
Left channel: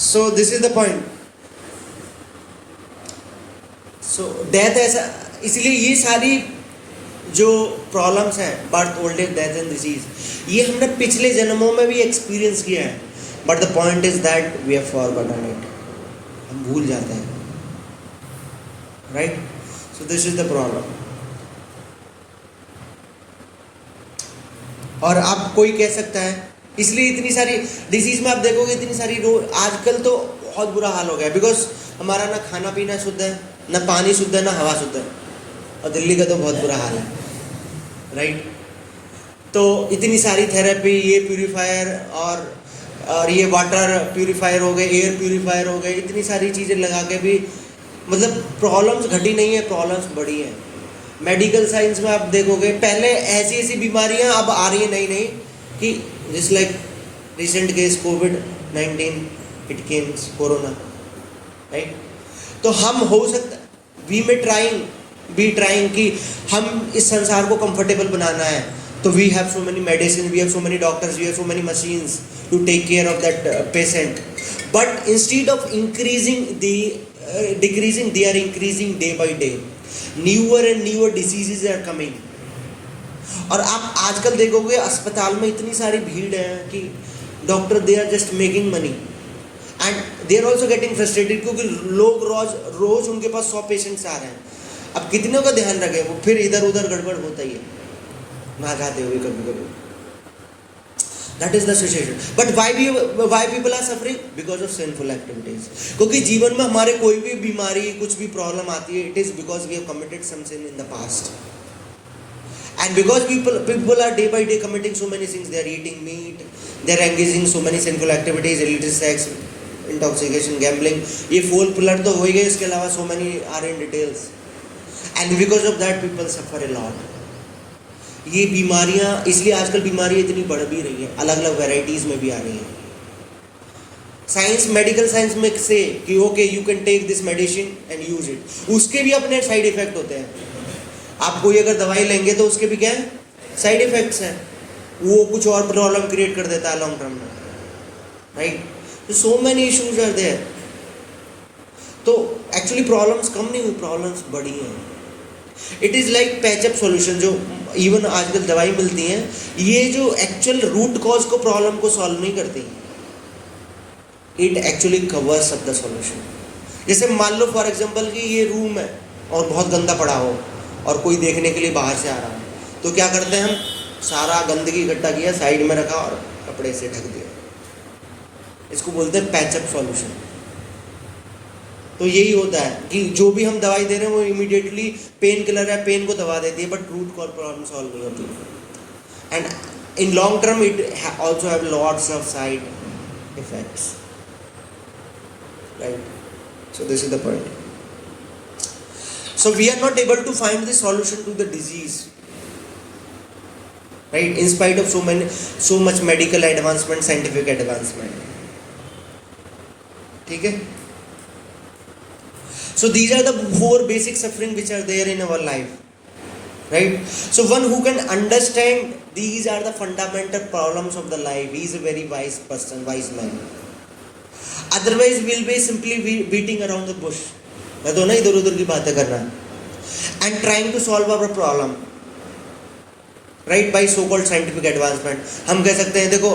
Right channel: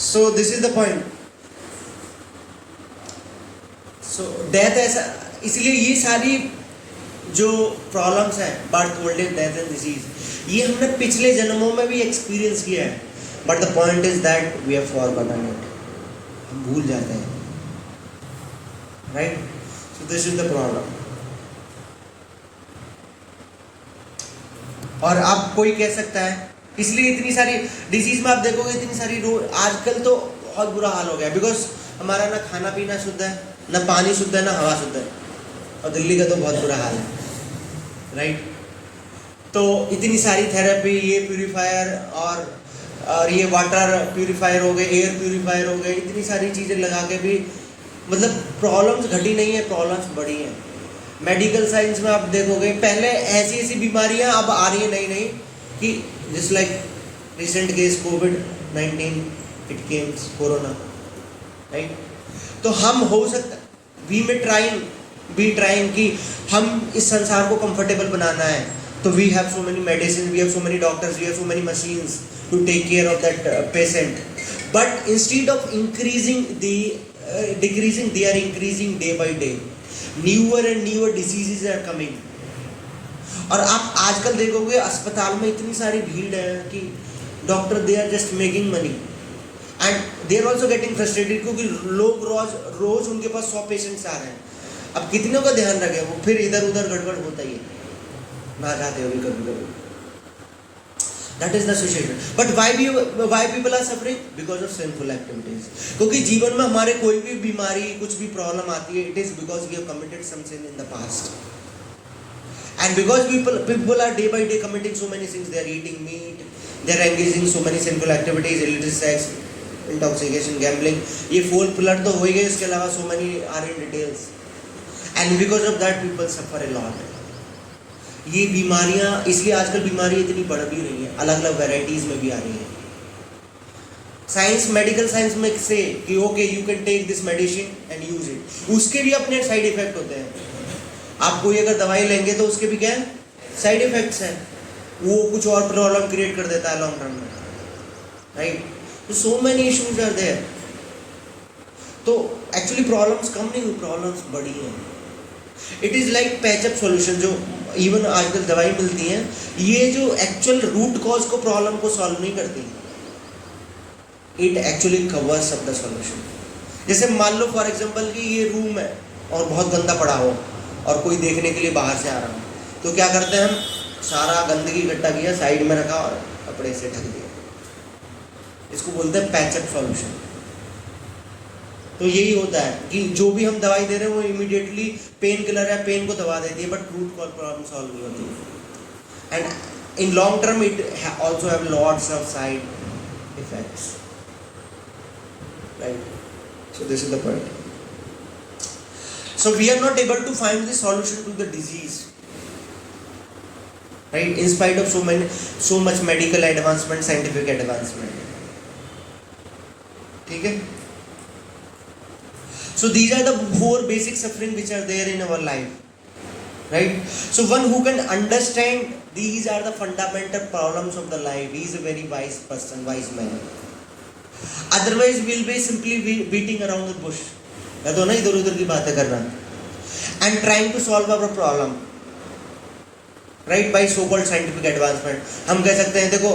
So this is the point. So death ऐसा, इसलिए ये सारी जो प्रॉब्लम्स हैं, birth, old age, death and disease, ये हमने पिछले जन्मों में भी एक्सपीरियंस किया है. But the point is that we have forgotten it. हम भूल जाते हैं. Right. So this is the problem. और अब कोई कह सकता है, इसलिए इतनी सारी डिजीज में आप देखोगे इतनी सारी आजकल तो बहुत बुरा हाल हो गया है. बिकॉज हमारा ना खाना पीना शुद्ध है, ना पानी शुद्ध है, ना हवा शुद्ध है. और दिल्ली का तो बहुत बुरा हाल है. राइट. तो इतनी सारी थेरेपी, ये प्यूरीफायर और ये वाटर प्यूरीफायर हो गए, एयर प्यूरीफायर हो गए, इतनी सारी चीज़ें लगा के भी मतलब प्रॉब्लम्स घटी नहीं है, प्रॉब्लम्स बढ़ी हैं. मेडिकल साइंस में आप देखोगे पहले ऐसी बीमारियां अब आ रही है नई नई, कि जिस like recent case covid, it Kemps corona. Right. तो हम हो सकता, वी ट्राइंग कि हम इस संसार को कंफर्टेबल बनाना है. तो we have so many medicine, we have so many doctors, we have so many machines to take care of that patient. But instead of decreasing, they are increasing day by day. Newer and newer diseases are coming. और आप आजकल देखोगे अस्पताल में इतनी सारी भीड़ है कि doctor they are just making money and they are also getting frustrated, क्योंकि लोग रोज उनके पास 100 पेशेंट्स आ रहे हैं. अब कितनों का ध्यान रखें, वो फिर इधर उधर गड़बड़ होता ही है, ना चाहते हो भी कभी. That is the situation. But why people are suffering? Because of sinful activities. क्योंकि जीवन में हमारे कोई भी बीमारी, कुछ भी प्रॉब्लम आती है, it is because we have committed some sin in the past. And because people are day by day committing so many things, they are eating meat, they are engaging so many sinful activities, illicit sex, intoxication, gambling. ये full pillar तो हो ही गए, इसके अलावा so many are in details. And because of that people suffer a lot. ये बीमारियां, इसलिए आजकल बीमारियां इतनी बढ़ भी रही हैं, अलग अलग वैरायटीज में भी आ रही हैं. साइंस, मेडिकल साइंस में से कि okay you can take this medicine and use it, उसके भी अपने साइड इफेक्ट होते हैं. आप कोई अगर दवाई लेंगे तो उसके भी क्या है, साइड इफेक्ट्स हैं. वो कुछ और प्रॉब्लम क्रिएट कर देता है लॉन्ग टर्म में. राइट. तो so many issues are there. तो एक्चुअली प्रॉब्लम्स कम नहीं हुई, प्रॉब्लम्स बढ़ी हैं. It is like patch up solution. जो इवन आजकल दवाई मिलती हैं, ये जो एक्चुअल रूट कॉज को, प्रॉब्लम को सॉल्व नहीं करती. It actually covers up the solution. जैसे मान लो फॉर एग्जांपल कि ये रूम है और बहुत गंदा पड़ा हो और कोई देखने के लिए बाहर से आ रहा है, तो क्या करते हैं हम, सारा गंदगी इकट्ठा किया, साइड में रखा और कपड़े से ढक दिया. इसको बोलते हैं पैचअप सॉल्यूशन. तो यही होता है कि जो भी हम दवाई दे रहे हैं वो इमीडिएटली पेन किलर है, पेन को दबा देती है, but root cause problem solve नहीं होती. And in long term it also have lots of side effects. Right. So this is the point. So we are not able to find the solution to the disease, right, in spite of so much medical advancement, scientific advancement. ठीक है. So these are the 4 basic suffering which are there in our life, right? So one who can understand these are the fundamental problems of the life, he is a very wise person, wise man. Otherwise we'll be simply beating around the bush, या तो ना इधर उधर की बातें कर रहा है, and trying to solve our problem, right, by so called scientific advancement. हम कह सकते हैं देखो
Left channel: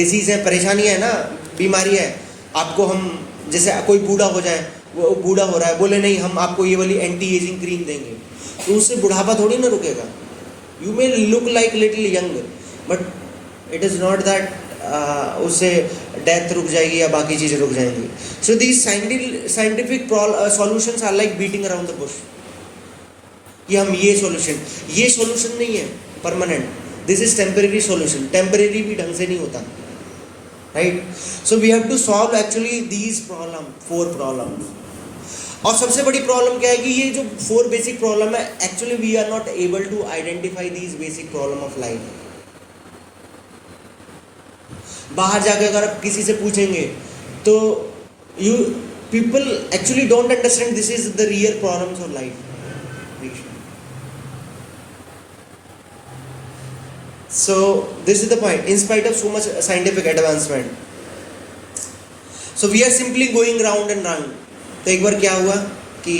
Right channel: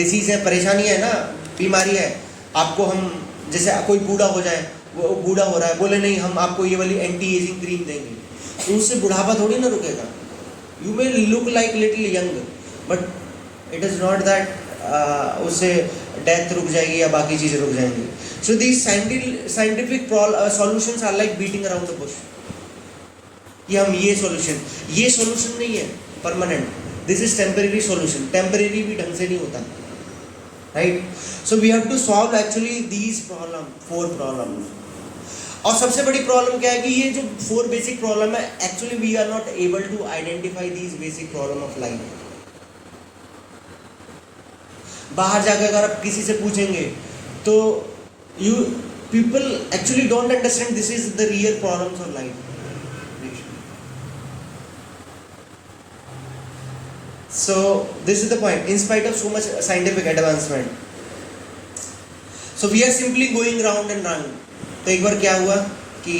डिसीज है, परेशानी है ना, बीमारी है, आपको हम जैसे कोई बूढ़ा हो जाए, वो बूढ़ा हो रहा है, बोले नहीं हम आपको ये वाली एंटी एजिंग क्रीम देंगे, तो उससे बुढ़ापा थोड़ी ना रुकेगा. You may look like little young, but it is not that उससे डेथ रुक जाएगी या बाकी चीज़ें रुक जाएंगी. So these scientific solutions are like beating around the bush. कि हम ये सोल्यूशन नहीं है permanent. This is temporary solution. Temporary भी ढंग से नहीं होता, right. So we have to solve actually these problem, 4 problems. और सबसे बड़ी प्रॉब्लम क्या है कि ये जो 4 बेसिक प्रॉब्लम है, actually we are not able to identify these basic problem of life. बाहर जाकर अगर आप किसी से पूछेंगे तो you people actually don't understand this is the real problems of life. So this is the point. In spite of so much scientific advancement, so we are simply going round and round. तो एक बार क्या हुआ कि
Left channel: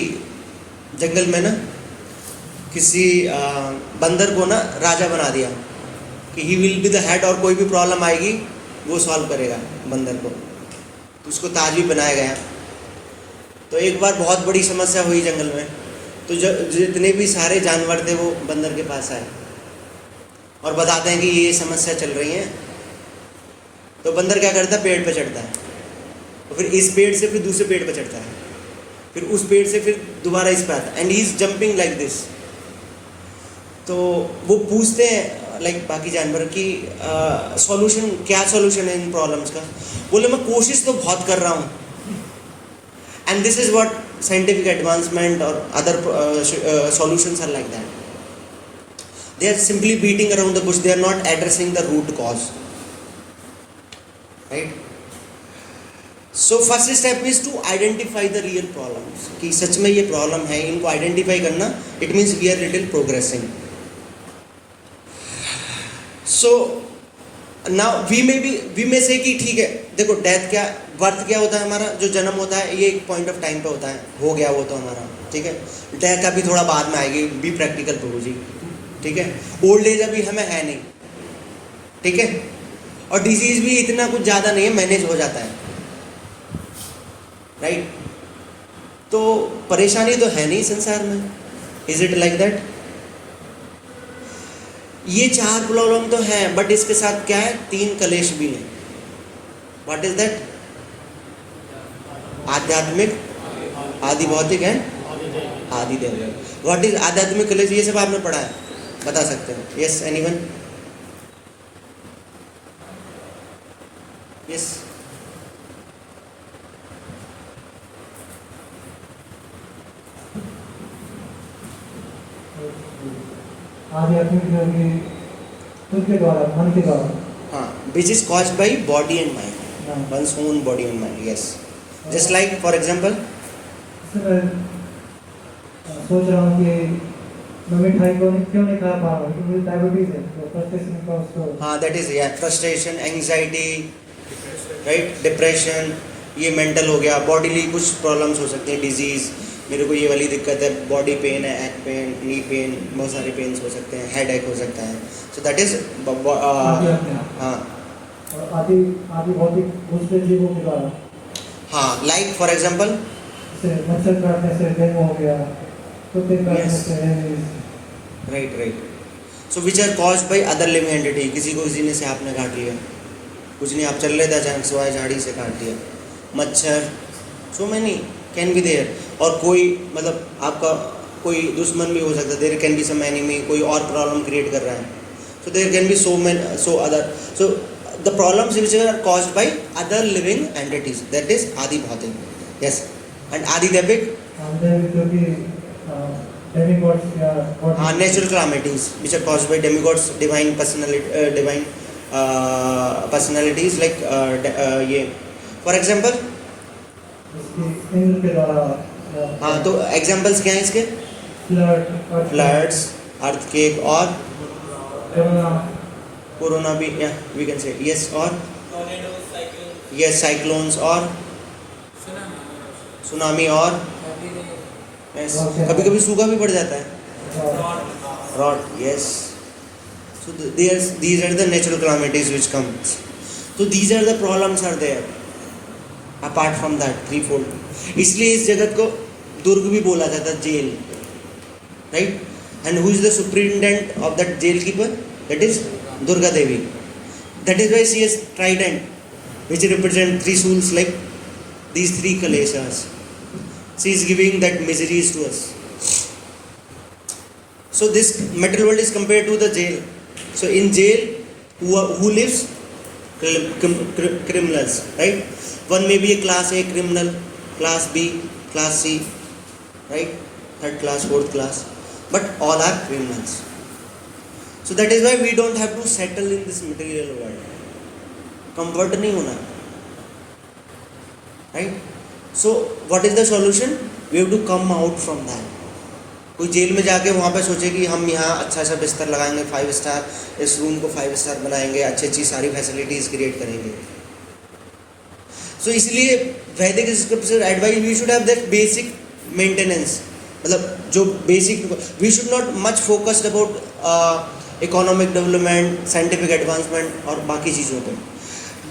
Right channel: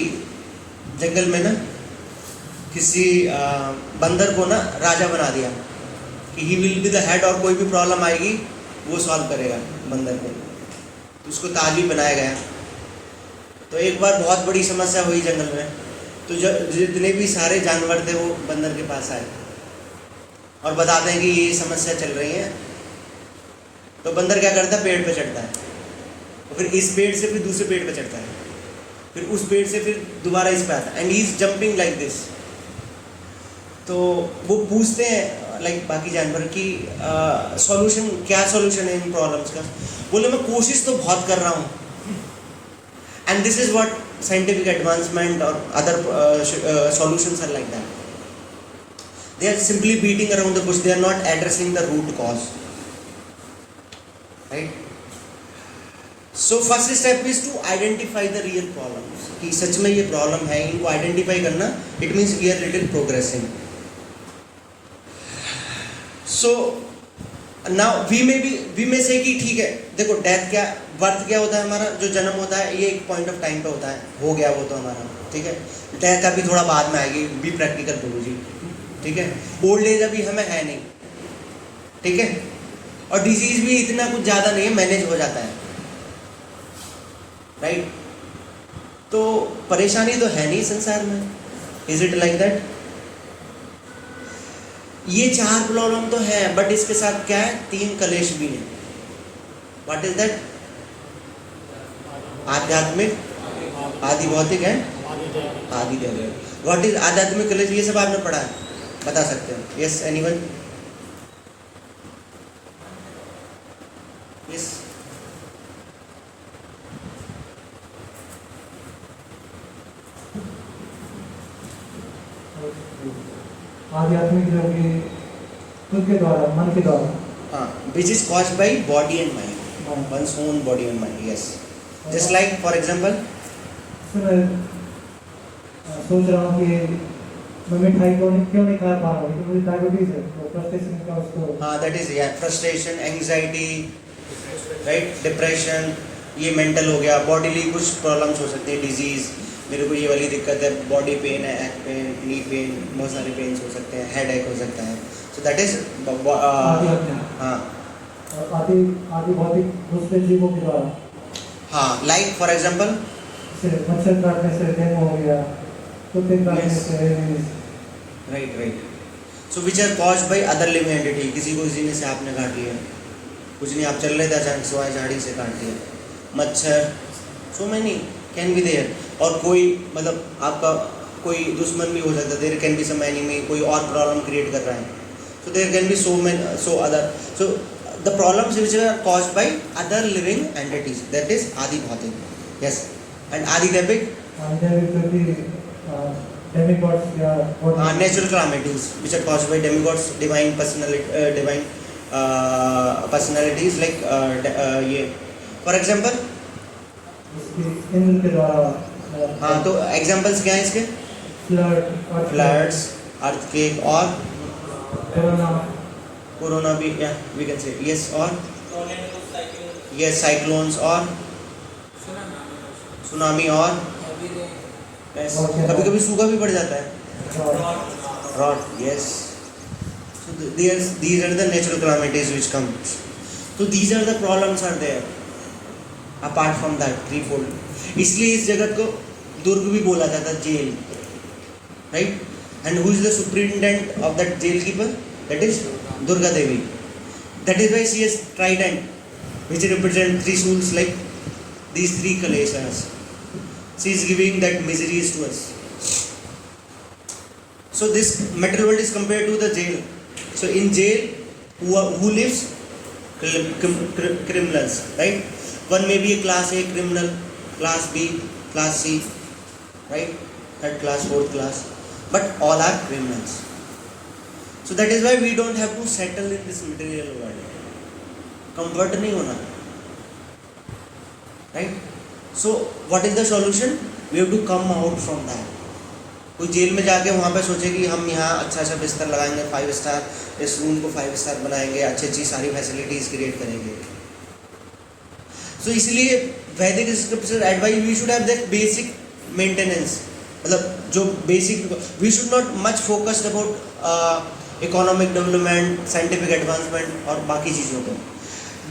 जंगल में ना किसी बंदर को ना राजा बना दिया कि he will be the head, और कोई भी प्रॉब्लम आएगी वो सॉल्व करेगा बंदर को. तो उसको ताज भी बनाया गया. तो एक बार बहुत बड़ी समस्या हुई जंगल में. तो जितने भी सारे जानवर थे वो बंदर के पास आए और बताते हैं कि ये समस्या चल रही है. तो बंदर क्या करता है, पेड़ पे चढ़ता है, और फिर इस पेड़ से फिर दूसरे पेड़ पे चढ़ता है, फिर उस पेड़ से फिर दोबारा इस पे आता है, and he is jumping like this. तो वो पूछते हैं लाइक बाकी जानवर की सॉल्यूशन क्या सॉल्यूशन है इन प्रॉब्लम्स का. बोले मैं कोशिश तो बहुत कर रहा हूँ. And this is what scientific advancement और other solutions are like that. They are simply beating around the bush. They are not addressing the root cause, right? So first step is to identify the real problems. कि सच में ये problem है, इनको identify करना. It means we are little progressing. So now we may say कि ठीक है, देखो डेथ क्या, बर्थ क्या होता है हमारा, जो जन्म होता है ये एक पॉइंट ऑफ टाइम पे होता है, हो गया वो तो हमारा, ठीक है. डेथ अभी थोड़ा बाद में आएगी, बी प्रैक्टिकल प्रभु जी, ठीक है. ओल्ड एज अभी हमें है नहीं, ठीक है. और डिजीज भी इतना कुछ ज़्यादा नहीं है, मैनेज हो जाता है, राइट. तो परेशानी तो है नहीं संसार में. Is it like that? ये 4 प्रॉब्लम तो है, बट इसके साथ क्या है, 3 कलेश भी हैं. What is that? आध्यात्मिक, आदि भौतिक एंड आदि दैविक. व्हाट इज आध्यात्मिक कलेश? ये सब आपने पढ़ा है, बता सकते हैं. Yes, anyone? यस. आध्यात्मिक जो कि खुद के द्वारा, मन के द्वारा, हाँ, which is caused by body and mind, one's own body and mind. Yes. Just like for example, सोच रहा हूँ कि मैं मिठाई को क्यों नहीं खा पा रहा हूँ, क्योंकि मुझे डायबिटीज है. तो फ्रस्ट्रेशन का उसको, हाँ, that is frustration, anxiety, right, depression. ये मेंटल हो गया. बॉडीली कुछ प्रॉब्लम्स हो सकते हैं, डिजीज, मेरे को ये वाली दिक्कत है, बॉडी पेन है, एक्ट पेन, नी पेन, बहुत सारे पेन्स हो सकते हैं, हेड एक हो सकता है. सो दैट इज हाँ. और आदि भौतिक दूसरे जीवों के द्वारा, हाँ, लाइक फॉर एग्जाम्पल, जैसे मच्छर काटने से डेंगू हो गया, कुत्ते काटने से rabies. Right. So which are caused by other living entity. किसी को किसी ने सांप ने काट लिया, कुछ नहीं, आप चल रहे थे अचानक सिवाय झाड़ी से काट दिया. मच्छर, so many can be there. और कोई मतलब आपका कोई दुश्मन भी हो सकता है, there can be some enemy, कोई और प्रॉब्लम क्रिएट कर रहा है. So there can be so other. So the problems which are caused by other living entities, that is आदि भौतिक. यस. एंड आदि दैविक, natural calamities which are caused by demigods, divine personalities, like ये for example, हाँ, तो examples क्या हैं इसके? floods, earthquake और कोरोना भी, we can say yes. और yes, cyclones और सुनामी और yes. कभी कभी सूखा भी पड़ जाता है, rot. Yes. So these are the natural calamities which come. So these are the problems are there. Apart from that, threefold. इसलिए इस जगत को दुर्ग भी बोला जाता है, jail, right? And who is the superintendent of that jail keeper? That is Durga Devi. That is why she has trident, which represent three souls, like these three kaleshas. She is giving that miseries to us. So this material world is compared to the jail. So in jail, who lives? Criminals, right? One may be a class A criminal, class B, class C, right? Third class, fourth class, but all are criminals. So that is why we don't have to settle in this material world. Comfort नहीं होना, right? So what is the solution? We have to come out from that. कोई jail में जाके वहाँ पे सोचे कि हम यहाँ अच्छा अच्छा बिस्तर लगाएंगे 5 स्टार, इस रूम को 5 स्टार बनाएंगे, अच्छी अच्छी सारी फैसिलिटीज क्रिएट करेंगे. So इसलिए वैदिक scripture advice we should have that basic maintenance, मतलब जो basic, we should not much focused about economic development, scientific advancement और बाकी चीज़ों को,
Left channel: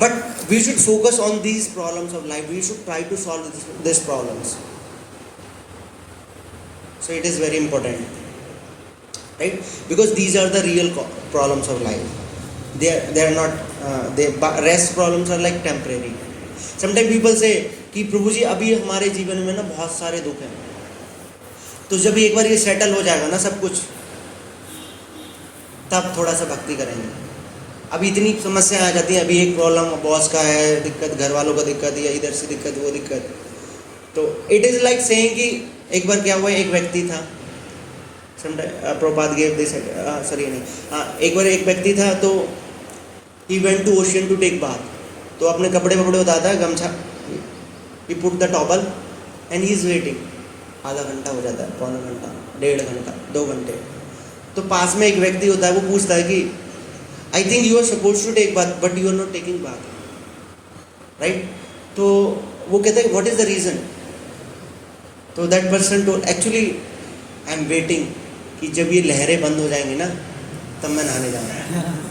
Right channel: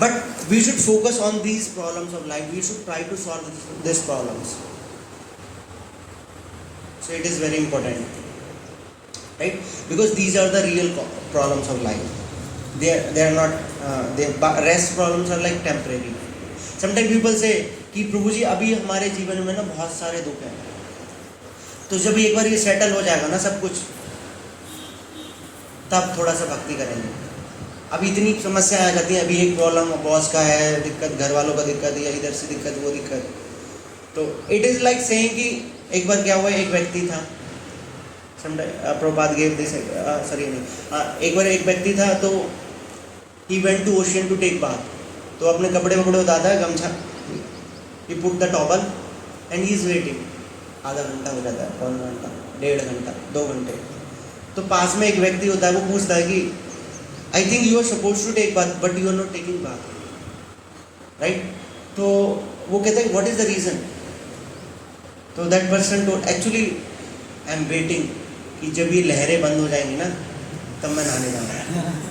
but we should focus on these problems of life. We should try to solve this problems. So it is very important, right? Because these are the real problems of life. They are not. The rest problems are like temporary. Sometimes people say कि प्रभु जी अभी हमारे जीवन में ना बहुत सारे दुख हैं, तो जब एक बार ये सेटल हो जाएगा ना सब कुछ, तब थोड़ा सा भक्ति करेंगे. अभी इतनी समस्याएं आ जाती हैं, अभी एक प्रॉब्लम बॉस का है दिक्कत, घर वालों का दिक्कत, या इधर से दिक्कत वो दिक्कत. तो इट इज़ लाइक सेइंग कि एक बार क्या हुआ, एक व्यक्ति था, प्रभुपाद गेव दिस, सॉरी नहीं, एक बार एक व्यक्ति था, तो he went to ocean to take bath. तो अपने कपड़े उतारता है, गमछा, he put the towel and he is waiting. आधा घंटा हो जाता है, पौना घंटा, 1.5 घंटा, 2 घंटे. तो पास में एक व्यक्ति होता है, वो पूछता है कि I think you are suppose to take bath but you are not taking bath, right? तो वो कहता है व्हाट इज द रीज़न? तो that person told actually I am waiting कि जब ये लहरें बंद हो जाएंगी ना, तब मैं नहाने जाऊँगा.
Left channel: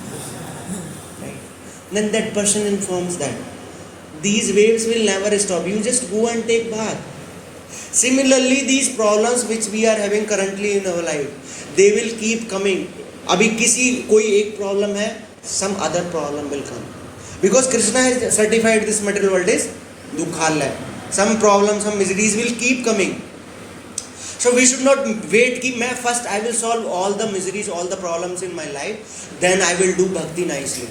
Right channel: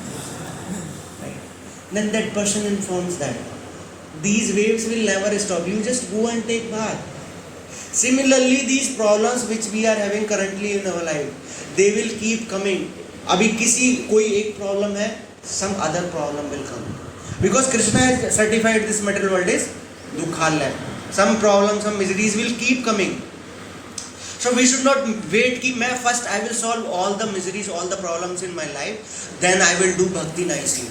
Then that person informs that these waves will never stop. You just go and take bath. Similarly, these problems which we are having currently in our life, they will keep coming. अभी कोई एक problem है, some other problem will come. Because Krishna has certified this material world is dukhalaya. Some problems, some miseries will keep coming. So we should not wait कि मैं first I will solve all the miseries, all the problems in my life, then I will do bhakti nicely.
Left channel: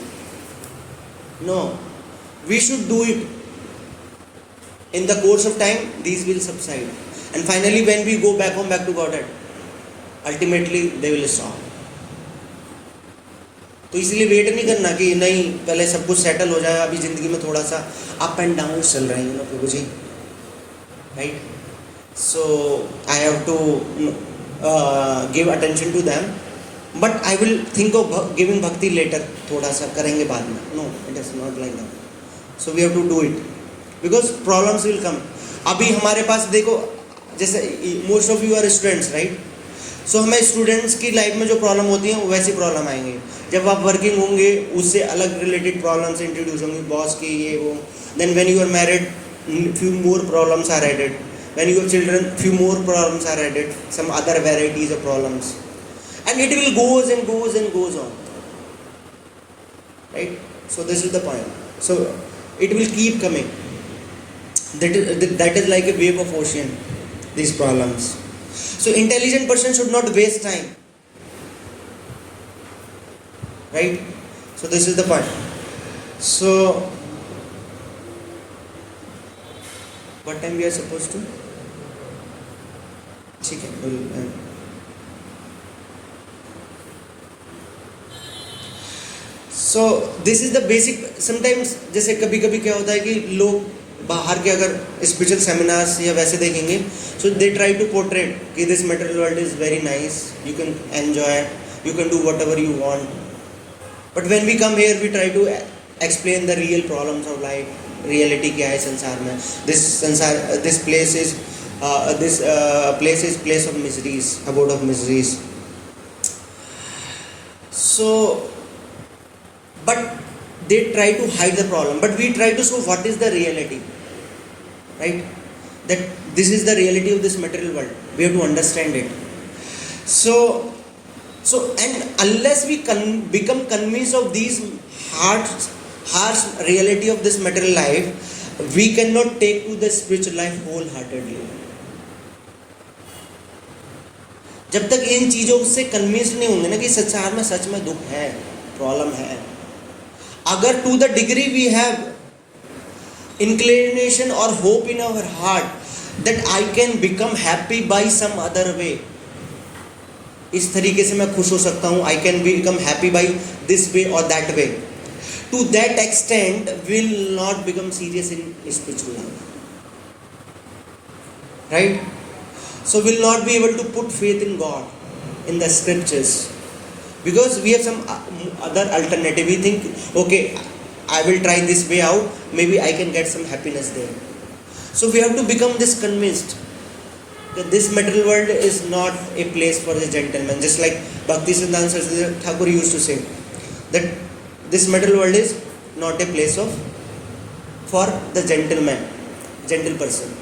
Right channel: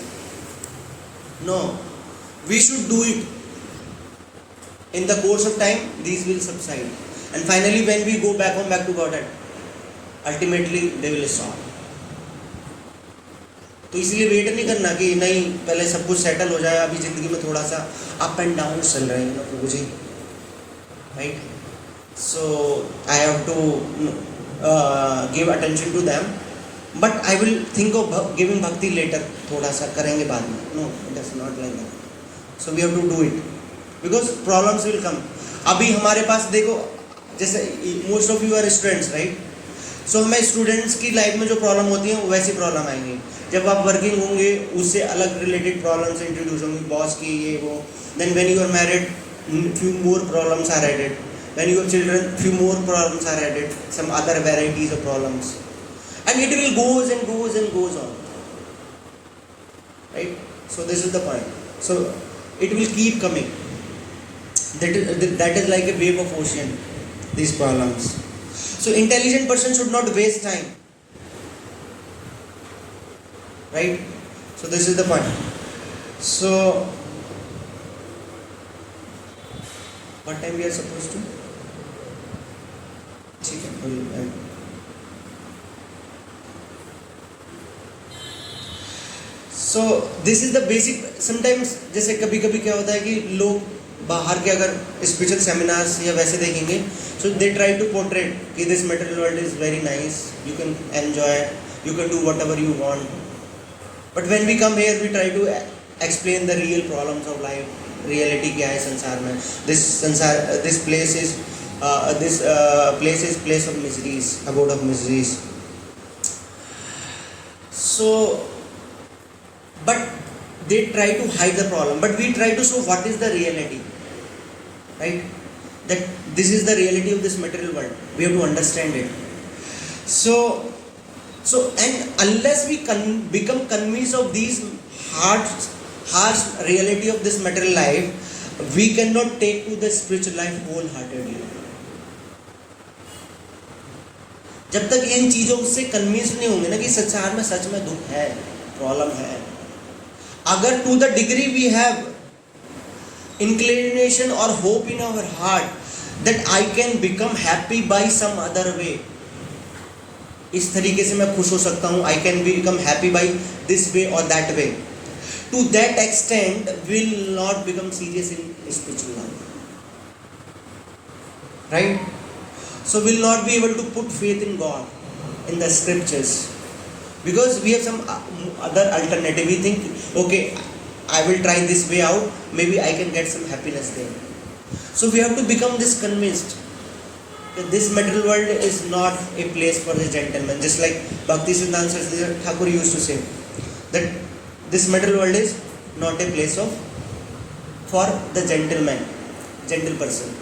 No, we should do it. In the course of time, these will subside. And finally, when we go back home, back to Godhead, ultimately they will stop. तो इसलिए wait नहीं करना कि नहीं पहले सब कुछ settle हो जाए, अभी ज़िंदगी में थोड़ा सा अप एंड डाउन चल रहे हैं ना Prabhu ji, right? So I have to give attention to them, but I will think of giving bhakti later, थोड़ा सा करेंगे बाद में. No, it is not like that. So we have to do it because problems will come. अभी हमारे पास देखो, जैसे most of you are students, right? सो हमें स्टूडेंट्स की लाइफ में जो प्रॉब्लम होती है वैसी प्रॉब्लम आएंगी. जब आप वर्किंग होंगे उससे अलग रिलेटेड प्रॉब्लम्स इंट्रोड्यूस होंगी, बॉस की ये वो. Then when you are married, few more problems are added. When you have children, few more problems are added, some other varieties of problems. And it will goes and goes and goes on, right? So this is the point. So it will keep coming. That is like a wave of ocean, these problems. So intelligent person should not waste time, right? So this is the point. So what time we are supposed to? ठीक है. So this is the basic. Sometimes जैसे कभी कभी क्या होता है कि लोग बाहर के अगर स्पिरिचुअल सेमिनार्स या वैसे देखेंगे, so they try to portrait कि this material world is very nice, you can enjoy, you can do whatever you want. But when we come here we try to explain the real problems of life. Reality क्या है संसार में? This place is place of miseries, abode of miseries. So but they try to hide the problem, but we try to show what is the reality, right? That this is the reality of this material world. We have to understand it. So and unless we become convinced of these harsh reality of this material life, we cannot take to the spiritual life wholeheartedly. जब तक इन चीजों से convince नहीं होंगे ना कि संसार में सच में दुख है, प्रॉब्लम है, अगर to the degree we have inclination or hope in our heart that I can become happy by some other way, इस तरीके से मैं खुश हो सकता हूँ, I can become happy by this way or that way, to that extent will not become serious in spiritual life, right? So will not be able to put faith in God, in the scriptures, because we have some other alternative. We think, okay, I will try this way out, maybe I can get some happiness there. So we have to become this convinced that this material world is not a place for the gentleman. Just like Bhakti Siddhanta Saraswati Thakur used to say, that this material world is not a place for the gentleman, gentle person,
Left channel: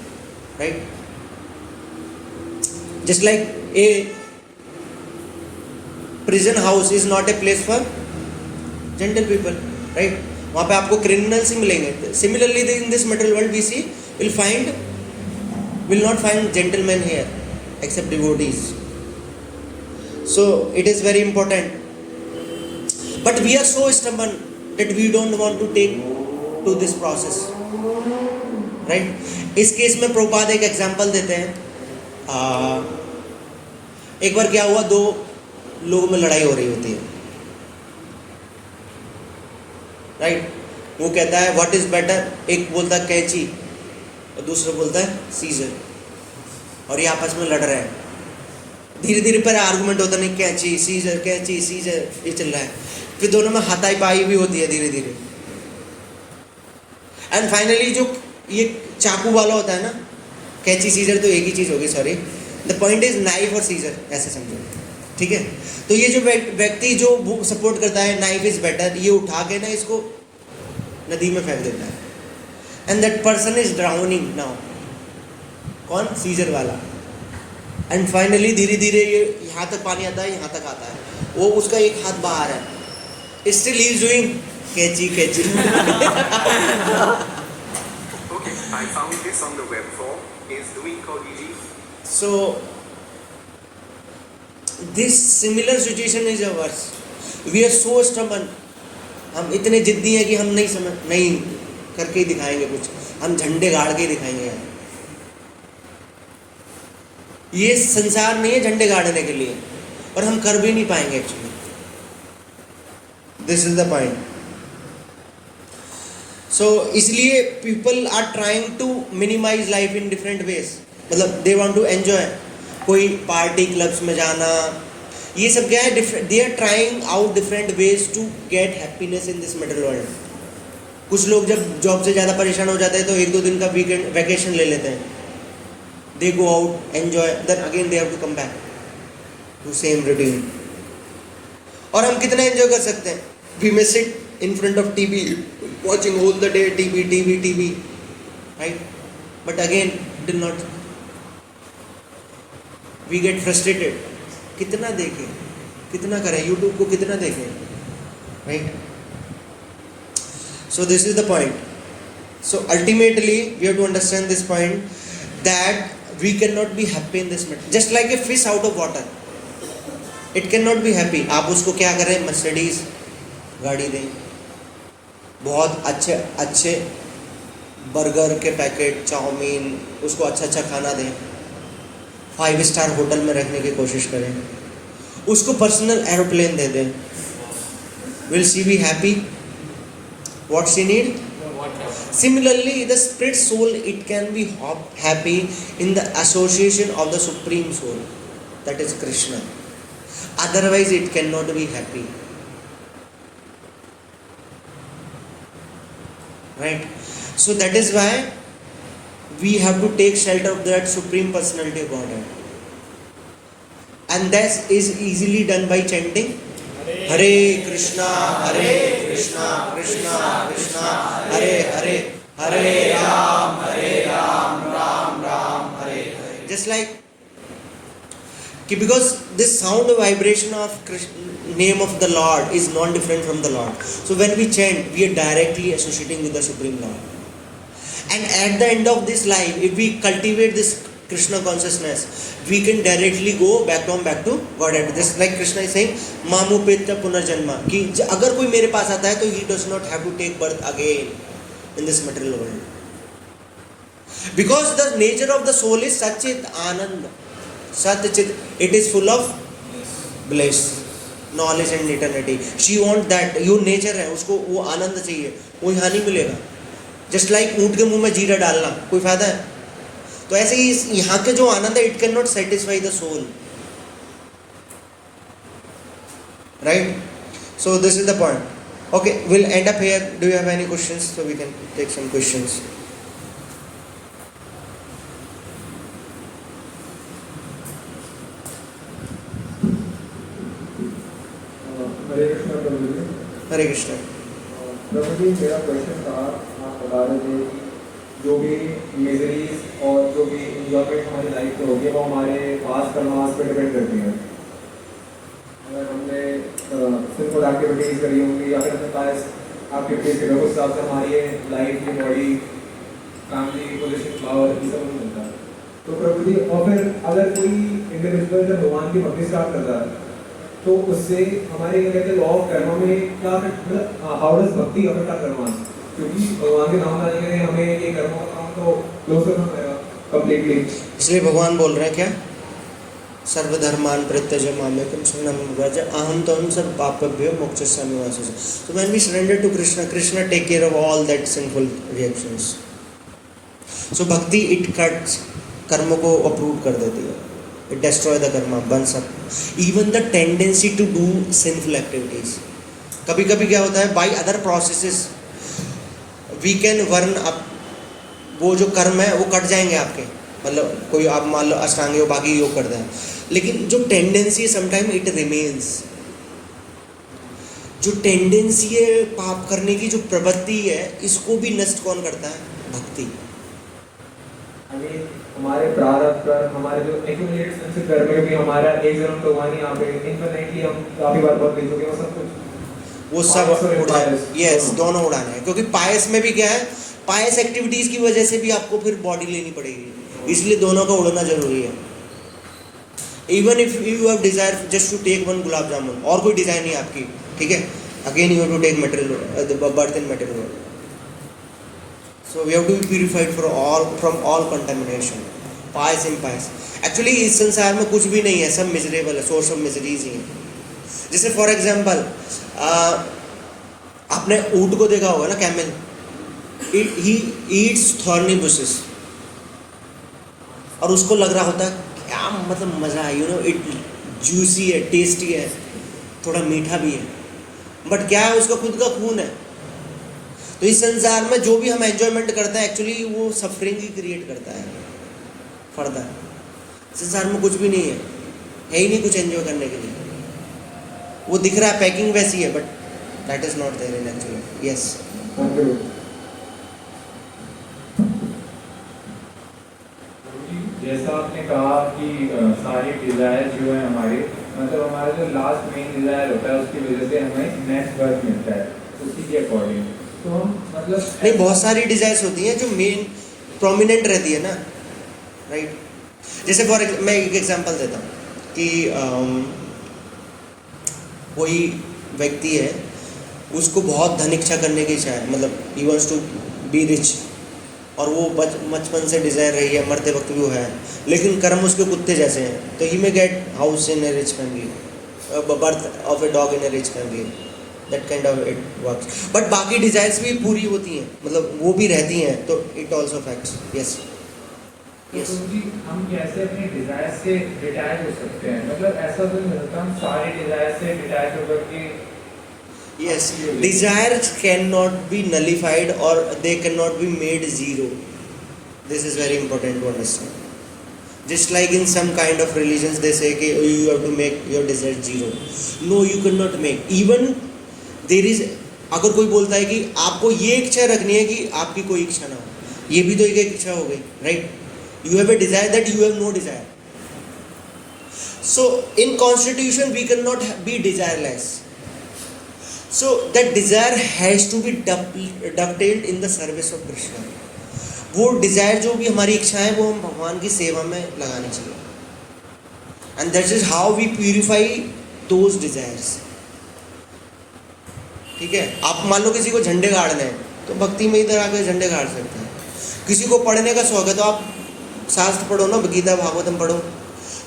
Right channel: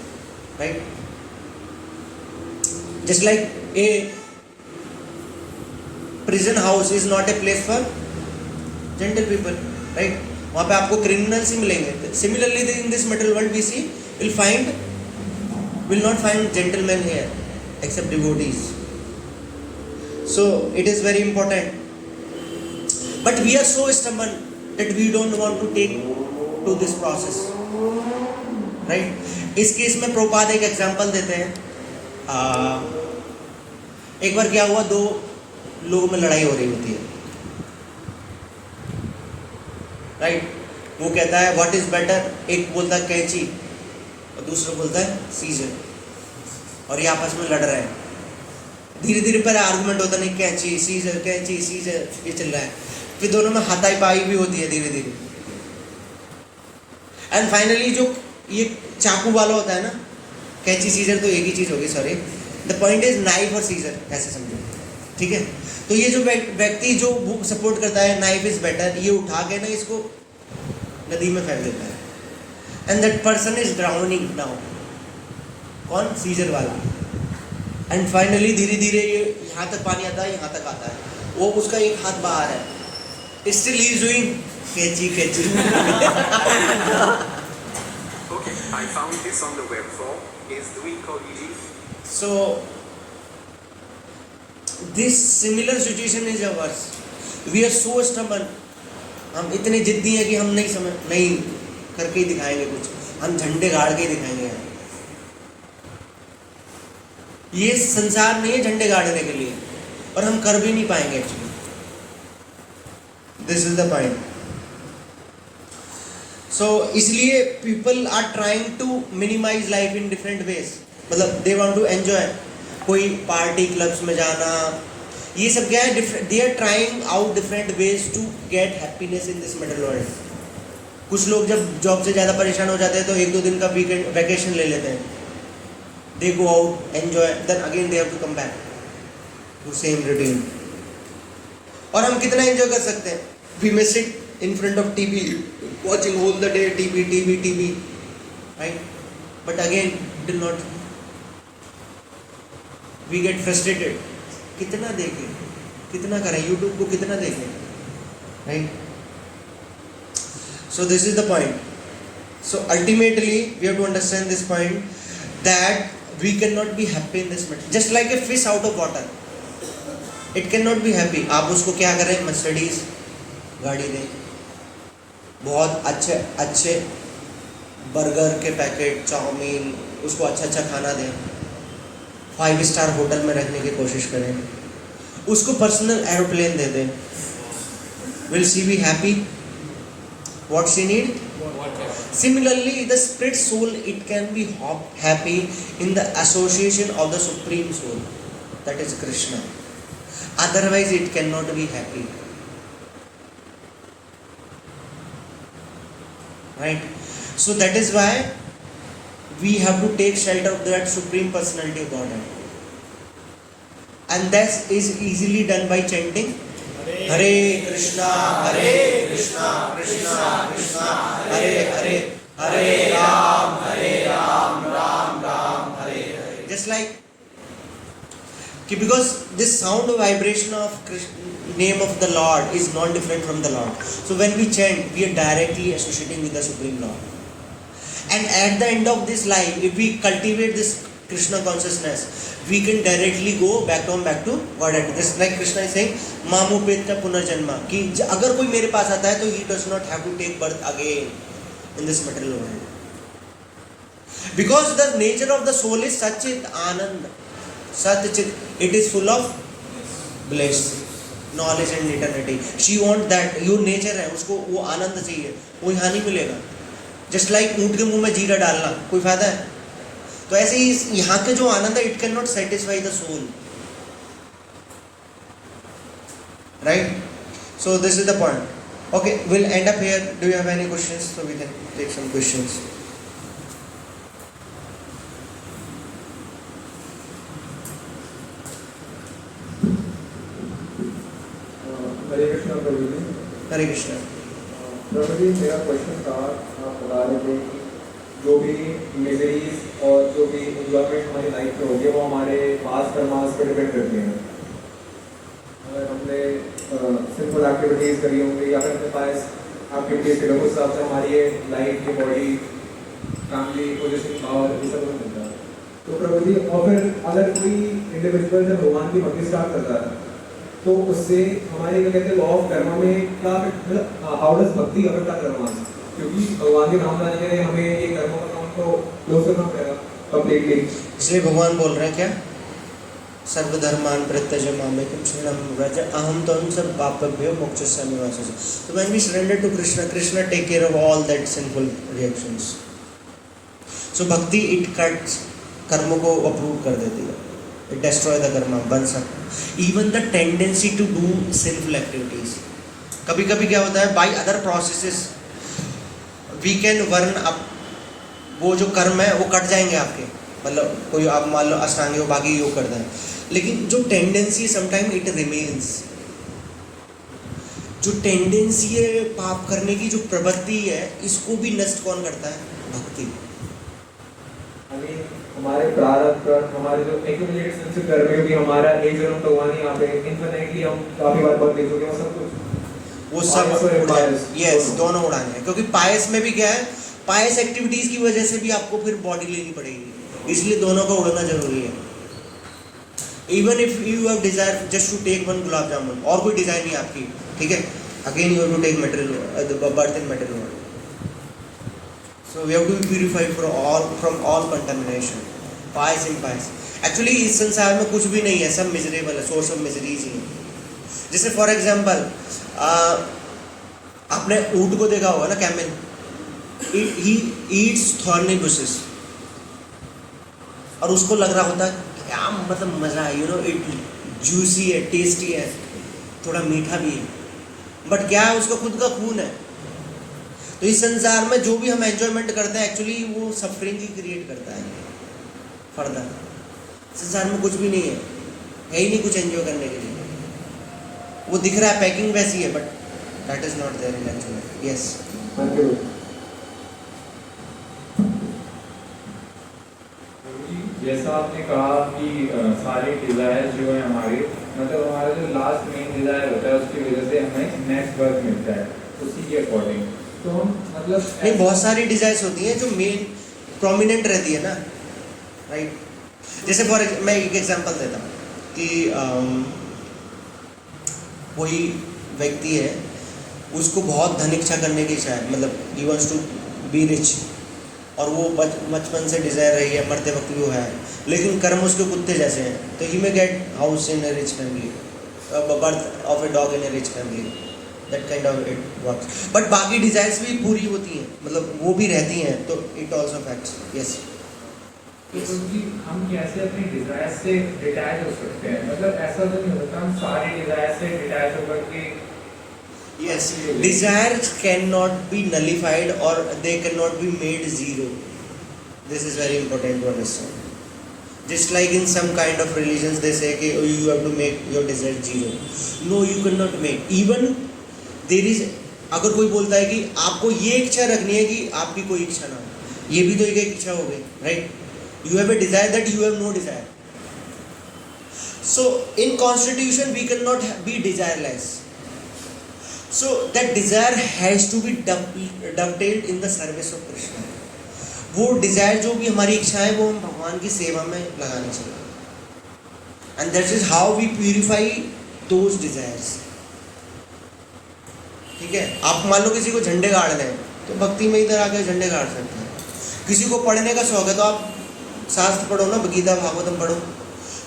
right? Just like a prison house is not a place for gentle people, right? वहाँ पे आपको criminals ही मिलेंगे. Similarly, in this material world we see, will not find gentlemen here except devotees. So it is very important. But we are so stubborn that we don't want to take to this process, right? इस case में प्रभुपाद एक example देते हैं. एक बार क्या हुआ, दो लोगों में लड़ाई हो रही होती है, राइट? वो कहता है व्हाट इज बेटर, एक बोलता है कैंची और दूसरा बोलता है सीजर, और ये आपस में लड़ रहे हैं. धीरे धीरे पर आर्गुमेंट होता नहीं, कैंची सीजर, ये चल रहा है. फिर दोनों में हाथाई पाई भी होती है धीरे धीरे. एंड फाइनली जो ये चाकू वाला होता है ना, कैंची सीजर तो एक ही चीज होगी, sorry, the point is knife और सीजर, ऐसे समझो, ठीक है? तो ये जो व्यक्ति जो सपोर्ट करता है नाइफ इज बेटर, ये उठा के ना इसको नदी में फेंक देता है, and that person is drowning now. कौन? सीजर वाला. एंड फाइनली धीरे धीरे ये यहाँ तक पानी आता है, यहाँ तक आता है, वो उसका एक हाथ बाहर है, स्टिल ही इज डूइंग कैंची. Okay, I found this on the web form. Is doing Kogiji. So this similar situation is ours. We are so stubborn. हम इतने जिद्दी हैं कि हम नहीं करके ही दिखाएंगे कुछ, हम झंडे गाड़ के ही दिखाएंगे. ये संसार नहीं है झंडे गाड़ने के लिए, और हम कर भी नहीं पाएंगे actually. This is the point. So इसलिए people are trying to minimize life in different ways. मतलब दे वांट टू एंजॉय, कोई पार्टी क्लब्स में जाना, ये सब क्या है, they are trying out different ways to get happiness in this material world. कुछ लोग जब जॉब से ज़्यादा परेशान हो जाते हैं तो एक दो दिन का वीकेंड वैकेशन ले लेते हैं. They go out, enjoy, then again they have to come back to same routine. और हम कितना एंजॉय कर सकते हैं? We may sit in front of TV watching all the day TV, right? But again do not, we get frustrated. कितना देखें, कितना करें, YouTube को कितना देखें, right? So this is the point. So ultimately we have to understand this point, that we cannot be happy in this matter. Just like a fish out of water, it cannot be happy. आप उसको क्या करें, Mercedes गाड़ी दें, बहुत अच्छे burger के packet, chowmein, उसको अच्छा खाना दें, 5 स्टार होटल में रहने की कोशिश करें, उसको पर्सनल एरोप्लेन दे दें, will she be happy? What she need? Similarly, the spirit soul, it can be happy in the association of the supreme soul, that is Krishna. Otherwise it cannot be happy, right? So that is why we have to take shelter of that supreme personality of Godhead, and that is easily done by chanting Hare Krishna, Krishna Krishna, Hare Hare, Hare Ram, Ram Ram, Hare Hare. Just like, because this sound vibration of name of the Lord is non different from the Lord. So when we chant, we are directly associating with the Supreme Lord. And at the end of this life, if we cultivate this Krishna consciousness, we can directly go back to Godhead. Just like Krishna is saying, Mamupeta Punarjanma, कि अगर कोई मेरे पास आता है तो he does not have to take birth again in this material world. Because the nature of the soul is Satchit Anand. Satchit, it is full of bliss, knowledge and eternity. She wants that. Yo nature है, उसको वो आनंद चाहिए, वो यहाँ नहीं मिलेगा. Just like ऊँट के मुंह में जीरा डालना, कोई फायदा है? तो ऐसे ही यहाँ का जो आनंद है, it cannot satisfy the soul. Right? So this is the point. Okay, we'll end up here. Do you have any questions? So we can take some questions. हरे कृष्ण प्रभु जी। हरे कृष्ण। प्रभु जी, मेरा क्वेश्चन था, आप बता रहे थे कि जो भी मिजरीज और जो भी इंजॉयमेंट हमारी लाइफ में होगी वो हमारे पास कर्मास पर डिपेंड करती हैं। अगर हमने सिंपल एक्टिविटीज़ करी होंगी या फिर अपने पास एक्टिविटीज़ करी होंगी, उस हिसाब से हमारी लाइफ की बॉडी फैमिली पोजिशन पावर ये सब मिलता है। तो प्रभु जी, और फिर अगर कोई इंडिविजुअल जब भगवान की भक्ति स्टार्ट करता है तो उससे हमारे क्या कहते हैं लॉ ऑफ कर्मा में क्या मतलब हाउ डज भक्ति अफेक्ट आवर कर्मा, क्योंकि भगवान के नाम लाने के लिए हमें ये कर्मों का काम तो क्लोज करना पड़ेगा कंप्लीटली। इसलिए भगवान बोल रहे हैं क्या, सर्वधर्मान परित्यज्य मामेकं शरणं व्रज अहं त्वं सर्वपापेभ्यो मोक्षयिष्यामि मा शुचि। So when we surrender to Krishna, Krishna take care of all that sinful reactions. So bhakti it cuts कर्मों को अप्रूव कर देती है, it destroy the karma, बन सकता। Even the tendency to do sinful activities, कभी कभी क्या होता है, by other processes we can burn up, वो जो कर्म है वो कट जाएंगे आपके, मतलब कोई आप मान लो अष्टांग योग बाकी योग करते हैं, लेकिन जो टेंडेंसी है समटाइम इट रिमेन्स। जो टेंडेंसी है पाप करने की, जो प्रवृत्ति है, इसको भी नष्ट कौन करता है? भक्ति। हमारे प्रारब्ध पर हमारे जो एक्यूमुलेट संचित कर्म में भी हमारा एक जन्म तो वहाँ नहीं आ गए, इनफिनिटली हम काफी बार बढ़ चुके हैं, वो सब कुछ वो सब उड़ा, यस दोनों उड़ाने हैं। क्योंकि पायस में भी क्या है, पायस एक्टिविटीज की वजह से भी आपको फिर बॉडी लेनी पड़ेगी, इसलिए दोनों का उड़ना जरूरी है। Even if you have desire just to take one gulab jamun, और कोई डिजाइन नहीं आपकी, ठीक है, again you have to take material birth in material world. So we have to be purified from all contamination, pious and impious. Actually इस संसार में कुछ भी नहीं है, सब मिजरेबल है, सोर्स ऑफ मिजरीज ही है। जैसे फॉर एग्जाम्पल आपने ऊंट को देखा होगा ना, camel, he eats thorny bushes, और उसको लग रहा होता है क्या मतलब मजा है, यू नो इट जूसी है, टेस्टी है, थोड़ा मीठा भी है, बट क्या है, उसका खुद का खून है। तो इस संसार में जो भी हम एंजॉयमेंट करते हैं एक्चुअली वो सफरिंग ही क्रिएट करता है फर्दर। संसार में कुछ भी नहीं है ही नहीं कुछ एंजॉय करने के लिए। वो दिख रहा है, पैकिंग वैसी है, but that is not there in actually. Yes, जैसा आपने कहा कि सारे डिजायर जो है हमारे, मतलब हमारा जो लास्ट मेन डिजायर होता है उसकी वजह से हमें नेक्स्ट बर्थ मिलता है, उसी के अकॉर्डिंग। तो हम मतलब नहीं, बहुत सारी डिजायर्स होती हैं जो मेन प्रोमिनेंट रहती है ना, राइट। जैसे फॉर मैं एक एग्जांपल देता हूँ कि कोई व्यक्ति है, उसको बहुत धन इच्छा करने की इच्छा है, मतलब he wants to be rich, और वो बचपन से डिजायर रही है, मरते वक्त भी वो है, लेकिन कर्म उसके कुत्ते जैसे हैं, तो he may get house in a rich family, birth of a dog in a rich family, that kind of it works. But बाकी डिजायर्स भी पूरी होती हैं, मतलब वो भी रहती हैं, तो it also facts. Yes yes, हम कैसे अपने डिजायर से डिटैच हो सकते हैं? मतलब ऐसा तो नहीं होता हम सारे डिजायर से डिटैच होकर के। Yes, desires can not be nullified और they can not be made zero. This is very important to understand. Just like in some kind of religions they say कि you have to make your desire zero. No, you cannot make. Even there is, अगर कोई बोलता है कि आपको ये इच्छा रखनी है कि आपकी कोई इच्छा ना हो, ये भी तो एक इच्छा हो गई, right? You have a desire that you have no desire. So in constitution we cannot be desireless. So that desire has to be dovetailed in the service of Krishna. वो डिजायर जो भी हमारी इच्छा है वो हम भगवान की सेवा में लगानी चाहिए. And that is how we purify those desires. ठीक है. आप मान लो किसी को झंडे गाड़ने हैं तो भक्ति में इधर आकर झंडे गाड़ सकते हैं. किसी को पढ़ने का शौक है तो आप शास्त्र पढ़ो ना, गीता भागवतम पढ़ो.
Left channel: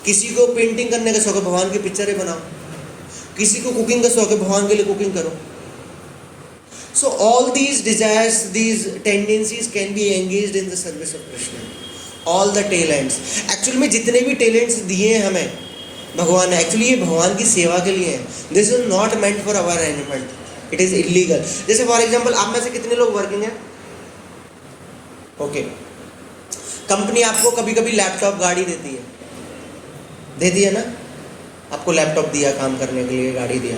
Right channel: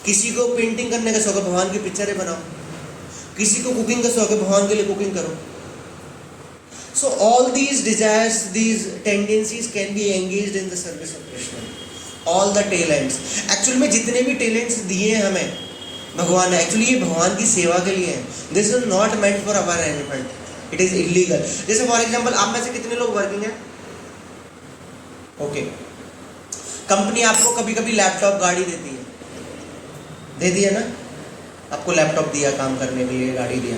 किसी को पेंटिंग करने का शौक है, भगवान की पिक्चरें बनाओ. किसी को कुकिंग का शौक है, भगवान के लिए कुकिंग करो. So all these desires, these tendencies can be engaged in the service of Krishna. All the talents. Actually में जितने भी talents दिए हैं हमें भगवान ने, actually ये भगवान की सेवा के लिए हैं. This is not meant for our enjoyment. It is illegal. जैसे for example आप में से कितने लोग वर्किंग हैं? Okay. कंपनी आपको कभी कभी लैपटॉप गाड़ी देती है ना. आपको लैपटॉप दिया काम करने के लिए, गाड़ी दिया.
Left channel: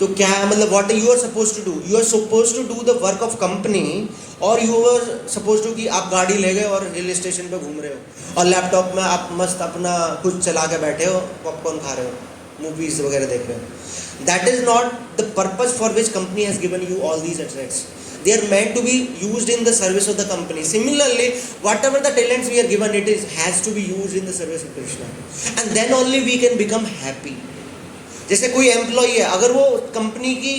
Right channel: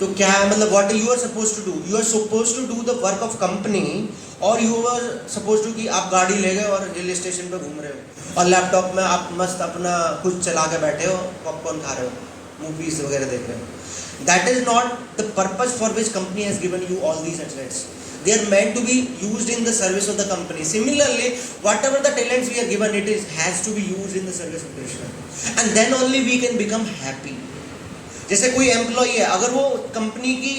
तो क्या मतलब what you are suppose to do? You are suppose to do the work of company, और यू आर सपोज टू कि आप गाड़ी ले गए और हिल स्टेशन पे घूम रहे हो और लैपटॉप में आप मस्त अपना कुछ चला के बैठे हो, पॉपकॉर्न खा रहे हो, मूवीज वगैरह देख रहे हो. That is not the purpose for which company has given you all these assets. They are meant to be used in the service of the company. Similarly, whatever the talents we are given, it has to be used in the service of Krishna. And then only we can become happy. जैसे कोई employee है, अगर वो company की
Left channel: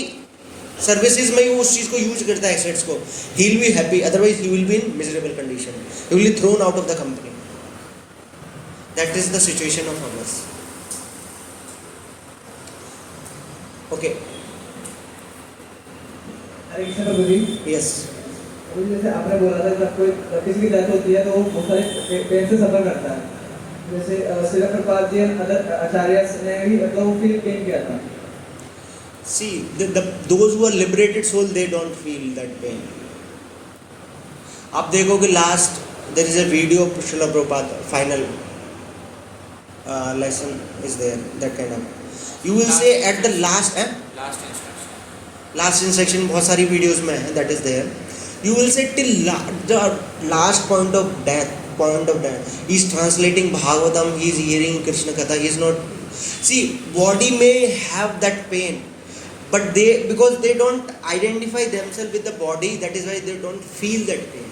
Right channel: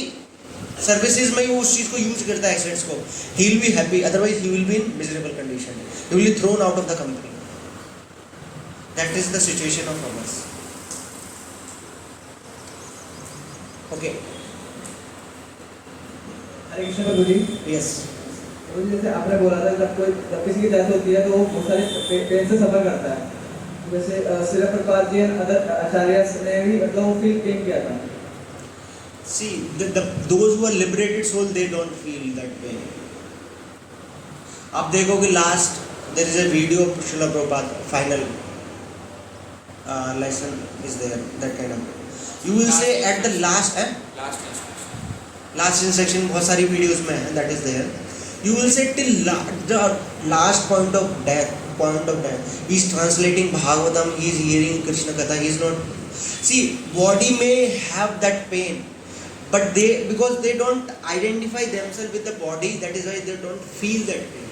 services में ही उस चीज को यूज करता है, एसेट्स को, he will be happy. Otherwise, he will be in miserable condition. He will be thrown out of the company. That is the situation of ours. Okay. Hare Krishna Prabhu ji. Yes. जैसे आपने बोला था जब किसी की death होती है तो वो बहुत सारे पेन से सफर करता है. जैसे श्रील प्रभुपाद जी अदर आचार्य ने भी मतलब वो फील पेन किया था. See, those who are liberated soul, they don't feel that pain. आप देखो कि last there is a video of Srila Prabhupada final lesson is there, that kind of. You will say at the last instruction बहुत सारी videos में है, that is there. You will say till the last point of death, he is translating Bhagavatam, he is hearing Krishna Katha, he is not. See, body may have that pain, but because they don't identify themselves with the body, that is why they don't feel that pain.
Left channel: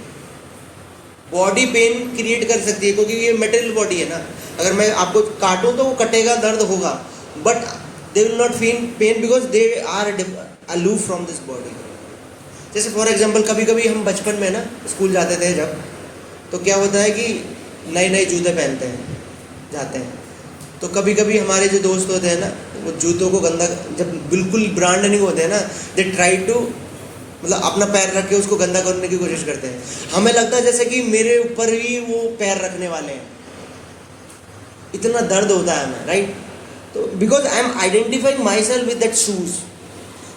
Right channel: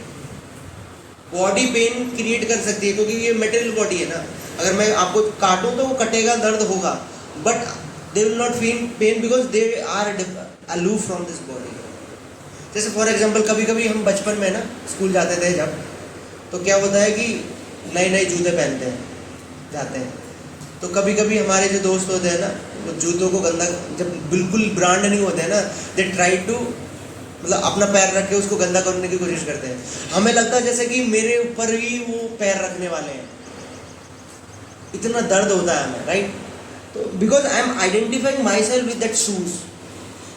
Body pain create कर सकती है क्योंकि ये material body है ना. अगर मैं आपको काटूं तो वो कटेगा, दर्द होगा, but they will not feel pain because they are aloof from this body. जैसे फॉर एग्जांपल कभी कभी हम बचपन में ना स्कूल जाते थे जब, तो क्या होता है कि नए नए जूते पहनते हैं, जाते हैं, तो कभी कभी हमारे जो दोस्त होते हैं ना, वो जूतों को गंदा, जब बिल्कुल ब्रांड नहीं होते हैं ना, दे ट्राई टू मतलब अपना पैर रख के उसको गंदा करने की कोशिश करते हैं. हमें लगता है जैसे कि मेरे ऊपर ही वो पैर रखने वाले हैं, इतना दर्द होता है हमें, राइट. तो because I am identifying my self with that shoes.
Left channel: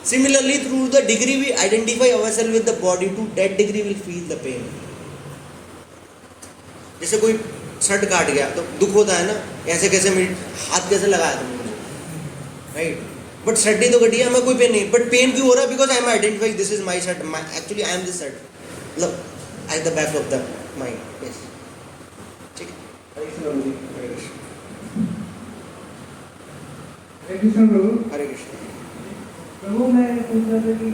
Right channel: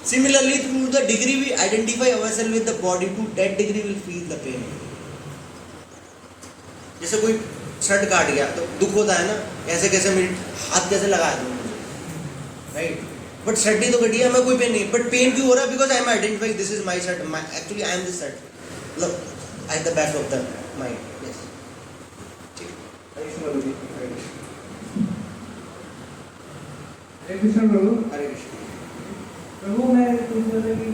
Similarly, through the degree we identify ourselves with the body, to that degree we feel the pain. जैसे कोई शर्ट काट गया तो दुख होता है ना, ऐसे कैसे मेरे हाथ कैसे लगाया तुमने मुझे, राइट. बट शर्ट ही तो कटी है, हमें कोई पेन नहीं, बट पेन क्यों हो रहा है? Because I am identifying this is my shirt, actually I am this shirt, मतलब at the back of the mind. Yes, ठीक है. हरे कृष्ण प्रभु. हरे कृष्ण. प्रभु मैं पूछ रहा था कि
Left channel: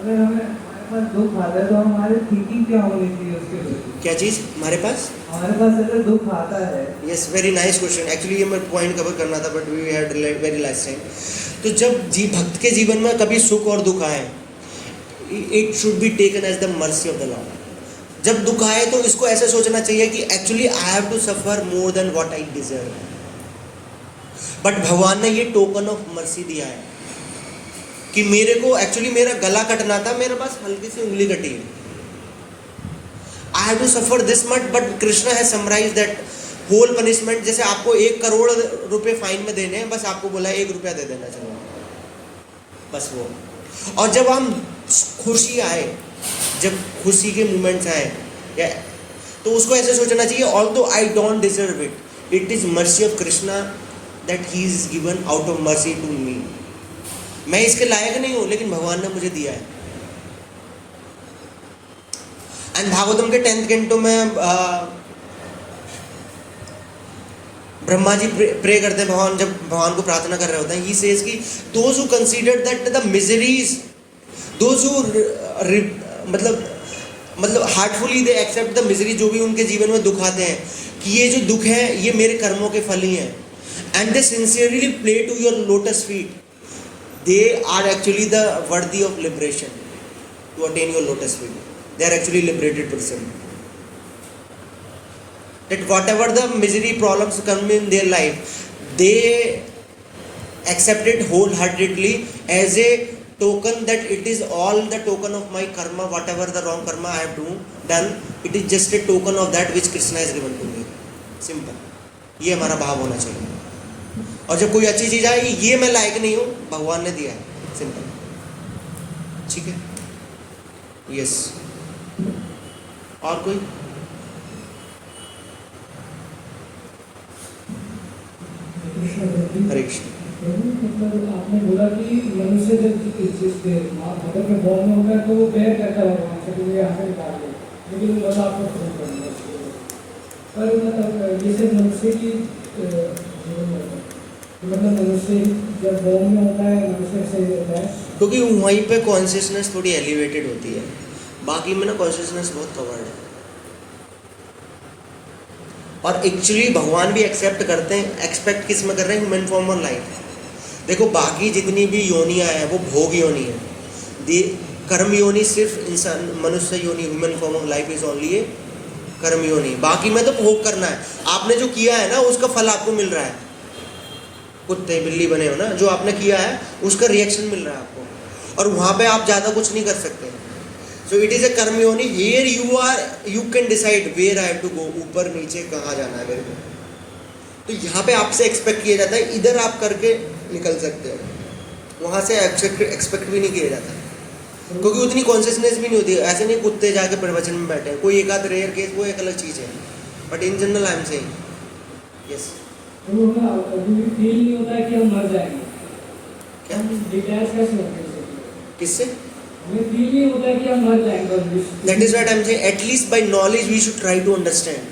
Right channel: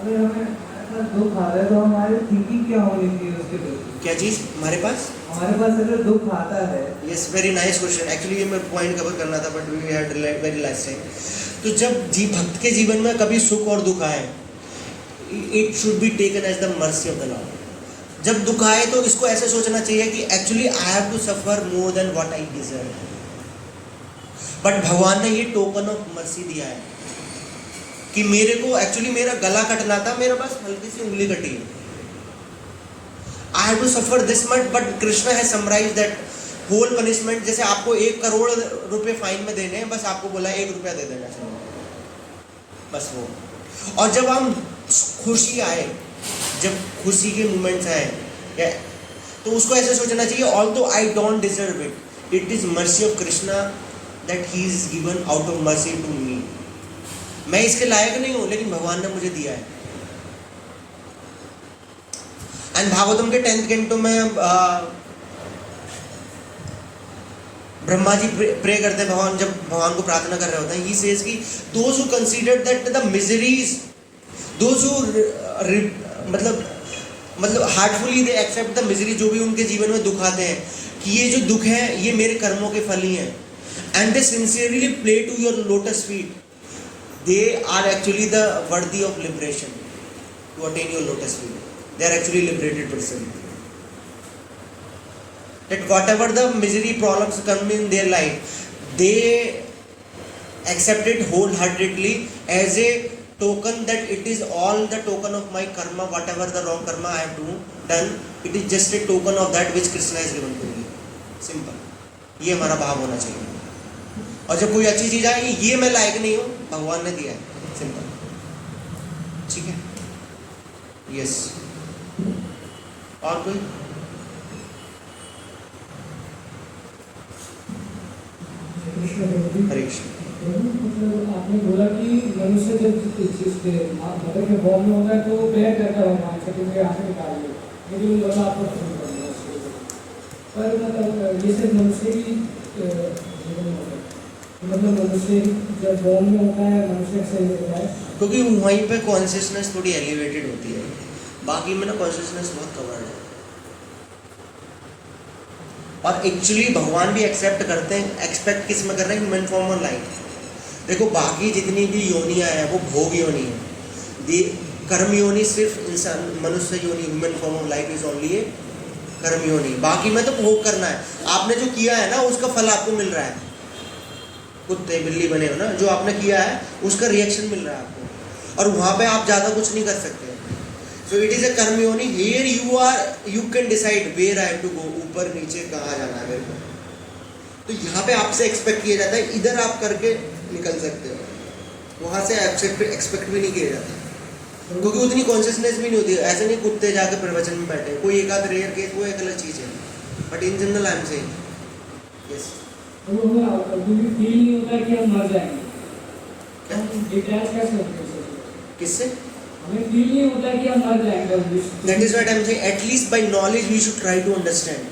अगर हमारे पास दुख आता है तो हमारी थिंकिंग क्या होनी चाहिए उसके प्रति? क्या चीज़ हमारे पास अगर दुख आता है? Yes, very nice question. Actually ये मैं पॉइंट कवर करना था but we had very less time. तो जब भक्त के जीवन में कभी सुख और दुख आए, it should be taken as the mercy of the lord. जब दुख आए तो इसको ऐसे सोचना चाहिए कि actually I have to suffer more than what I deserve. But भगवान ने ये टोकन ऑफ मर्सी दिया है कि मेरे को एक्चुअली मेरा गला कटना था, मेरे पास हल्की सी उंगली कटी है, I have to suffer this much, but Krishna has summarize that whole punishment. जैसे आपको 1 करोड़ रुपए फाइन में देने हैं, बस आपको बोला 1 रुपया दे देना चाहिए, बस वो. और जब हम खुशी आए, जब खुशी के मोमेंट्स आए, तो उसको ऐसे सोचना चाहिए, although I don't deserve it, it is mercy of Krishna that he is given out of mercy to me. मैं इसके लायक नहीं हूं, लेकिन भगवान ने मुझे दिया है. एंड भागवतम के 10th कैंटो में ब्रह्मा जी प्रे करते हैं भगवान, जब भगवान को प्रार्थना कर रहे होते हैं, ही सेज कि those who consider that the miseries, those who मतलब heartfully they accept the misery, जो भी उनके जीवन में दुख आते हैं, कि ये जो दुख है ये मेरे कर्मों के फल ही हैं, and they sincerely pray to your lotus feet, they are actually the worthy of liberation to attain your lotus feet, they are actually liberated person. That whatever the misery problems come in their life, they accept it wholeheartedly as a token that it is all the token of my karma, whatever the wrong karma I have done, it is just a token of that which Krishna has given to me. Simple. ये हमारा भाव होना चाहिए. और जब कोई अच्छी चीज आएगी, ये मैं लायक नहीं हूँ, भगवान ने दिया है. सिंपल. ठीक है. यस. और कोई? हरे कृष्ण. मतलब आपने बोला कि मनुष्य जब मदर के बॉर्न में होगा तो वो प्रेयर करता है भगवान से कि मुझे यहाँ से निकाल दो, मुझे लगा आपको फोन करना. पर मतलब ये सिर्फ मनुष्य की मतलब मनुष्य जब बॉर्न में होता है मनुष्य सही होता है, क्योंकि वहीं पे कॉन्शियसनेस थोड़ी एलिवेटेड होती है, बाकी में ना कॉन्शियसनेस बहुत कवर्ड है. और एक्चुअली भगवान भी एक्सेप्ट करते हैं, एक्सपेक्ट किस में कर रहे हैं? ह्यूमन फॉर्म और लाइफ. देखो बाकी जितनी भी योनियां हैं वो भोग योनि है. कर्म योनि सिर्फ इंसान मनुष्य योनि, human form of life is only a karma yoni. बाकी में तो भोग करना है. आपने जो किया है ना उसका फल आपको मिल रहा है. कुत्ते बिल्ली बने हो ना, जो आपने किया है उसका रिएक्शन मिल रहा है आपको, और वहां पे आप ज्यादा कुछ नहीं कर सकते. So it is a कर्म योनि. Here you can decide where I have to go, ऊपर नीचे कहाँ जाना है मेरे को. तो यहाँ पे आपसे एक्सपेक्ट किया जाता है, इधर आप करके निकल सकते हो, वहाँ से एक्सपेक्ट भी नहीं किया जाता, क्योंकि उतनी कॉन्शियसनेस भी नहीं होती. ऐसे नहीं कुत्ते जाके प्रवचन में बैठे, कोई एक आध रेयर केस वो एक अलग चीज़ है, but in general I am saying yes. हमें फील नहीं होता है कि हम मर जाएंगे. क्या? डिटैच कैसे होते हैं? किससे? हमें फील नहीं होता कि हम मर जाएंगे. That is what I am saying. At least by knowledge we should try to understand.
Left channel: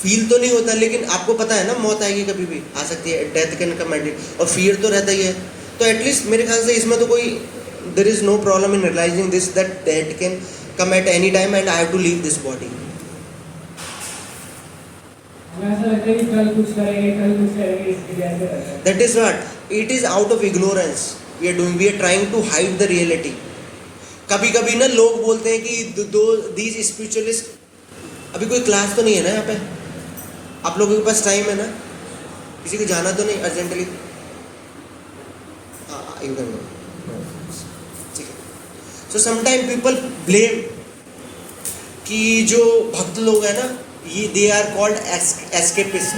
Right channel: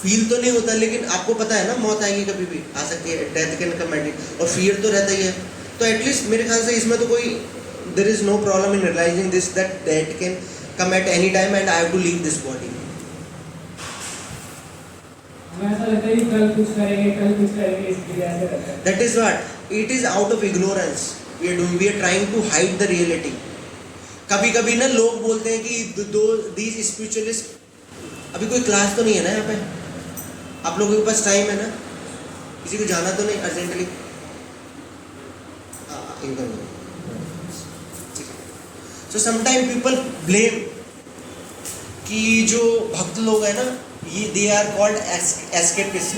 Feel तो नहीं होता, लेकिन आपको पता है ना मौत आएगी, कभी भी आ सकती है, डेथ कैन कम एट, और फियर तो रहता ही है. तो एटलीस्ट मेरे ख्याल से इसमें तो कोई there is no problem in realizing this, that death can come at any time and I have to leave this body. हमें ऐसा लगता है कि कल कुछ करेंगे इसके लिए ऐसे रहता है. That is what it is. Out of ignorance we are doing, we are trying to hide the reality. कभी कभी ना लोग बोलते हैं कि these spiritualists, अभी कोई क्लास तो नहीं है ना यहाँ पे, आप लोगों के पास टाइम है ना, किसी को जाना तो नहीं अर्जेंटली? ठीक है. सो समटाइम पीपल ब्लेम कि जो भक्त लोग हैं ना, ये दे आर कॉल्ड एस्केपिस्ट.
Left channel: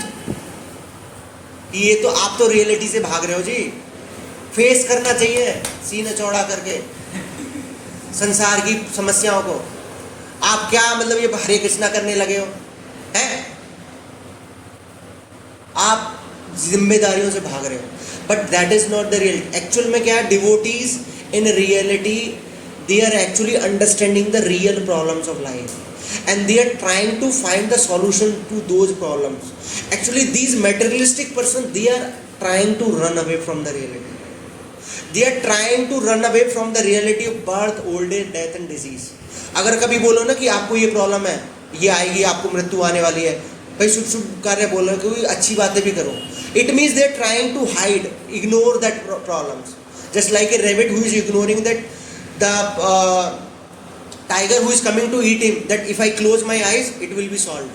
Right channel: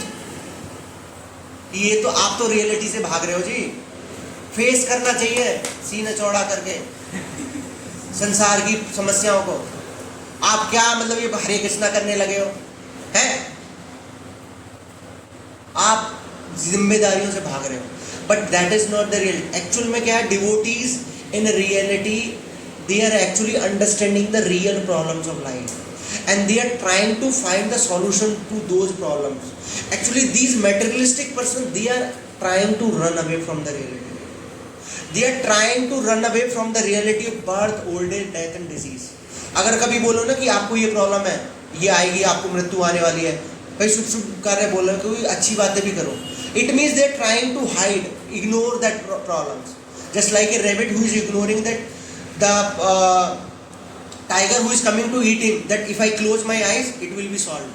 ये तो आप तो रियलिटी से भाग रहे हो जी. फेस करना चाहिए सीना चौड़ा करके संसार की समस्याओं को. आप क्या मतलब ये हरे कृष्णा करने लगे हो हैं? आप जिम्मेदारियों से भाग रहे हो, but that is not the reality. Actual में क्या है? Devotees in reality they are actually understanding the real problems of life and they are trying to find the solution to those problems. Actually these materialistic persons, they are trying to run away from the reality. They are trying to run away from the reality of birth, old age, death and disease. अगर कभी बोलो ना कि आपको ये problem है, ये आएगी, आपको मृत्यु आने वाली है, भाई शुभ शुभ कार्य बोलो, कोई अच्छी बातें भी करो, it means they are trying to hide, ignore that problems. Just like a rabbit who is ignoring that the tiger who is coming to eat him, that if I close my eyes it will be solved,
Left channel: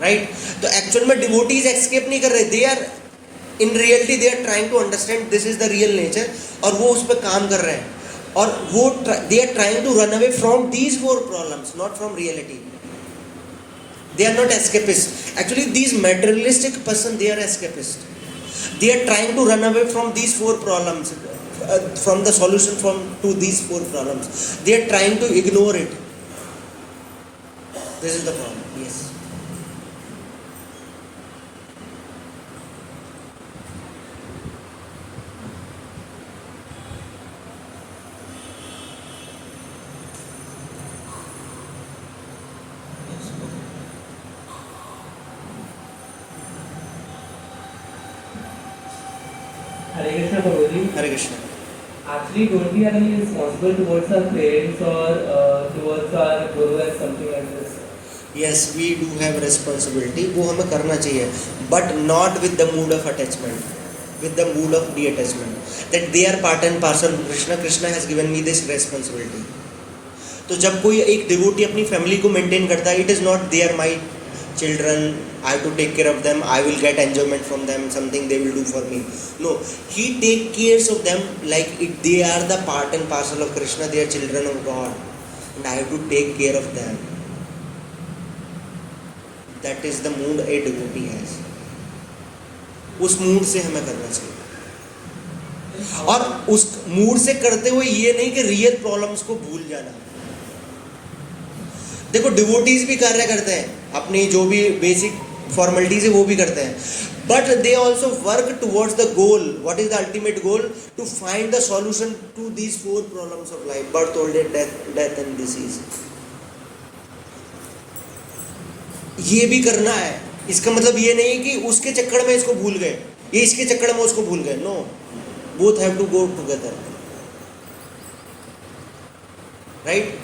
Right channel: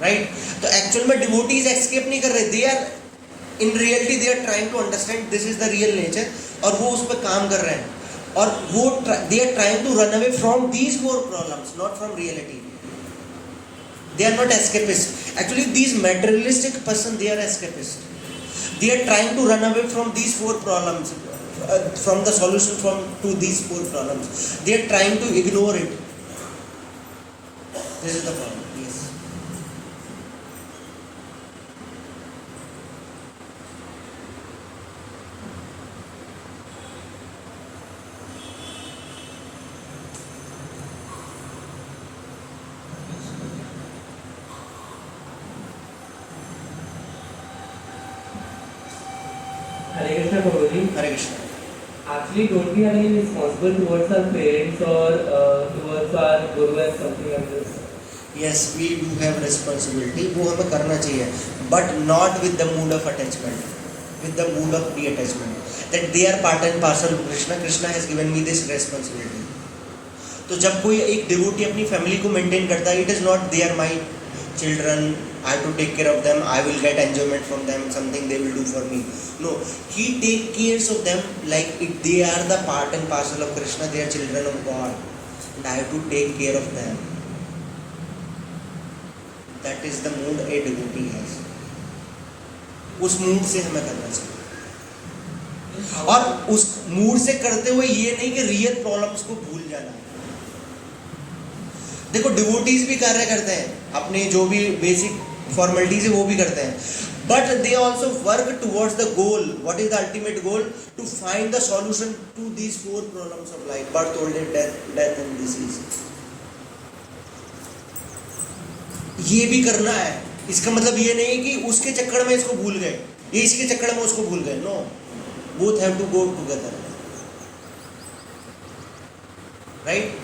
right? तो actual में devotees escape नहीं कर रहे, they are in reality they are trying to understand this is the real nature, और वो उस पर काम कर रहे हैं, और वो they are trying to run away from these four problems, not from reality. They are not escapists. Actually these materialistic person, they are escapists. They are trying to run away from these four problems, from the solution to these four problems. They are trying to ignore it. This is the problem. Yes. Hare Krishna Prabhuji. Hare Krishna. Actually, don't we are responsible towards our parents or towards our guru and something like this? Yes, we do have responsibility. वो हमें करना चाहिए, but not with the mood of attachment, with the mood of detachment. That they are part and parcel. Krishna has given me this responsibility. तो जब कोई एक devotee अपनी family को मेंटेन करता है, it is not they are my children, I have to take care of them, I will get enjoyment from them, something they will do for me. No, he take cares of them like they are the part and parcel of Krishna, they are children of God, and I have to take care of them. That is the mood a devotee has. उस mood से हमें करना चाहिए, और उस mood से करते हुए ये नहीं कि रियल प्रॉब्लम्स को भूल जाना. देखो डिवोटीज भी कार्य करते हैं, अपनी जो भी बेसिक फॉर्मेलिटीज है वो भी करते हैं, but they also work towards the goal. What is the ultimate goal? To find the solution to these 4 problems of life: birth, old age, death and disease. ये भी करना है. इसका मतलब ये नहीं कि उसके चक्कर में इसको भूल गए, ये इसके चक्कर में उसको भूल गए. No, both have to go together, right?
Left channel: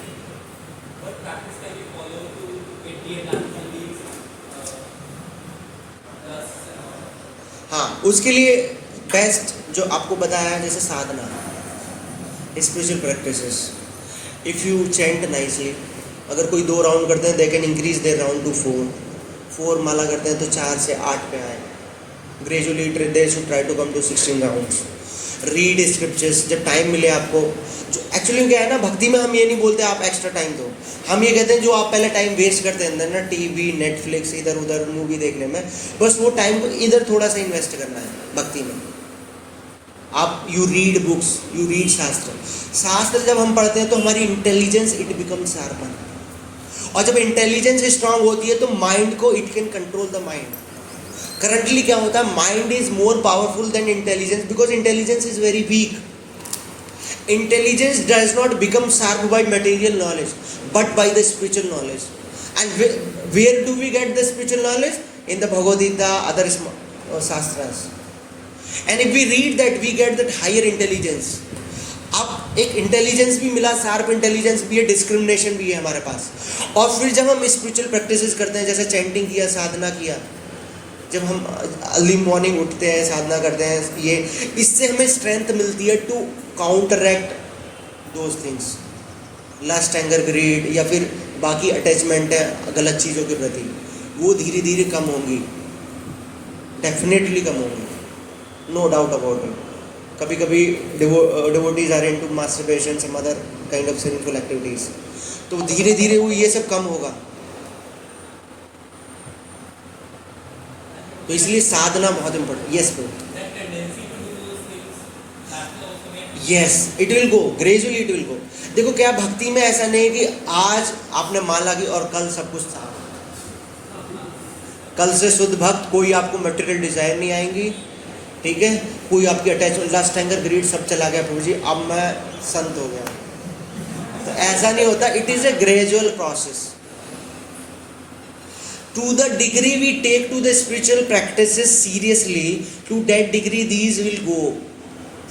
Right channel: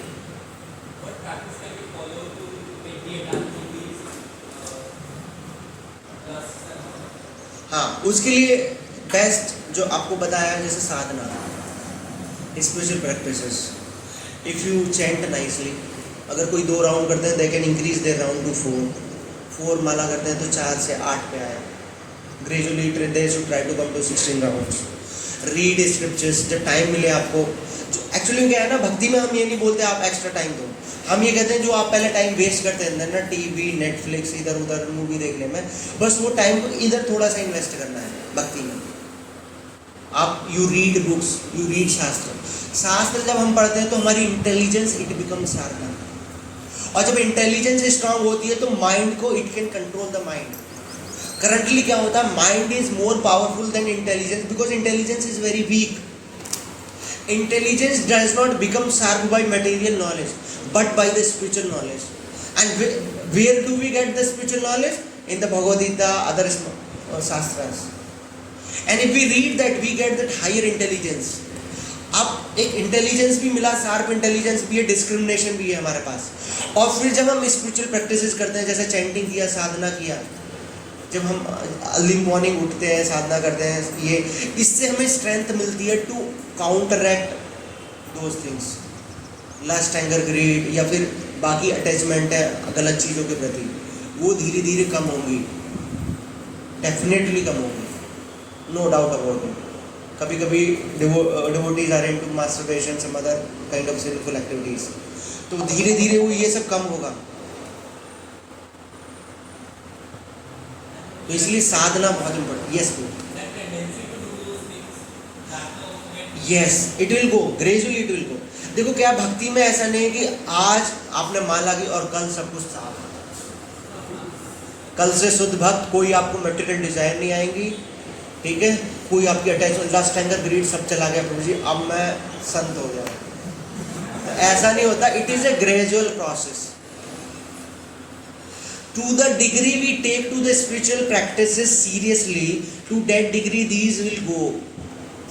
हाँ, उसके लिए बेस्ट जो आपको बताया है, जैसे साधना, spiritual practices. If you chant nicely, अगर कोई 2 राउंड करते हैं, they can increase their round to 4 माला करते हैं तो 4 से 8 पे आए. Gradually they should try to come to 16 rounds. Read scriptures जब टाइम मिले आपको. जो एक्चुअली क्या है ना, भक्ति में हम ये नहीं बोलते आप एक्स्ट्रा टाइम दो, हम ये कहते हैं जो आप पहले टाइम वेस्ट करते हैं ना, टीवी, नेटफ्लिक्स, इधर उधर मूवी देखने में, बस वो टाइम को इधर थोड़ा सा इन्वेस्ट करना है भक्ति में. आप you read books, you read शास्त्र जब हम पढ़ते हैं तो हमारी इंटेलिजेंस इट बिकम शार्पर, और जब इंटेलिजेंस स्ट्रांग होती है तो माइंड को it can control the mind. Currently क्या होता है, mind is more powerful than intelligence, because intelligence is very weak. Intelligence does not become sharp by material knowledge, but by the spiritual knowledge. And where do we get the spiritual knowledge? In the Bhagavad Gita, other shastras. And if we read that, we get that higher intelligence. अब एक intelligence भी मिला, sharp intelligence भी है, discrimination भी है हमारे पास. और फिर जब हम स्पिरिचुअल प्रैक्टिसेस करते हैं, जैसे चैंटिंग किया, साधना किया, जब हम अर्ली मॉर्निंग उठते हैं, साधना करते हैं, ये इससे हमें स्ट्रेंथ मिलती है to counteract those things, lust, anger, greed, या फिर बाकी अटैचमेंट है गलत चीज़ों के प्रति, वो धीरे धीरे कम होंगी, डेफिनेटली कम होंगी, नो डाउट अबाउट इट. कभी कभी devotees are into masturbation, some other kind of sinful activities, तो धीरे धीरे वो ये सब कम होगा. तो इसलिए साधना बहुत important. Yes yes, it will go gradually, it will go. देखो क्या भक्ति में ऐसा नहीं है कि आज आपने माला की और कल सब कुछ साफ, कल से शुद्ध भक्त, कोई आपको मटेरियल डिजायर नहीं आएंगी, ठीक है, कोई आपकी अटैचमेंट, लस्ट, एंगर, ग्रीड सब चला गया, प्रभु जी अब मैं संत हो गया. तो ऐसा नहीं होता. It is A gradual process. To the degree we take to the spiritual practices seriously, to that degree these will go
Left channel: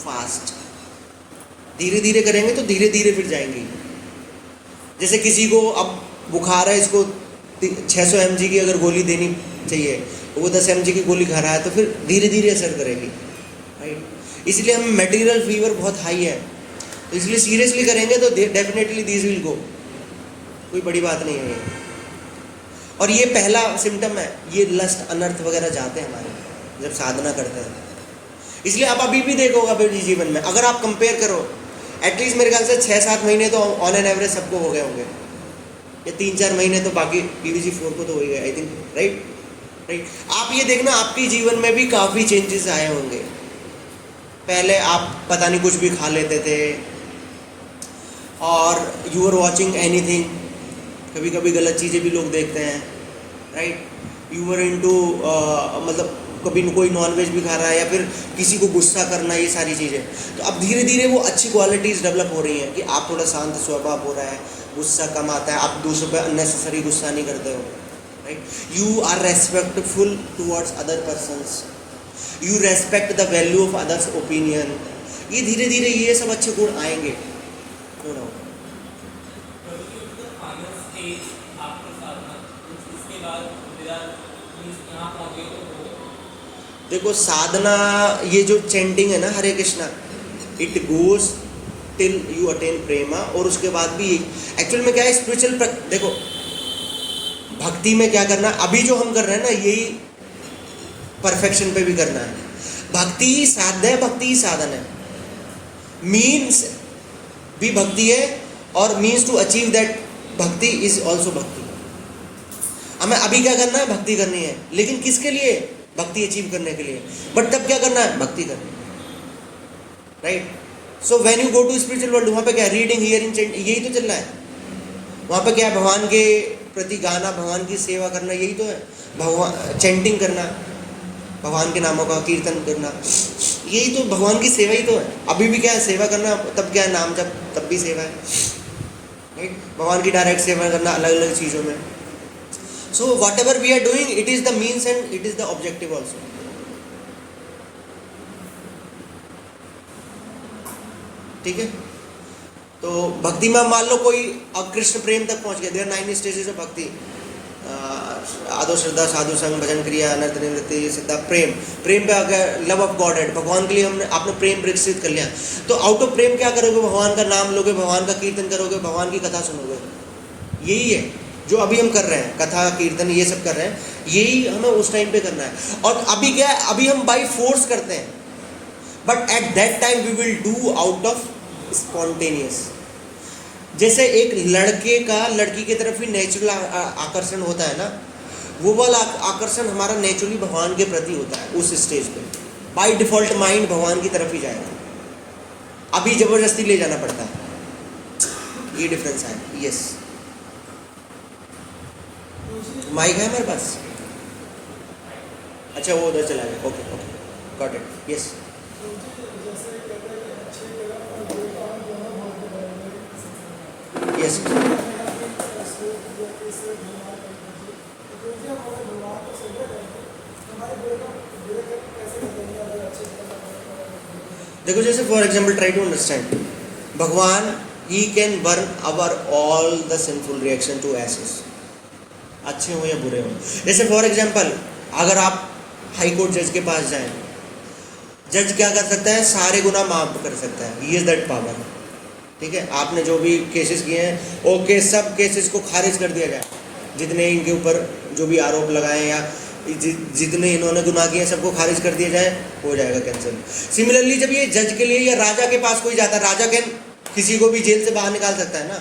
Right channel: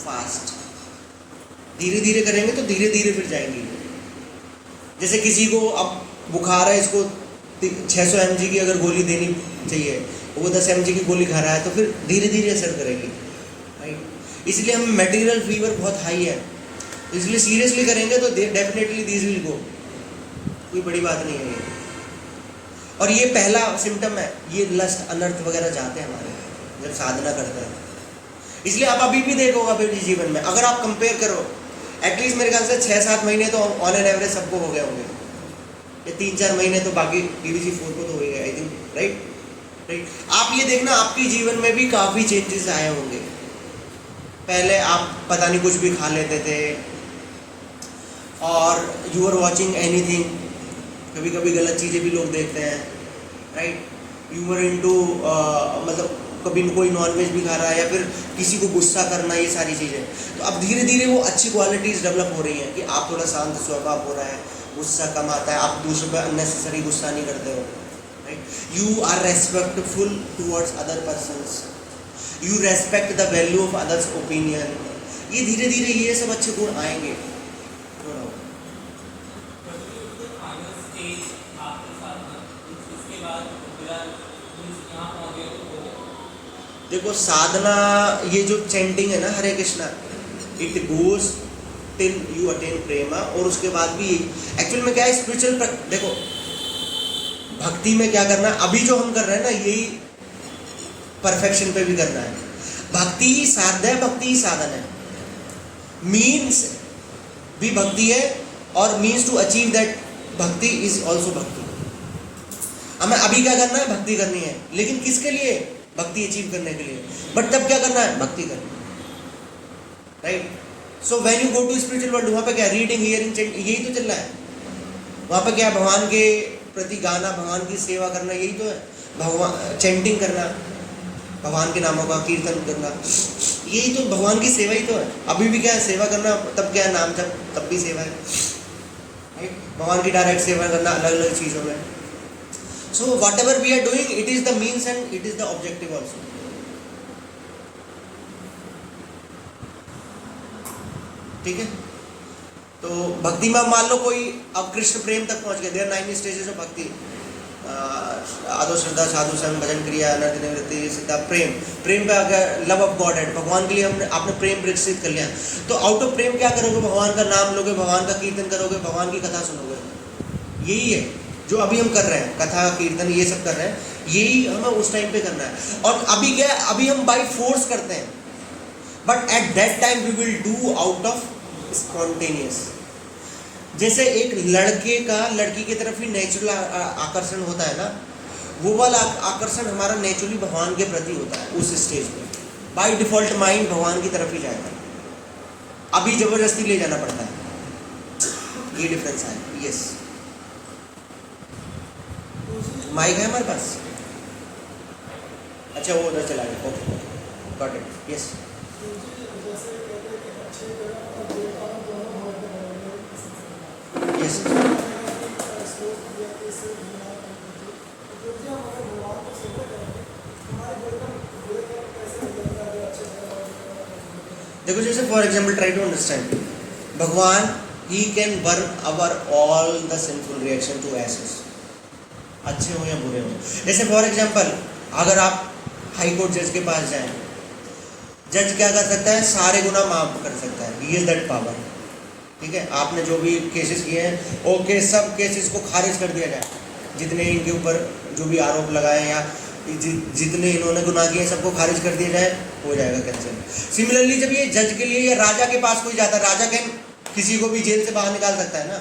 fast. धीरे धीरे करेंगे तो धीरे धीरे फिर जाएंगे. जैसे किसी को अब बुखार है, इसको 600 mg की अगर गोली देनी चाहिए, वो 10 mg की गोली खा रहा है, तो फिर धीरे धीरे असर करेगी, राइट. इसलिए हम मटेरियल फीवर बहुत हाई है, इसलिए सीरियसली करेंगे तो डेफिनेटली दीज विल गो. कोई बड़ी बात नहीं है ये. और ये पहला सिम्टम है, ये लस्ट, अनर्थ वगैरह जाते हैं हमारे जब साधना करते हैं. इसलिए आप अभी भी देखोगे अपने जीवन में, अगर आप कंपेयर करो, एटलीस्ट मेरे ख्याल से 6-7 महीने तो ऑन एन एवरेज सबको हो गए होंगे, ये 3-4 महीने तो बाकी PVC4 को तो हो ही गए, आई थिंक, राइट. आप ये देखना, आपके जीवन में भी काफ़ी चेंजेस आए होंगे. पहले आप पता नहीं कुछ भी खा लेते थे, और यू आर वॉचिंग एनीथिंग, कभी कभी गलत चीज़ें भी लोग देखते हैं, राइट. यू आर इनटू मतलब कभी कोई नॉनवेज भी खा रहा है, या फिर किसी को गुस्सा करना, ये सारी चीज़ें. तो अब धीरे धीरे वो अच्छी क्वालिटीज़ डेवलप हो रही हैं कि आप थोड़ा शांत स्वभाव हो रहा है, गुस्सा कम आता है, आप दूसरों पर अननेसेसरी गुस्सा नहीं करते हो, right. You are respectful towards other persons. You respect the value of others opinion, ये धीरे धीरे ये सब अच्छे गुण आएंगे। देखो साधना, ये जो चैंटिंग है ना Hare Krishna, it goes till you attain prema, और उसके बाद भी एक्चुअल में क्या है स्पिरिचुअल, देखो भक्ति में क्या करना है, अभी जो हम कर रहे हैं ना यही परफेक्शन पे भी करना है। भक्ति ही साध्य है, भक्ति ही साधन है। मीन्स भी भक्ति है और मीन्स टू अचीव दैट भक्ति इज ऑल्सो भक्ति। हमें अभी क्या करना है, भक्ति करनी है, लेकिन किसके लिए, भक्ति अचीव करने के लिए। बट तब क्या करना है, भक्ति करनी है, right. So when you go to spiritual world, वहाँ पे क्या रीडिंग हियरिंग चैंट, यही तो चल रहा है। वहाँ पे क्या भगवान के प्रति गाना, भगवान की सेवा करना, यही तो है। भगवान चैंटिंग करना, भगवान के नामों का कीर्तन करना, यही तो भगवान की सेवा ही तो है। अभी भी क्या है सेवा करना, तब क्या है नाम जब, तब भी सेवा है, राइट। भगवान की डायरेक्ट सेवा करना अलग अलग चीज़ों में। So whatever we are doing, it is the means and it is the objective also. ठीक है, तो भक्ति में मान लो कोई अब कृष्ण प्रेम तक पहुंच गया, देयर 9 स्टेजेस ऑफ भक्ति, आदो श्रद्धा, साधु संग, भजन क्रिया, अनर्थ निवृत्ति, सिद्धा, प्रेम। प्रेम पे आ गया लव ऑफ गॉड एड, भगवान के लिए हमने आपने प्रेम विकसित कर लिया। तो आउट ऑफ प्रेम क्या करोगे, भगवान का नाम लोगे, भगवान का कीर्तन करोगे, भगवान की कथा सुनोगे। यही है जो अभी हम कर रहे हैं, कथा कीर्तन ये सब कर रहे हैं, यही हमें उस टाइम पे करना है। और अभी क्या है, अभी हम बाई फोर्स करते हैं, but at that time we will do out of spontaneous. जैसे एक लड़के का लड़की की तरफ ही नेचुरल आकर्षण होता है ना, वो वाला आकर्षण हमारा नेचुरली भगवान के प्रति होता है उस स्टेज पे। बाय डिफॉल्ट माइंड भगवान की तरफ ही जाएगा, अभी जबरदस्ती ले जाना पड़ता है, ये डिफरेंस है। यस, माइक है हमारे पास? अच्छा वो उधर चला गया, okay okay, got it, yes. Yes, देखो जैसे for example try to understand, Bhagwan he can burn our all the sinful reaction to एसेस, अच्छे हो या बुरे हो। जैसे फॉर एग्जाम्पल अगर आप हाई कोर्ट जज के पास जाएं, जज क्या कर सकता है, सारे गुनाह माफ कर सकता है, ही इज दैट पावर। ठीक है, आपने जो भी केसेस किए हैं, ओके, सब केसेस को खारिज कर दिया जाए, जितने इनके ऊपर जो भी आरोप लगाए हैं या जितने इन्होंने गुनाह किए हैं सबको खारिज कर दिया जाए, हो जाएगा कैंसिल। सिमिलरली जब ये जज के लिए या राजा के पास कोई जाता है, राजा कैन किसी को भी जेल से बाहर निकाल सकता है ना,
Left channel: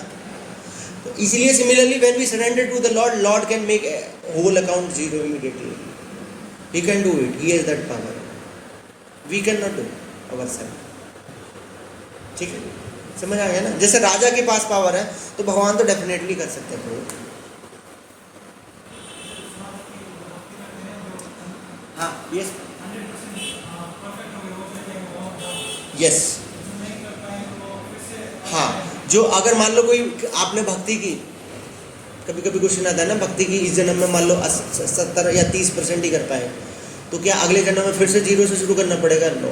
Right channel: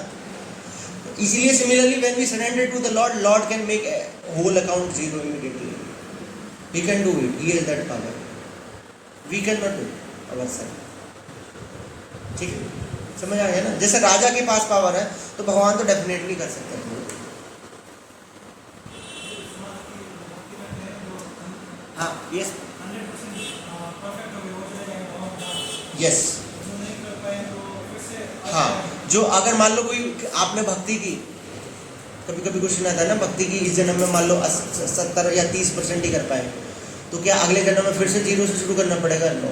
इसीलिए similarly when we surrender to the lord, lord can make whole account zero immediately, he can do it, he has that power, we can not do ourself. ठीक है, समझ आ गया ना। जैसे राजा के पास पावर है तो भगवान तो डेफिनेटली कर सकते हैं। हाँ, यस यस, हाँ, जो अगर मान लो कोई आपने भक्ति की, कभी कभी क्वेश्चन आता है ना, भक्ति की इस जन्म में मान लो 70 या 30% ही कर पाए, तो क्या अगले जन्म में फिर से 0 से शुरू करना पड़ेगा? No,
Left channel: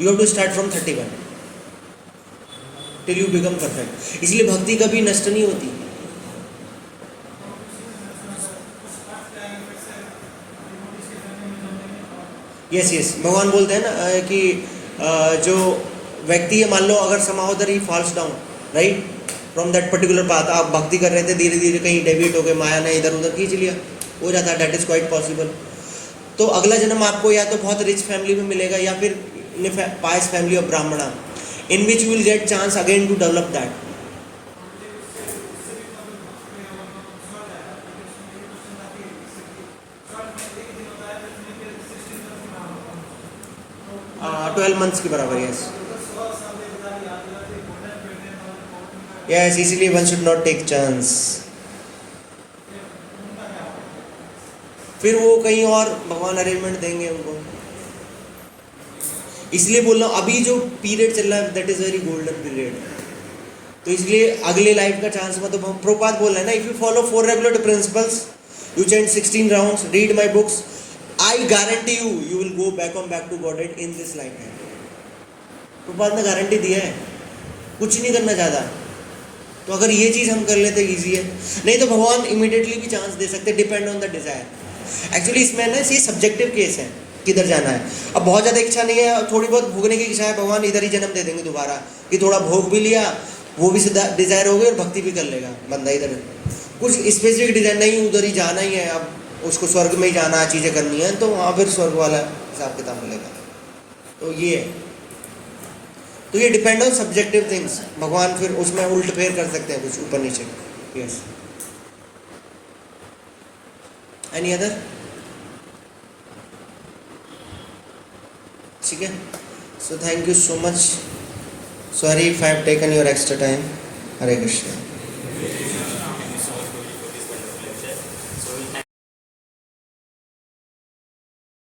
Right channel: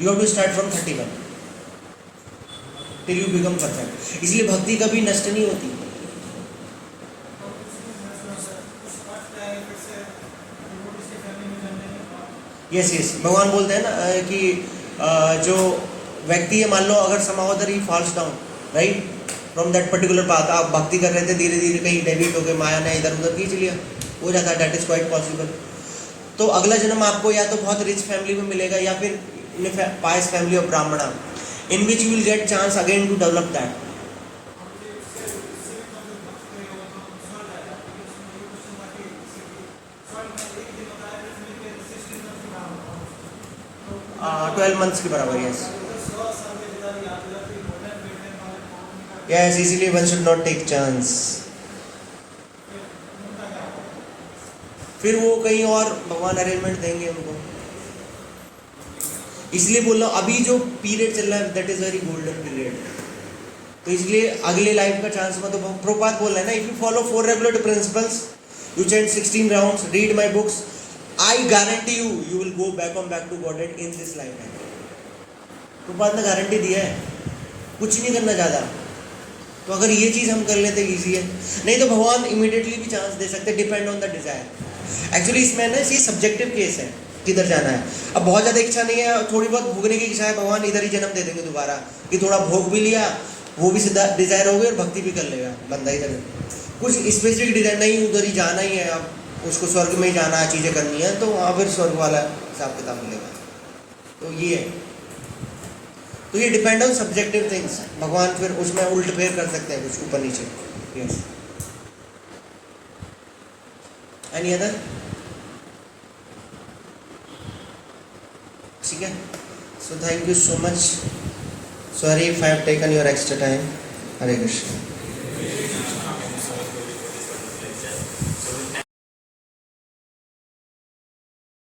you have to start from 31 till you become perfect. इसलिए भक्ति कभी नष्ट नहीं होती। यस यस, भगवान बोलते हैं ना कि जो व्यक्ति है, मान लो अगर समाओदर he falls down right from that particular path, आप भक्ति कर रहे थे, धीरे धीरे कहीं डेविएट हो गए, माया ने इधर उधर खींच लिया, हो जाता है, दैट इज क्वाइट पॉसिबल। तो अगला जन्म आपको या तो बहुत रिच फैमिली में मिलेगा या फिर इन पायस फैमिली ऑफ ब्राह्मणा, in which you will get chance again to develop that. हाँ, 12 months के बराबर, यस यस, इसीलिए one should not take chance। फिर वो कहीं और भगवान अरेंजमेंट देंगे उनको, इसलिए बोल रहा हूँ अभी जो पीरियड चल रहा है that is very golden period. तो इसलिए अगले लाइफ का चांस में, तो प्रभुपाद बोल रहे हैं ना, if you follow 4 regular principles, you chant 16 rounds, read my books, I guarantee you will go back to godhead in this lifetime. तो बाद में गारंटी दिया है, कुछ नहीं करना ज़्यादा। तो अगर ये चीज़ हम कर लेते ईजी है, नहीं तो भगवान इमीडिएटली भी चांस दे सकते, depend on the desire. Actually इसमें ना ये सब्जेक्टिव केस है, किधर जाना है। अब बहुत ज़्यादा इच्छा नहीं है, थोड़ी बहुत भोगने की इच्छा है, भगवान इधर ही जन्म दे देंगे दोबारा, कि थोड़ा भोग भी लिया, वो भी सीधा डिज़ायर हो गई और भक्ति भी कर लेगा बंदा इधर। कुछ स्पेसिफिक डिज़ायर नहीं, उधर ही जाना ही है, अब उसको स्वर्ग में ही जाना, चीज़ें करनी है, तो वहाँ फिर स्वर्ग वाला हिसाब किताब मिलेगा। तो ये है, तो ये डिपेंड ऑन सब्जेक्टिव थिंग्स। भगवान फिर उसमें उल्ट फेर कर सकते हैं कुछ ऊपर नीचे। Yes, any other? ठीक है, so thank you so much, sorry if I have taken your extra time. Hare Krishna.